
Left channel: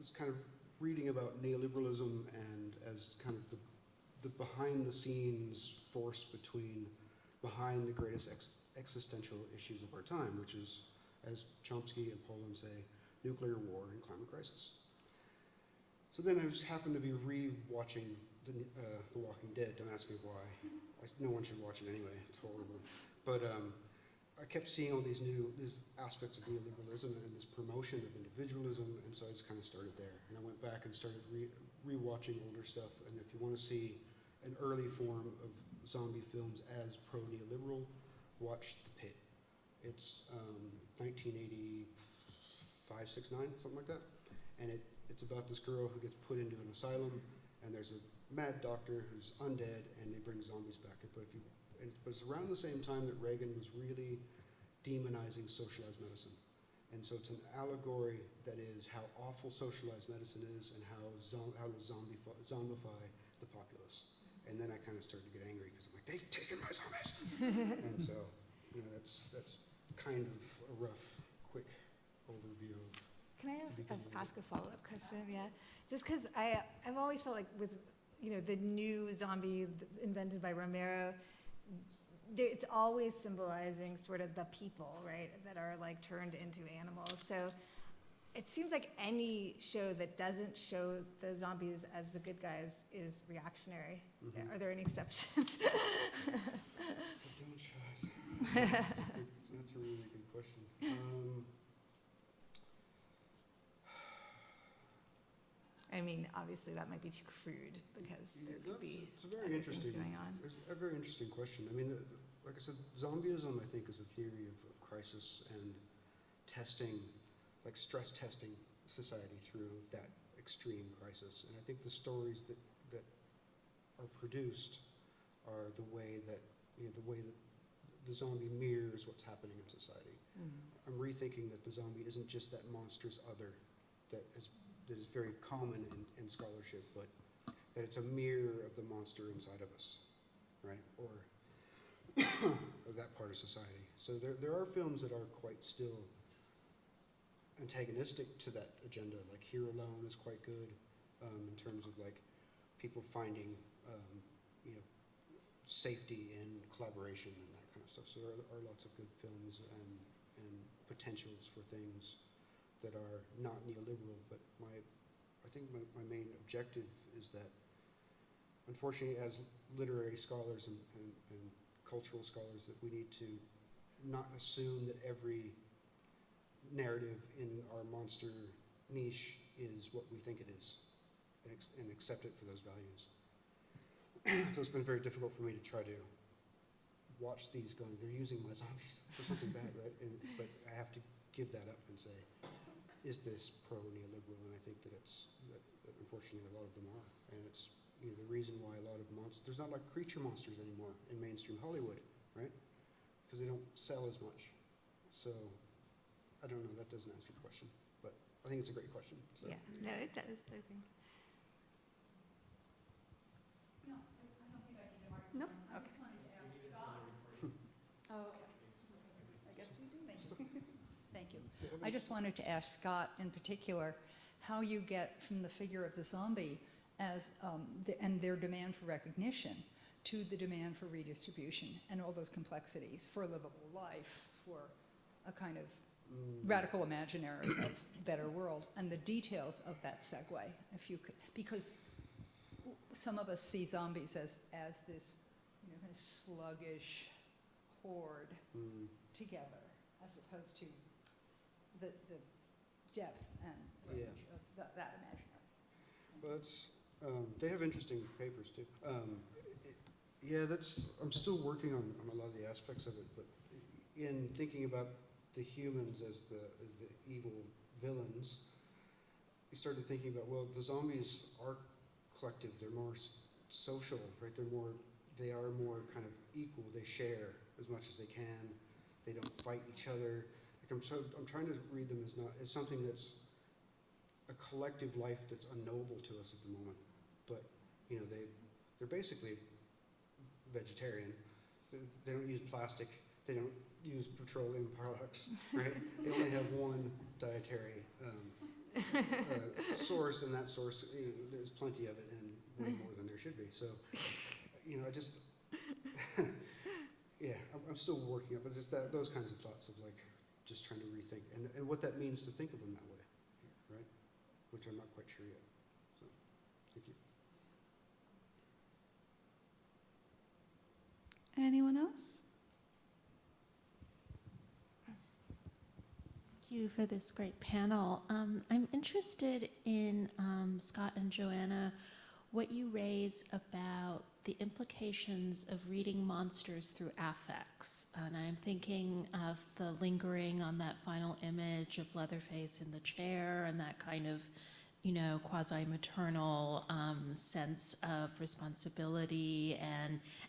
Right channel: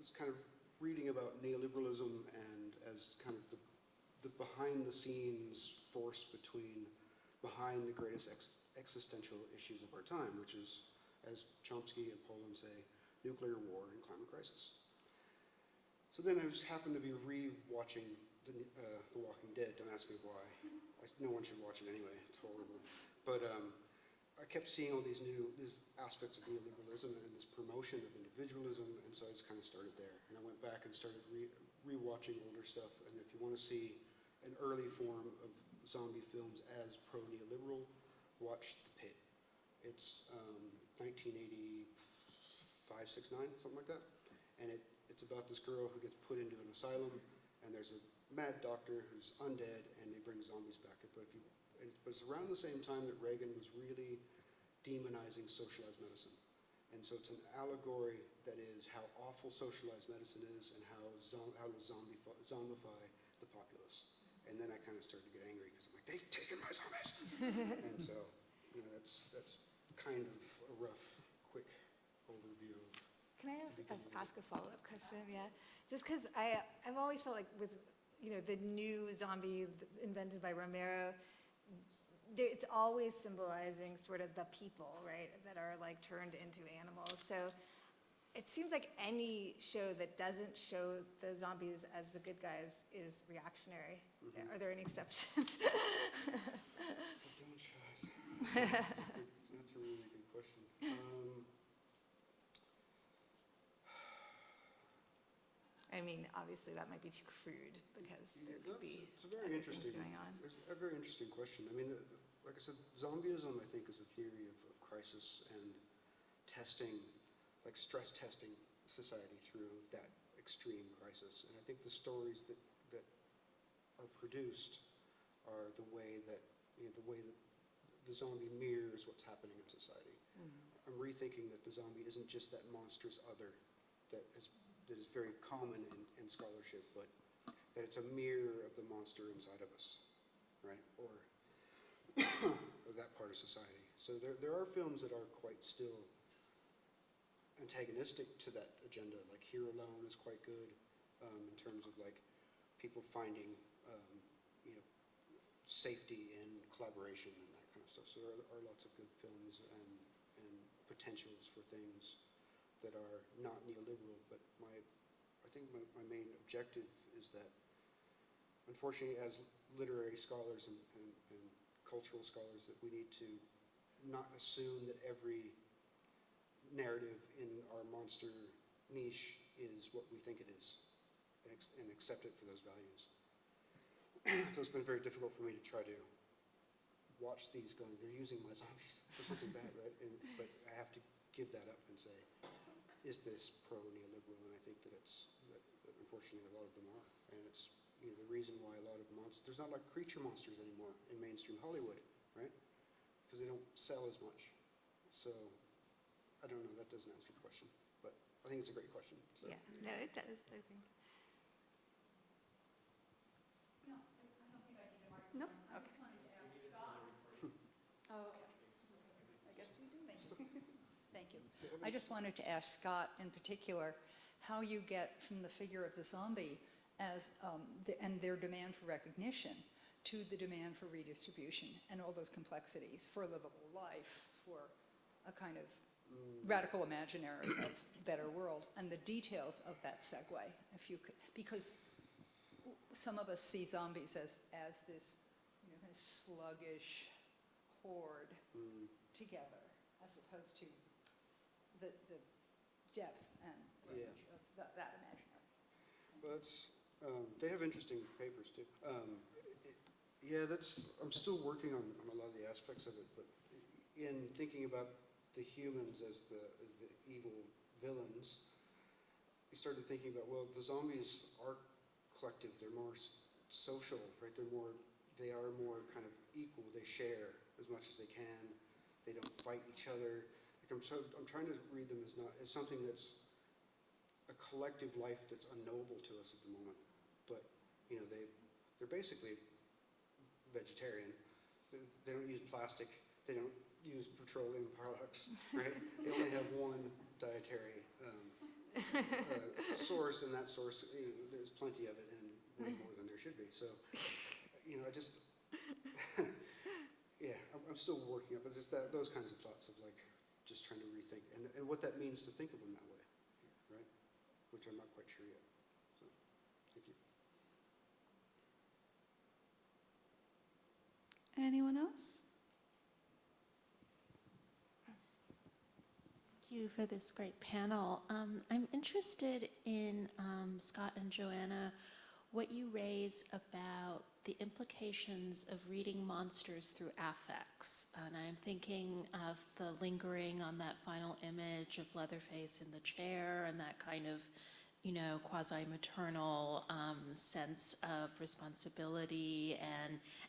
it's kind of reading about neoliberalism and as kind of the behind-the-scenes force behind the greatest existential issues of our time, which is, as Chomsky and Pollan say, nuclear war and climate crisis. So then I just happened to be re-watching The Walking Dead. Don't ask me why. No one should watch it anyway. It's horrible. But I kept seeing all these aspects of neoliberalism and this promotion of individualism, and so I just kind of started there. And I went back and started re-watching older stuff. And if you want to see an early form of zombie films as pro-neoliberal, watch The Pit. It's 1985, 6, 9, something like that. And it's about this girl who gets put into an asylum, and there's a mad doctor who's undead, and they bring zombies back. But it's around the same time that Reagan was really demonizing socialized medicine. And so it's an allegory that is how awful socialized medicine is and how to zombify the populace. And then I kind of started to get angry because I'm like, they've taken my zombies. And so, that's kind of a rough, quick overview of. Can I ask a follow-up question? Yeah, just because I've always felt like with the new zombie invented by Romero, it's always symbolizing sort of the people, right, that are like turned into animals. So it seems like any show that doesn't show the zombies as the good guys is reactionary. Mm-hmm. Are there any exceptions? Don't show us. That's a really good question. I mean, obviously that might be too crude because there could be it's a very other interesting, things going on. It's a very interesting question. I mean, like I said, zombieism, I think, is a theory of crisis and testing, like stress testing society through that extreme crisis. And I think the stories that are produced are the way that the zombie mirrors what's happening in society. Mm-hmm. I'm rethinking that the zombie isn't just that monstrous other that is very common in scholarship, but that it's a mirror of the monster inside of us, right? Or of that part of society. So there are films that are quite still antagonistic to that agenda, like Here Alone is quite good in terms of like people finding safety in collaboration and that kind of stuff. So there are lots of good films and potentials for things that are not neoliberal, but I think my main objective is that, unfortunately, as literary scholars and cultural scholars, that we need to not assume that every narrative in our monster niche is what we think it is, and accept it for those values. So it's been very difficult for me to try to watch these going, they're using my zombies for something bad, right? But I have to give that up and say, is this pro-neoliberal? And I think that that unfortunately a lot of them are. And it's the reason why a lot of monsters, there's not like creature monsters anymore in mainstream Hollywood, right? Because they don't sell as much. So I don't know, that doesn't answer the question, but I think it's a great question. So. Yeah, no, it does, I think. No, I don't think I need a microphone. No? Okay. I just wanted to ask Scott. Oh, okay. I guess we I just wanted to ask Scott in particular how you get from the figure of the zombie as and their demand for recognition to the demand for redistribution and all those complexities for a livable life, for a kind of radical imaginary of better world, and the details of that segue, if you could, because some of us see zombies as this, you know, kind of sluggish horde together, as opposed to the depth and range of that imaginary. Well, they have interesting papers too. Yeah, I'm still working on a lot of the aspects of it, but in thinking about the humans as the evil villains, we started thinking about, well, the zombies are collective. They're more social, right? They are more kind of equal. They share as much as they can. They don't fight each other. Like I'm trying to read them as something that's a collective life that's unknowable to us at the moment. But you know, they're basically vegetarian. They don't use plastic. They don't use petroleum products, right? They only have one dietary source, and that source, you know, there's plenty of it and way more than there should be. So, you know, I just, yeah, I'm still working up, but just those kinds of thoughts of like, just trying to rethink and what that means to think of them that way, right? Which I'm not quite sure yet. So, thank you. Anyone else? Thank you for this great panel. I'm interested in, Scott and Johanna, what you raise about the implications of reading monsters through affects. And I'm thinking of the lingering on that final image of Leatherface in the chair and that kind of, you know, quasi-maternal sense of responsibility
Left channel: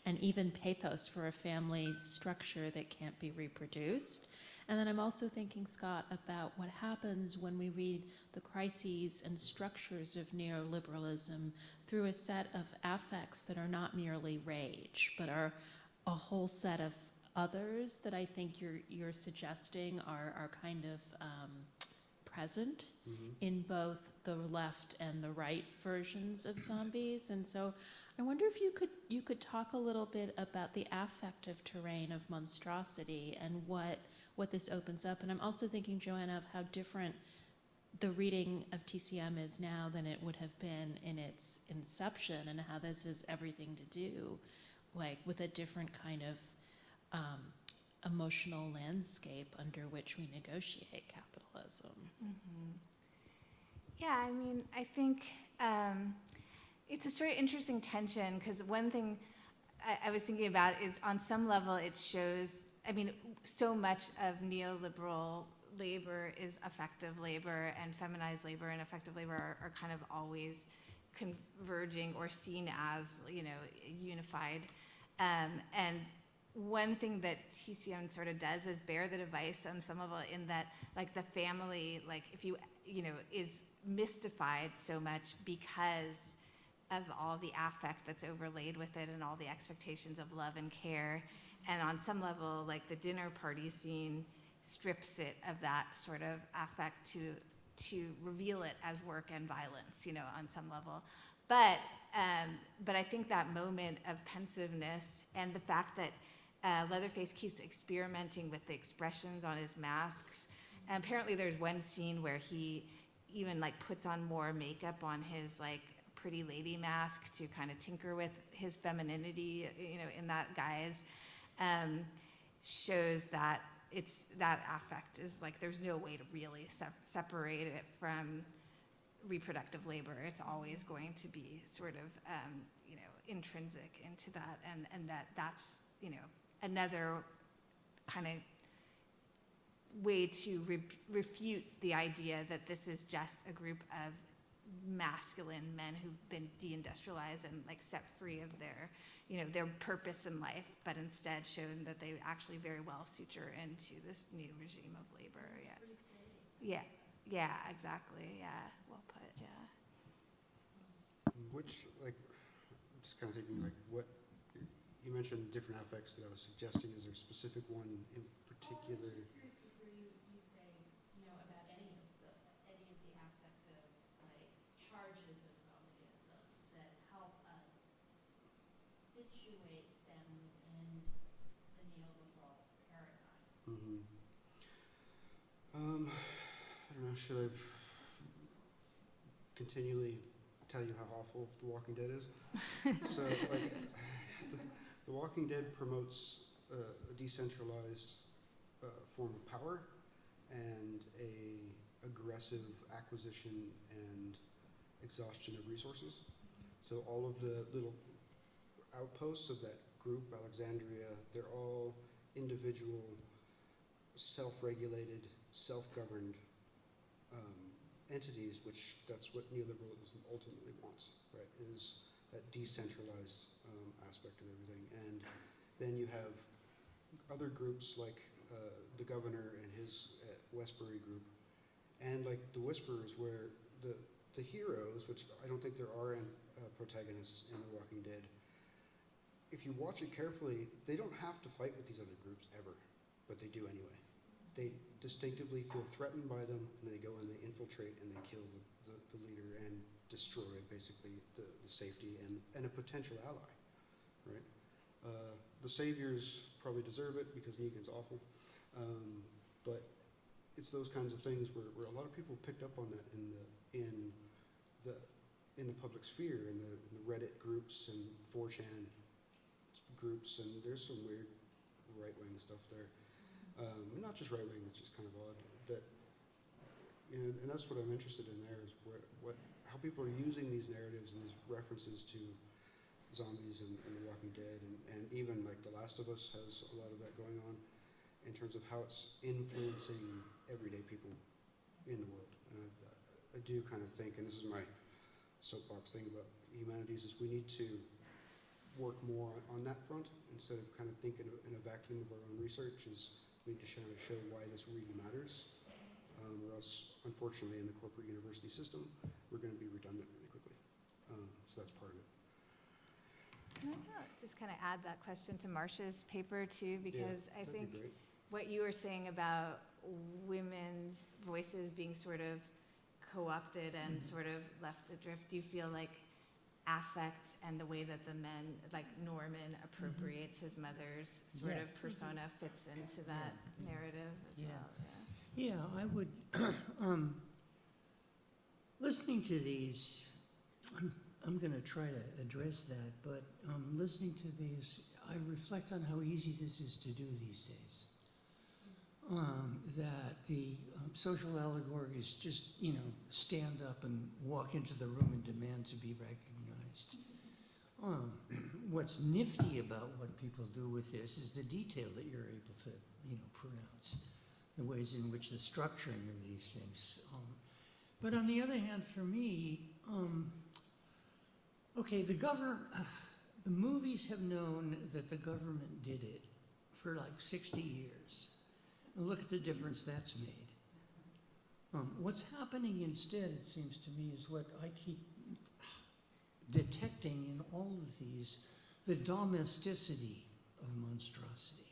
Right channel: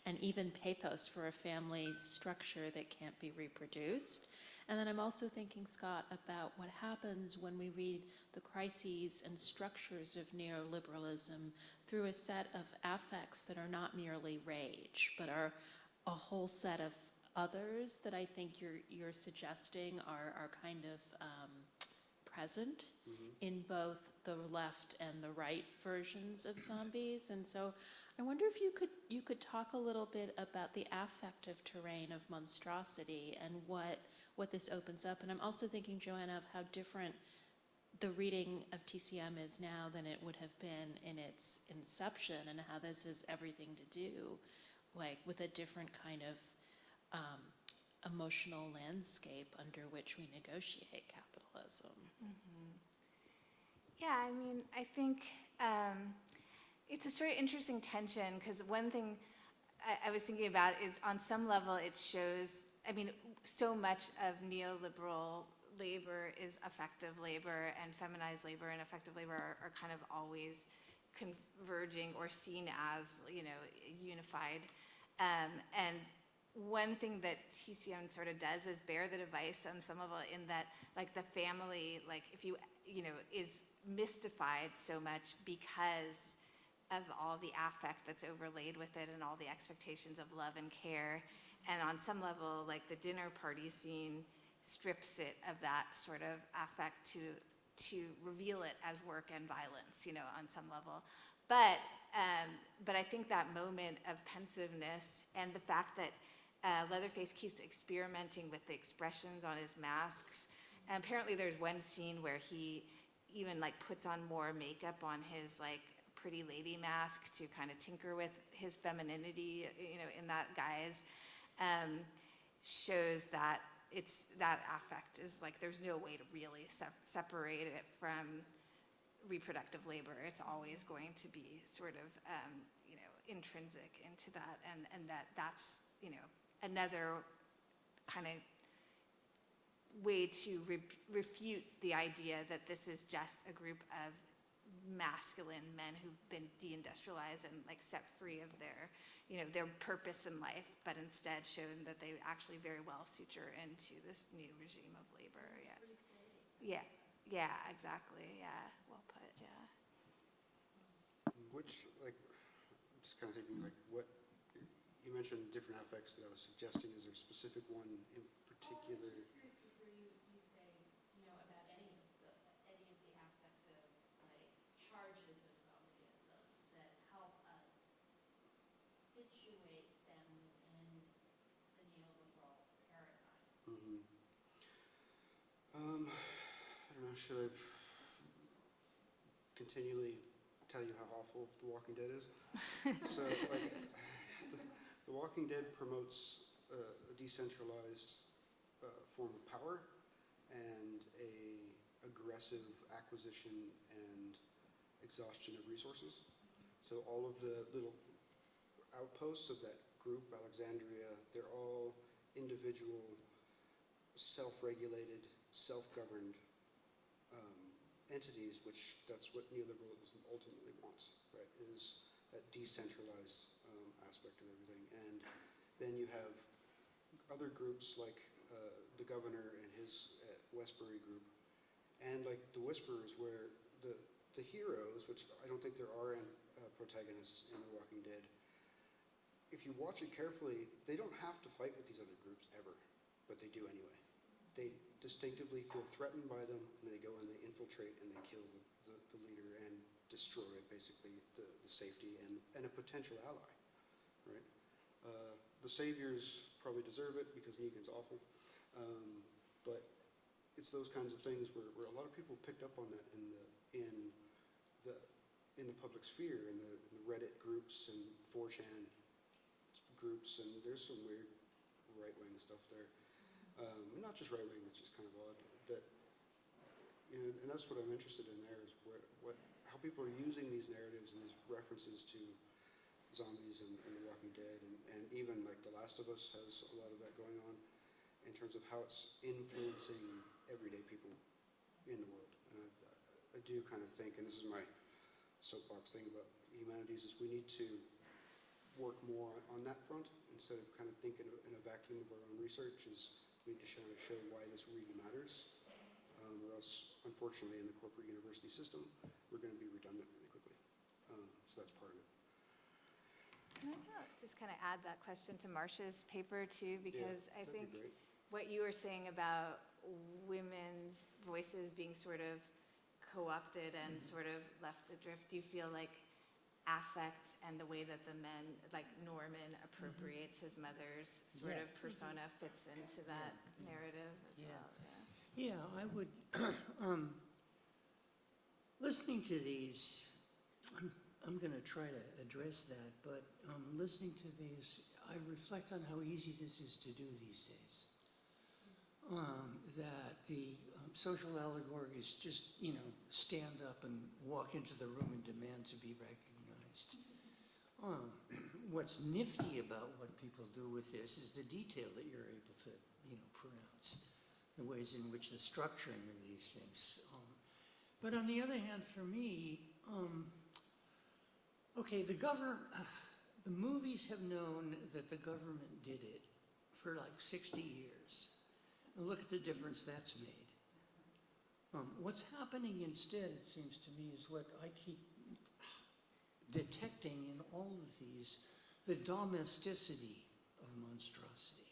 and even pathos for a family structure that can't be reproduced. And then I'm also thinking, Scott, about what happens when we read the crises and structures of neoliberalism through a set of affects that are not merely rage, but are a whole set of others that I think you're suggesting are kind of present in both the left and the right versions of zombies. And so I wonder if you could talk a little bit about the affective terrain of monstrosity and what this opens up. And I'm also thinking, Johanna, of how different the reading of TCM is now than it would have been in its inception, and how this has everything to do like with a different kind of emotional landscape under which we negotiate capitalism. Yeah, I mean, I think it's a sort of interesting tension, because one thing I was thinking about is, on some level, it shows, I mean, so much of neoliberal labor is effective labor, and feminized labor and effective labor are kind of always converging or seen as, you know, unified. And one thing that TCM sort of does is bear the device on some level, in that, like, the family, like, if you know, is mystified so much because of all the affect that's overlaid with it and all the expectations of love and care. And on some level, like, the dinner party scene strips it of that sort of affect to reveal it as work and violence, you know, on some level. But I think that moment of pensiveness and the fact that Leatherface keeps experimenting with the expressions on his masks. And apparently there's one scene where he even, like, puts on more makeup on his, like, pretty lady mask to kind of tinker with his femininity, you know, in that guise, shows that it's, that affect is, like, there's no way to really separate it from reproductive labor. It's always going to be sort of, you know, intrinsic into that, and that's, you know, another kind of way to refute the idea that this is just a group of masculine men who've been deindustrialized and, like, set free of their, you know, their purpose in life, but instead shown that they actually very well suture into this new regime of labor. Yeah, exactly. Yeah, well put. Yeah. Which, like, I'm just kind of thinking, like, what you mentioned different affects that I was suggesting. Is there a specific one in particular? I was just curious to hear you say situate them in the neoliberal paradigm? I don't know, should I continually tell you how awful The Walking Dead is? So, like, The Walking Dead promotes a decentralized form of power and a aggressive acquisition and exhaustion of resources. So all of the little outposts of that group, Alexandria, they're all individual, self-regulated, self-governed entities, which that's what neoliberalism ultimately wants, right, is that decentralized aspect of everything. And then you have other groups like the governor and his Westbury group, and like the Whisperers, where the heroes, which I don't think there are protagonists in The Walking Dead, if you watch it carefully, they don't have to fight with these other groups ever, but they do anyway. They distinctively feel threatened by them, and they go and they infiltrate and they kill the leader and destroy basically the safety and a potential ally, right? The saviors probably deserve it because Negan's awful, but it's those kinds of things where a lot of people picked up on that in the public sphere, in the Reddit groups and 4chan groups, and there's some weird right-wing stuff there. Not just right-wing, it's just kind of odd. That, you know, and that's what I'm interested in there, is how people are using these narratives and these references to zombies and The Walking Dead, and even like The Last of Us has a lot of that going on in terms of how it's influencing everyday people in the world. And I do kind of think, and this is my soapbox thing about humanities, is we need to work more on that front instead of kind of thinking in a vacuum of our own research. Is we need to show why this really matters, or else, unfortunately, in the corporate university system, we're going to be redundant really quickly. So that's part of it. Can I just kind of add that question to Marcia's paper too, because I that'd be think great. what you were saying about women's voices being sort of co-opted and sort of left adrift, do you feel like affect and the way that the men, like Norman appropriates his mother's sort of persona, fits into that narrative as well? Yeah, I would, listening to these, I'm going to try to address that, but listening to these, I reflect on how easy this is to do these days. That the social allegories just, you know, stand up and walk into the room and demand to be recognized. What's nifty about what people do with this is the detail that you're able to, you know, pronounce, the ways in which the structuring of these things. But on the other hand, for me, okay, the movies have known that the government did it for like 60 years. And look at the difference that's made. What's happening instead, it seems to me, is what I keep detecting in all of these, the domesticity of monstrosity.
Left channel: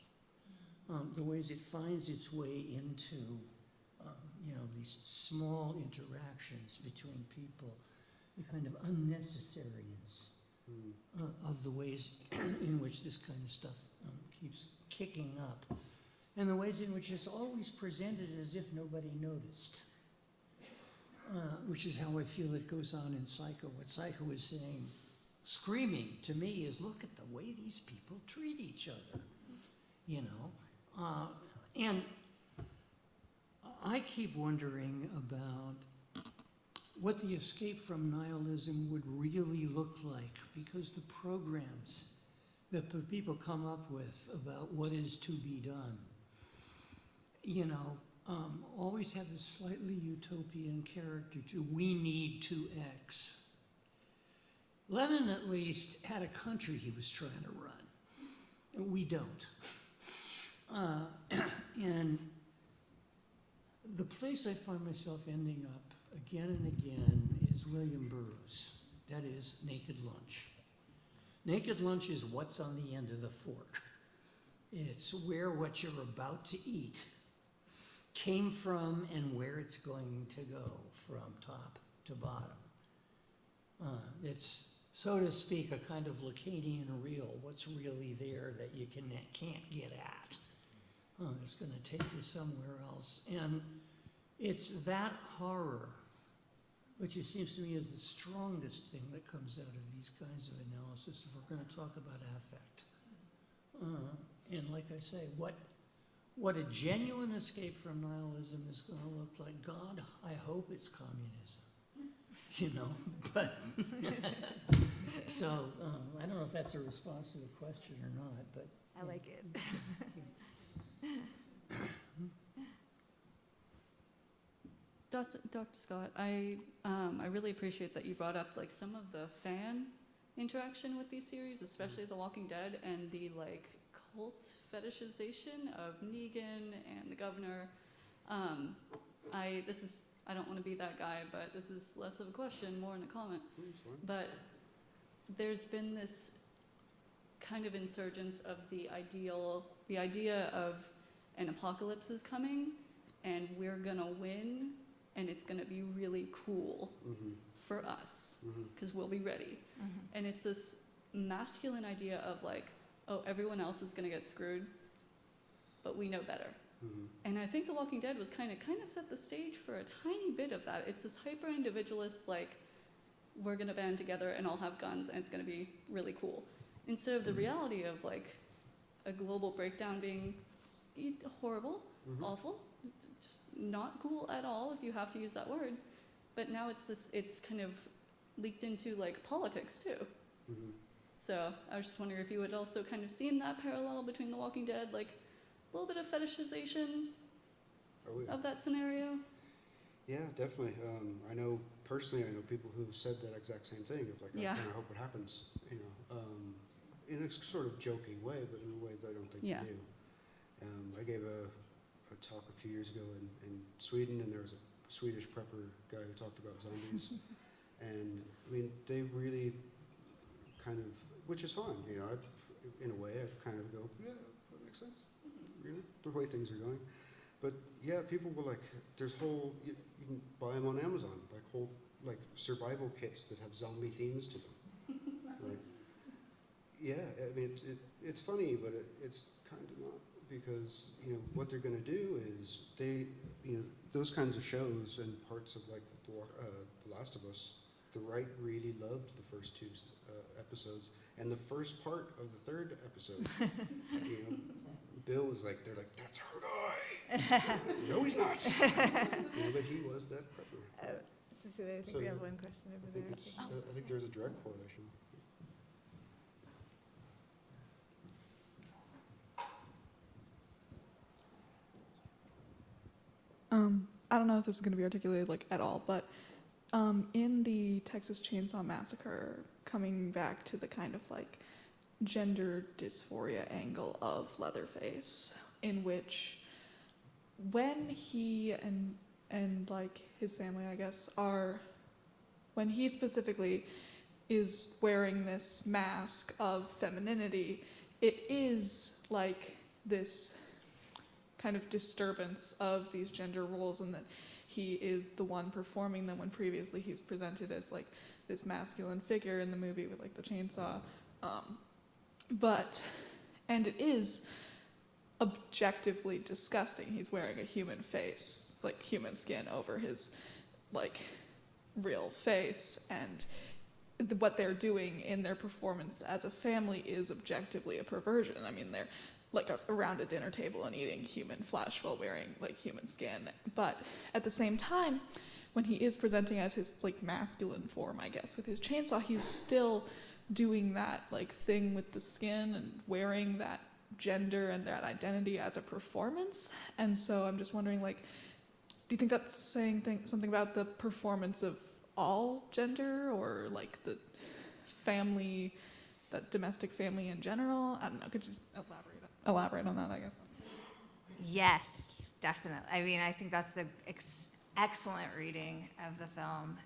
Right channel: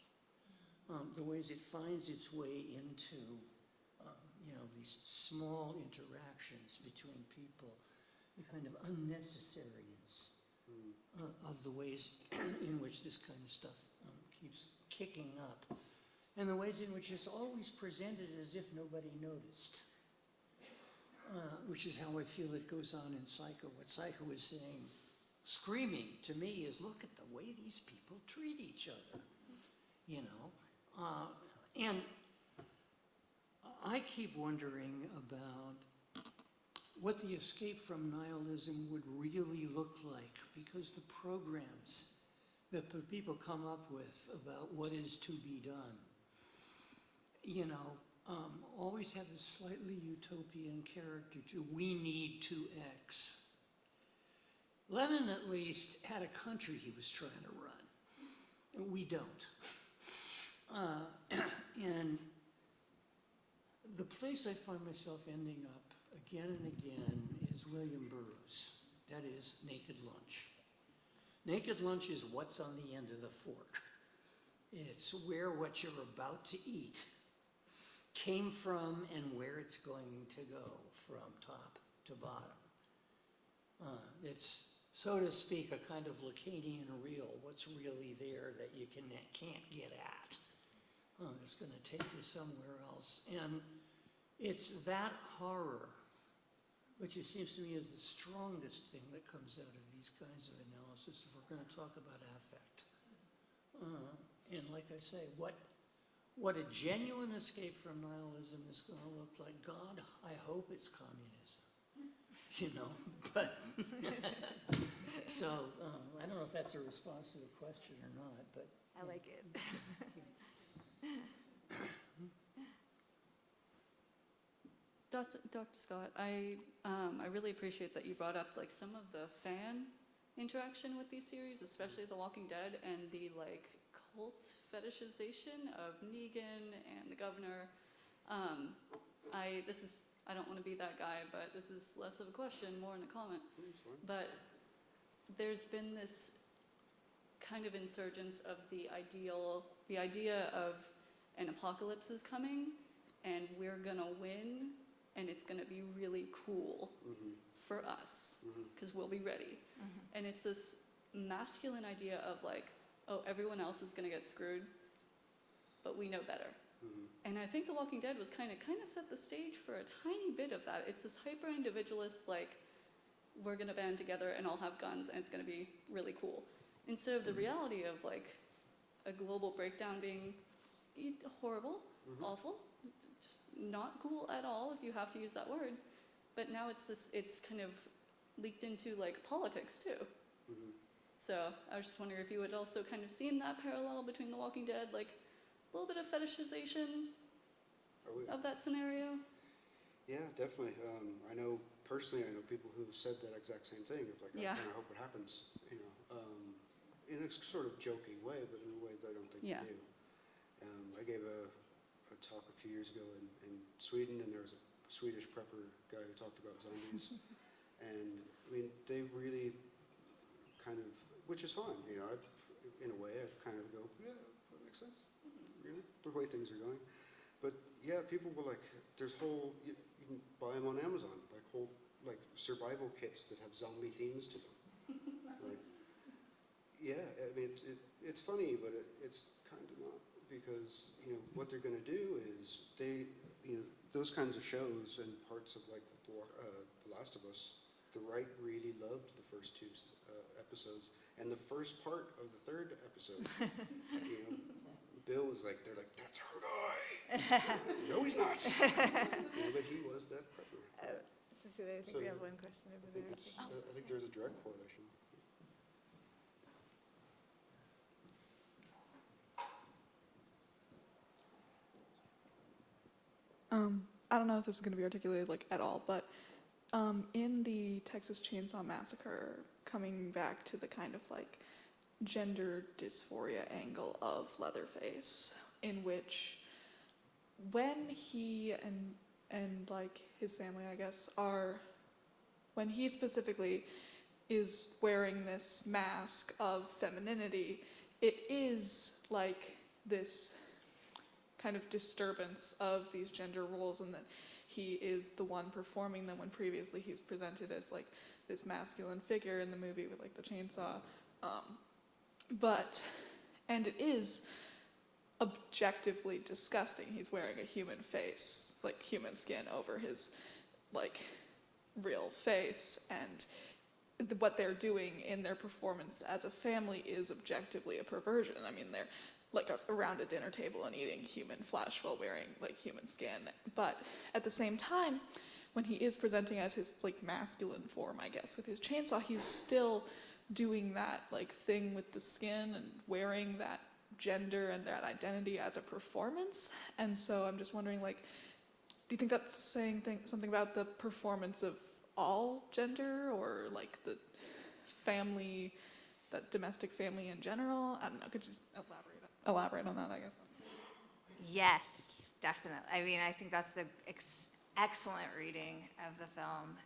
The ways it finds its way into, you know, these small interactions between people, the kind of unnecessariness of the ways in which this kind of stuff keeps kicking up, and the ways in which it's always presented as if nobody noticed, which is how I feel it goes on in Psycho. What Psycho is saying, screaming to me, is look at the way these people treat each other, you know? And I keep wondering about what the escape from nihilism would really look like, because the programs that the people come up with about what is to be done, you know, always have this slightly utopian character to, we need to X. Lenin at least had a country he was trying to run, and we don't. And the place I find myself ending up again and again is William Burroughs. That is Naked Lunch. Naked Lunch is what's on the end of the fork. It's where what you're about to eat came from and where it's going to go from top to bottom. It's so to speak, a kind of Lacanian real. What's really there that you can't get at? It's going to take you somewhere else. And it's that horror, which it seems to me is the strongest thing that comes out of these kinds of analysis if we're going to talk about affect. And like I say, what a genuine escape from nihilism is going to look like. God, I hope it's communism, but so I don't know if that's a response to the question or not, but. I like it. Dr. Scott, I really appreciate that you brought up like some of the fan interaction with these series, especially The Walking Dead, and the like cult fetishization of Negan and the governor. I don't want to be that guy, but this is less of a question, more in a comment. But there's been this kind of insurgence of the idea of an apocalypse is coming, and we're gonna win, and it's gonna be really cool for us, because we'll be ready. And it's this masculine idea of like, oh, everyone else is gonna get screwed, but we know better. And I think The Walking Dead was kind of set the stage for a tiny bit of that. It's this hyper-individualist, like, we're gonna band together and all have guns and it's gonna be really cool. Instead of the reality of like a global breakdown being horrible, awful, just not cool at all if you have to use that word. But now it's kind of leaked into like politics too. So I was just wondering if you had also kind of seen that parallel between The Walking Dead, like a little bit of fetishization of that scenario. Yeah, definitely. I know people who said that exact same thing of like, I kind of hope it happens, in a sort of joking way, but in a way that I don't think they do. I gave a talk a few years ago in Sweden, and there was a Swedish prepper guy who talked about zombies. And I mean, they really kind of, which is fine, in a way, I kind of go, yeah, that makes sense, the way things are going. But yeah, people were like, there's you can buy them on Amazon, like whole survival kits that have zombie themes to them. Yeah, I mean, it's funny, but it's kind of not, because what they're going to do is those kinds of shows and parts of like The Last of Us, the right really loved the first two episodes, and the first part of the third episode. Bill was like, they're like, that's our guy. No, he's not. But he was that prepper. Cecilia, I think we have one question over there. I think there's a direct correlation. I don't know if this is going to be articulated like at all, but in the Texas Chainsaw Massacre, coming back to the kind of like gender dysphoria angle of Leatherface, in which when he and like his family, I guess, when he specifically is wearing this mask of femininity, it is like this kind of disturbance of these gender roles, and that he is the one performing them when previously he's presented as like this masculine figure in the movie with like the chainsaw. And it is objectively disgusting. He's wearing a human face, like human skin over his like real face, and what they're doing in their performance as a family is objectively a perversion. I mean, they're like around a dinner table and eating human flesh while wearing like human skin. But at the same time, when he is presenting as his like masculine form, I guess, with his chainsaw, he's still doing that like thing with the skin and wearing that gender and that identity as a performance. And so I'm just wondering, like, do you think that's saying something about the performance of all gender, or like the family, that domestic family in general? I don't know. Could you elaborate on that, I guess? Yes, definitely. I mean, I think that's the excellent reading of the film.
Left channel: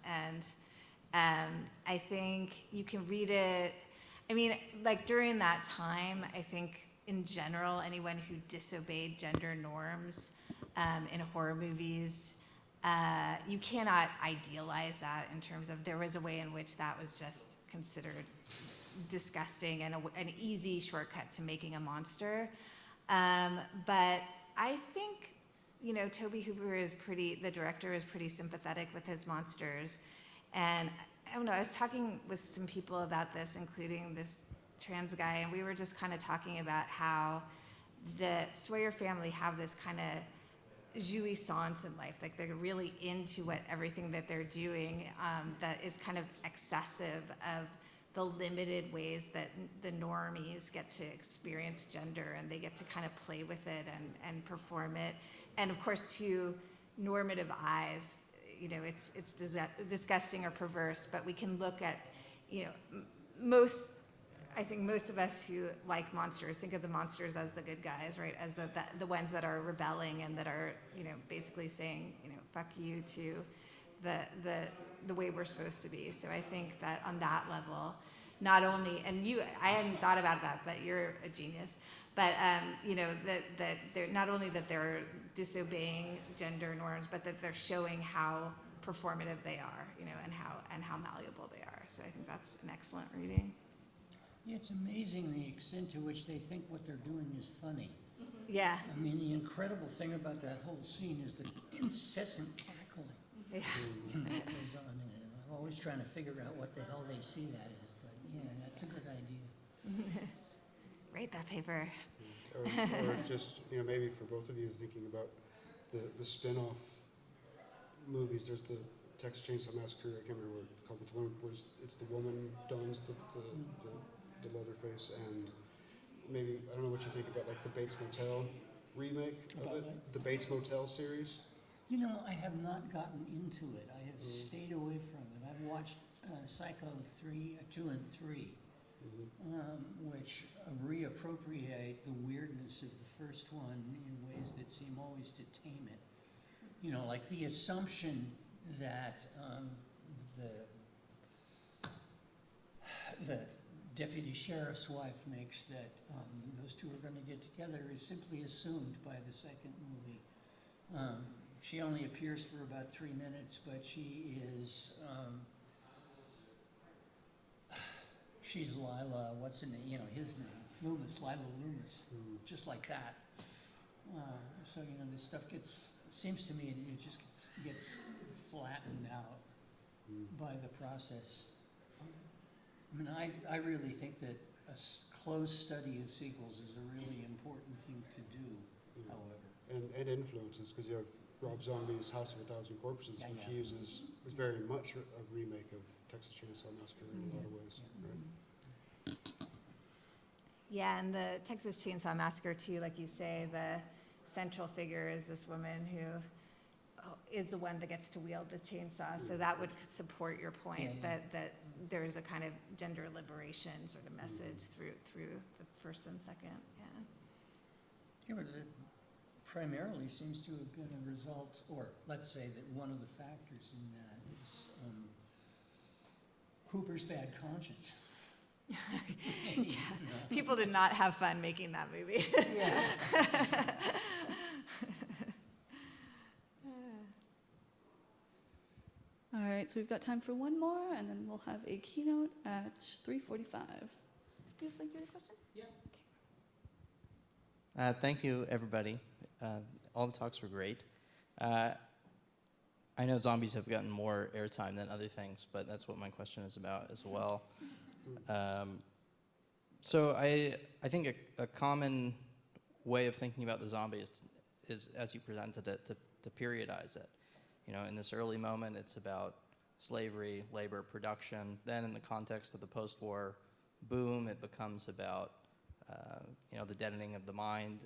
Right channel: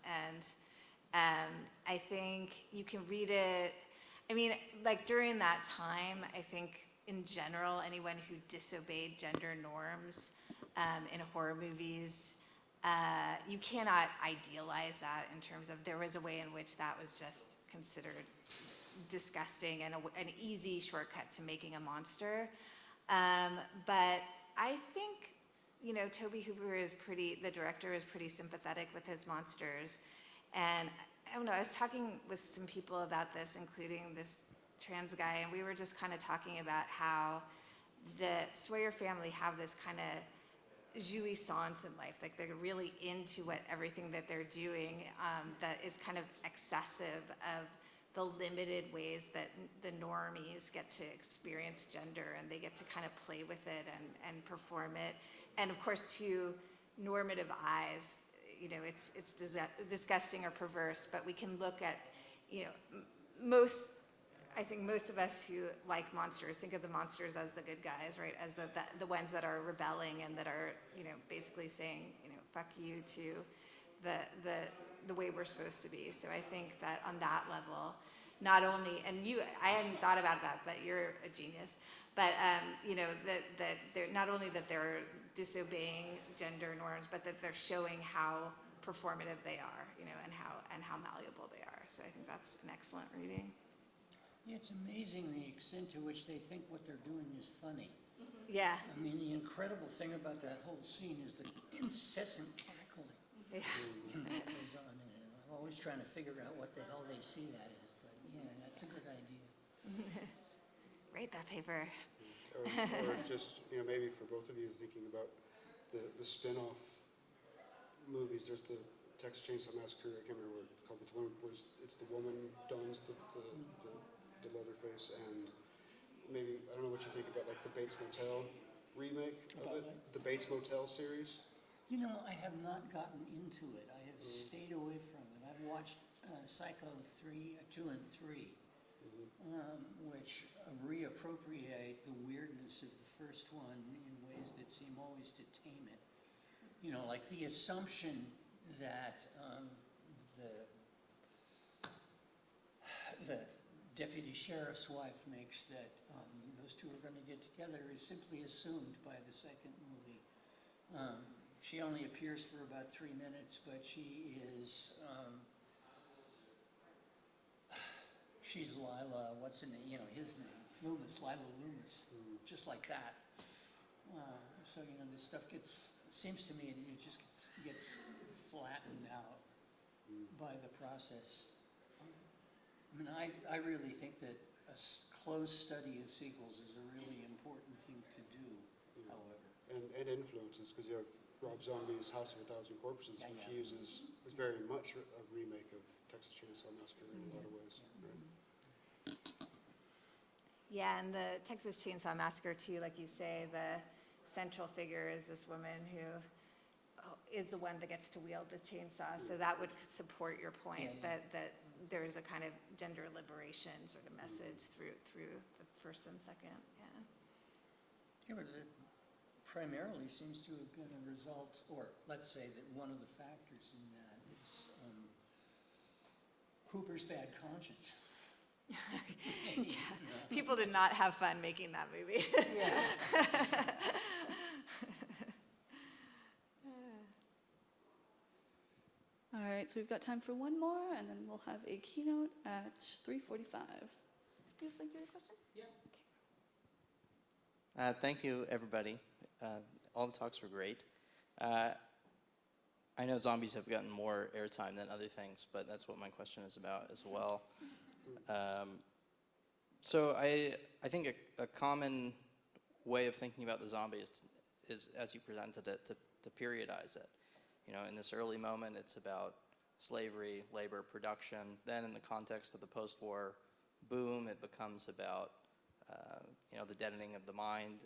And I think you can read it, I mean, like during that time, I think in general, anyone who disobeyed gender norms in horror movies you cannot idealize that in terms of there was a way in which that was just considered disgusting and an easy shortcut to making a monster. But I think, Tobe Hooper the director is pretty sympathetic with his monsters. And I don't know, I was talking with some people about this, including this trans guy, and we were just kind of talking about how the Sawyer family have this kind of jouissance in life, like they're really into everything that they're doing, that is kind of excessive of the limited ways that the normies get to experience gender, and they get to kind of play with it and perform it. And of course, to normative eyes, it's disgusting or perverse, but we can look at, I think most of us who like monsters think of the monsters as the good guys, right? As the ones that are rebelling and that are, basically saying, fuck you to the way we're supposed to be. So I think that on that level, not only, and I hadn't thought about that, but you're a genius, but that they're not only that they're disobeying gender norms, but that they're showing how performative they are, and how malleable they are. So I think that's an excellent reading. Yeah, it's amazing the extent to which they think what they're doing is funny. Yeah. I mean, the incredible thing about that whole scene is the incessant cackling. Yeah. That goes on, and I'm always trying to figure out what the hell they see that is, but yeah, that's a good idea. Write that paper. Or just, maybe for both of you thinking about the spin-off movies. There's the Texas Chainsaw Massacre, I can't remember what it's called, but the one where it's the woman dons the leather face, and maybe, I don't know what you think about like the Bates Motel remake of it, the Bates Motel series. I have not gotten into it. I have stayed away from it. I've watched Psycho 2 and 3, which reappropriate the weirdness of the first one in ways that seem always to tame it. Like the assumption that the deputy sheriff's wife makes that those two are going to get together is simply assumed by the second movie. She only appears for about 3 minutes, but she is, she's Lila, what's her name, his name, Lila Loomis, just like that. So, this stuff seems to me, it just gets flattened out by the process. I mean, I really think that a close study of sequels is a really important thing to do, however. And influences, because you have Rob Zombie's House of a Thousand Corpses, which is very much a remake of Texas Chainsaw Massacre in a lot of ways. Right? Yeah, and the Texas Chainsaw Massacre too, like you say, the central figure is this woman who is the one that gets to wield the chainsaw. So that would support your point that there is a kind of gender liberation sort of message through the first and second. Yeah, but it primarily seems to have been a result, or let's say that one of the factors in that is Hooper's bad conscience. People did not have fun making that movie. All right, so we've got time for one more, and then we'll have a keynote at 3:45. You have a question? Yeah. Okay. Thank you, everybody. All the talks were great. I know zombies have gotten more airtime than other things, but that's what my question is about as well. So I think a common way of thinking about the zombie is as you presented it, to periodize it. In this early moment, it's about slavery, labor, production. Then in the context of the post-war boom, it becomes about the deadening of the mind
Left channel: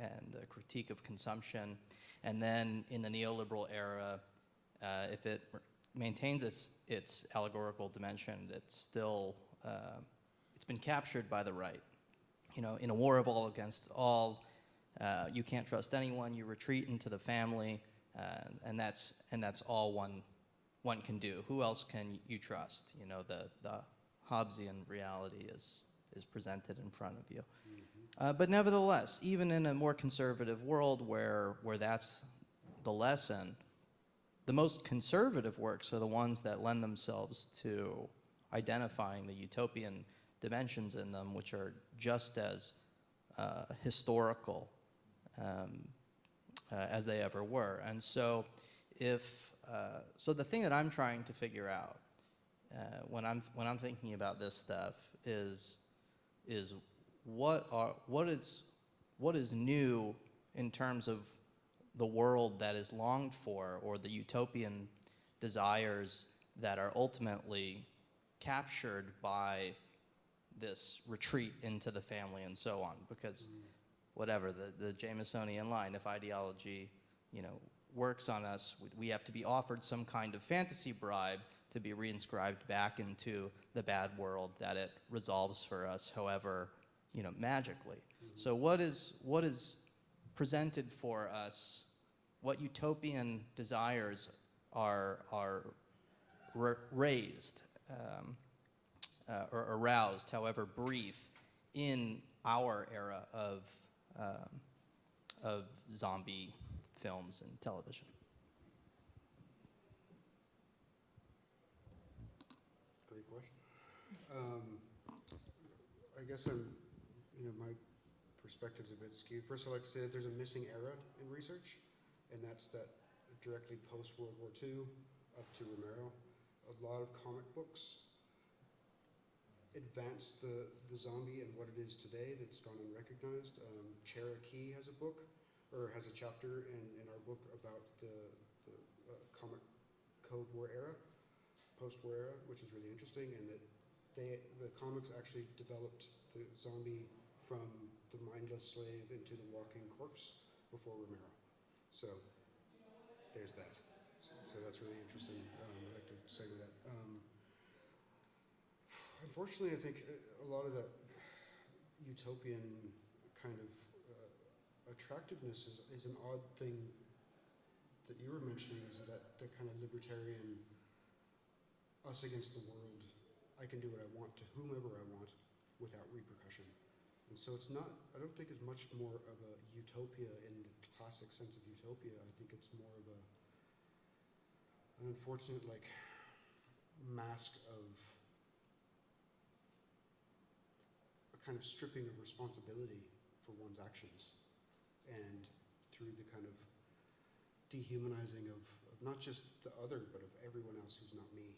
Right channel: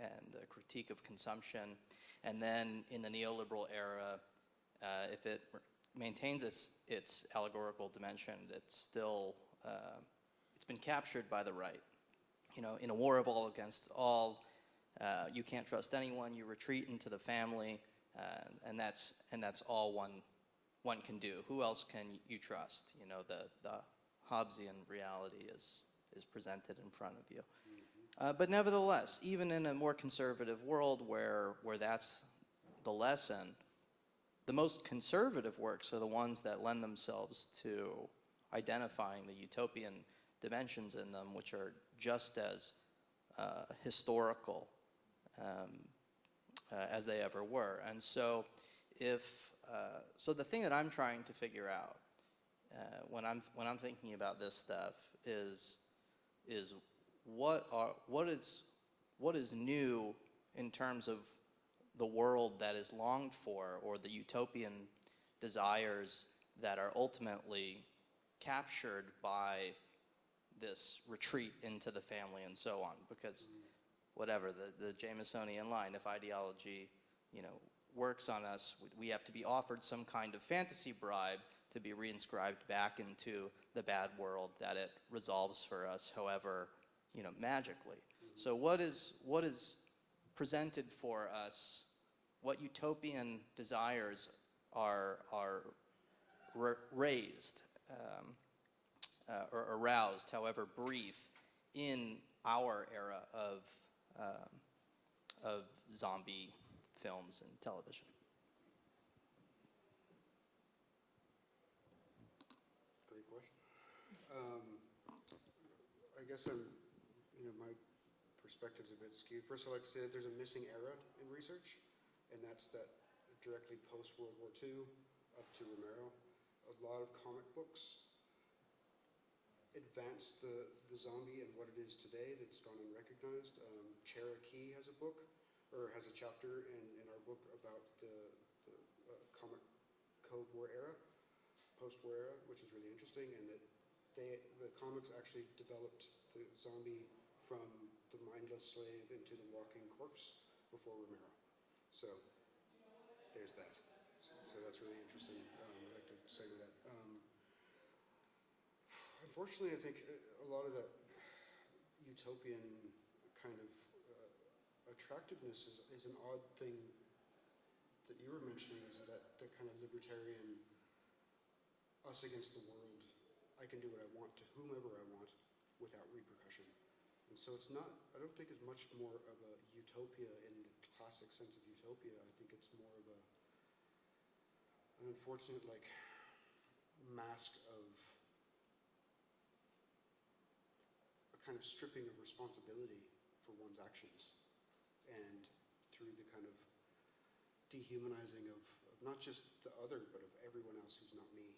and a critique of consumption. And then in the neoliberal era, if it maintains its allegorical dimension, it's still, it's been captured by the right. In a war of all against all, you can't trust anyone, you retreat into the family, and that's all one can do. Who else can you trust? The Hobbesian reality is presented in front of you. But nevertheless, even in a more conservative world where that's the lesson, the most conservative works are the ones that lend themselves to identifying the utopian dimensions in them, which are just as historical as they ever were. And so so the thing that I'm trying to figure out when I'm thinking about this stuff is what is new in terms of the world that is longed for, or the utopian desires that are ultimately captured by this retreat into the family and so on. Because whatever, the Jamesonian line, if ideology, works on us, we have to be offered some kind of fantasy bribe to be reinscribed back into the bad world that it resolves for us, however, magically. So what is presented for us, what utopian desires are raised or aroused, however brief, in our era of zombie films and television? Great question. I guess my perspective's a bit skewed. First, I'd like to say that there's a missing era in research, and that's that directly post-World War II up to Romero. A lot of comic books advanced the zombie and what it is today that's gone unrecognized. Cherokee has a book, or has a chapter in our book about the comic Cold War era, post-war era, which is really interesting, and that the comics actually developed the zombie from the mindless slave into the walking corpse before Romero. So there's that. So that's really interesting. I'd like to say that. Unfortunately, I think a lot of that utopian kind of attractiveness is an odd thing that you were mentioning, is that the kind of libertarian us against the world. I can do what I want to whomever I want without repercussion. And so it's not, I don't think it's much more of a utopia in the classic sense of utopia. I think it's more of an unfortunate mask of a kind of stripping of responsibility for one's actions, and through the kind of dehumanizing of not just the other, but of everyone else who's not me.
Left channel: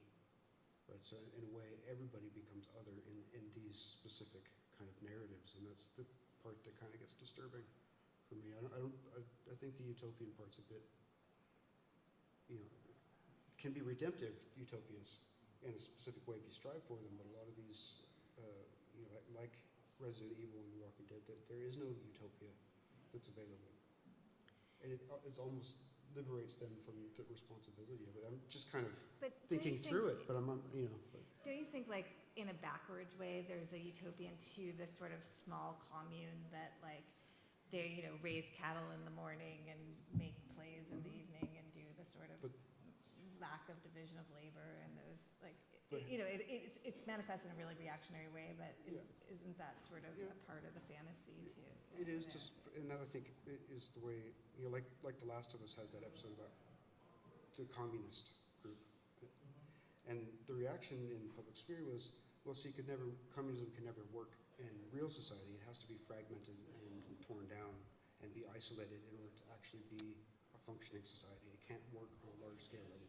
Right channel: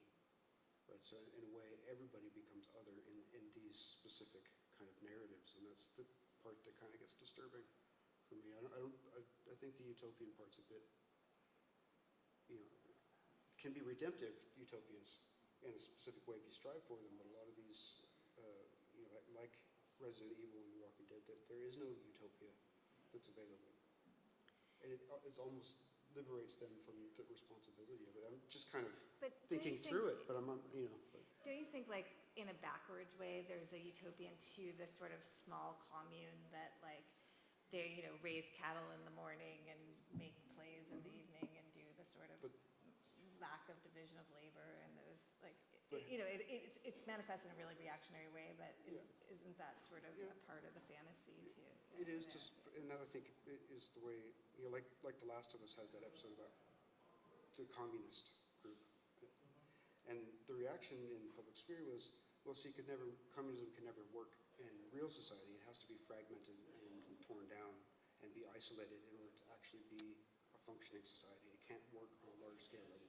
Right? So in a way, everybody becomes other in these specific kind of narratives, and that's the part that kind of gets disturbing for me. I think the utopian part's a bit, can be redemptive utopias in a specific way if you strive for them, but a lot of these, like Resident Evil and The Walking Dead, there is no utopia that's available, and it's almost liberates them from the responsibility of it. I'm just kind of thinking through it, but I'm. Don't you think, in a backwards way, there's a utopian to this sort of small commune that, they, raise cattle in the morning and make plays in the evening and do the sort of lack of division of labor and those, it's manifested in a really reactionary way, but isn't that sort of a part of the fantasy too? It is just, and that I think is the way, like The Last of Us has that episode about the communist group. And the reaction in the public sphere was, well, see, communism can never work in real society. It has to be fragmented and torn down and be isolated in order to actually be a functioning society. It can't work on a large scale level,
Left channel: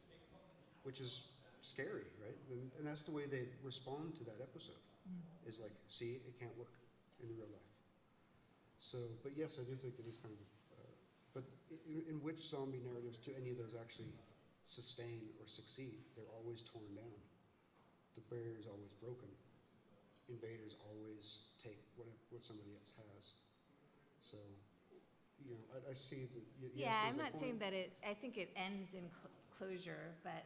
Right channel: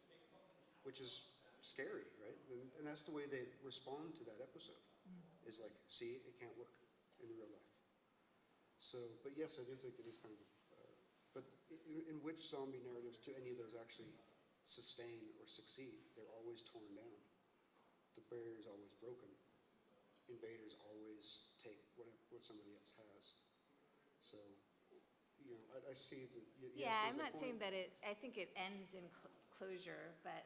which is scary, right? And that's the way they respond to that episode, is see, it can't work in real life. So, but yes, I do think it is kind of, but in which zombie narratives do any of those actually sustain or succeed? They're always torn down. The barrier is always broken. Invaders always take what somebody else has. So, I see that. Yeah, I'm not saying that I think it ends in closure, but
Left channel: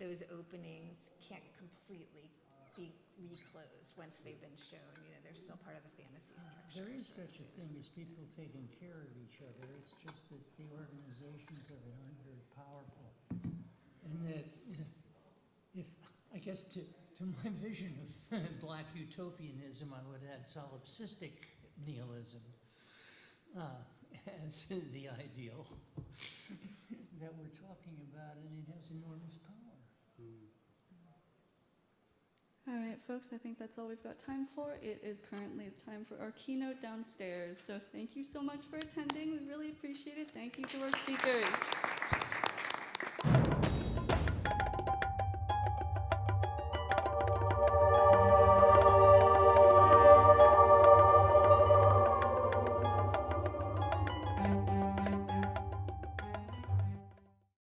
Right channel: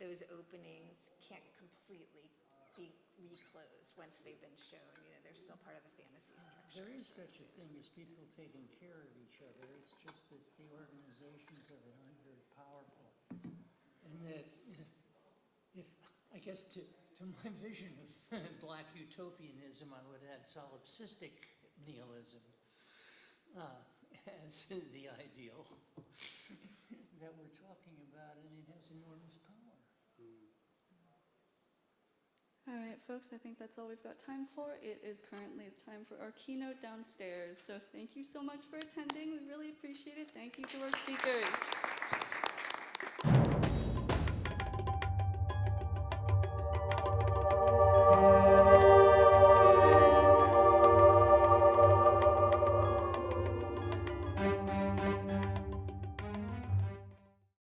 those openings can't completely be reclosed once they've been shown. They're still part of the fantasy structure. There is such a thing as people taking care of each other. It's just that the organizations of it aren't very powerful. And that I guess to my vision of black utopianism, I would add solipsistic nihilism as the ideal. that we're talking about, and it has enormous power. All right, folks, I think that's all we've got time for. It is currently time for our keynote downstairs. So thank you so much for attending. We really appreciate it. Thank you to our speakers.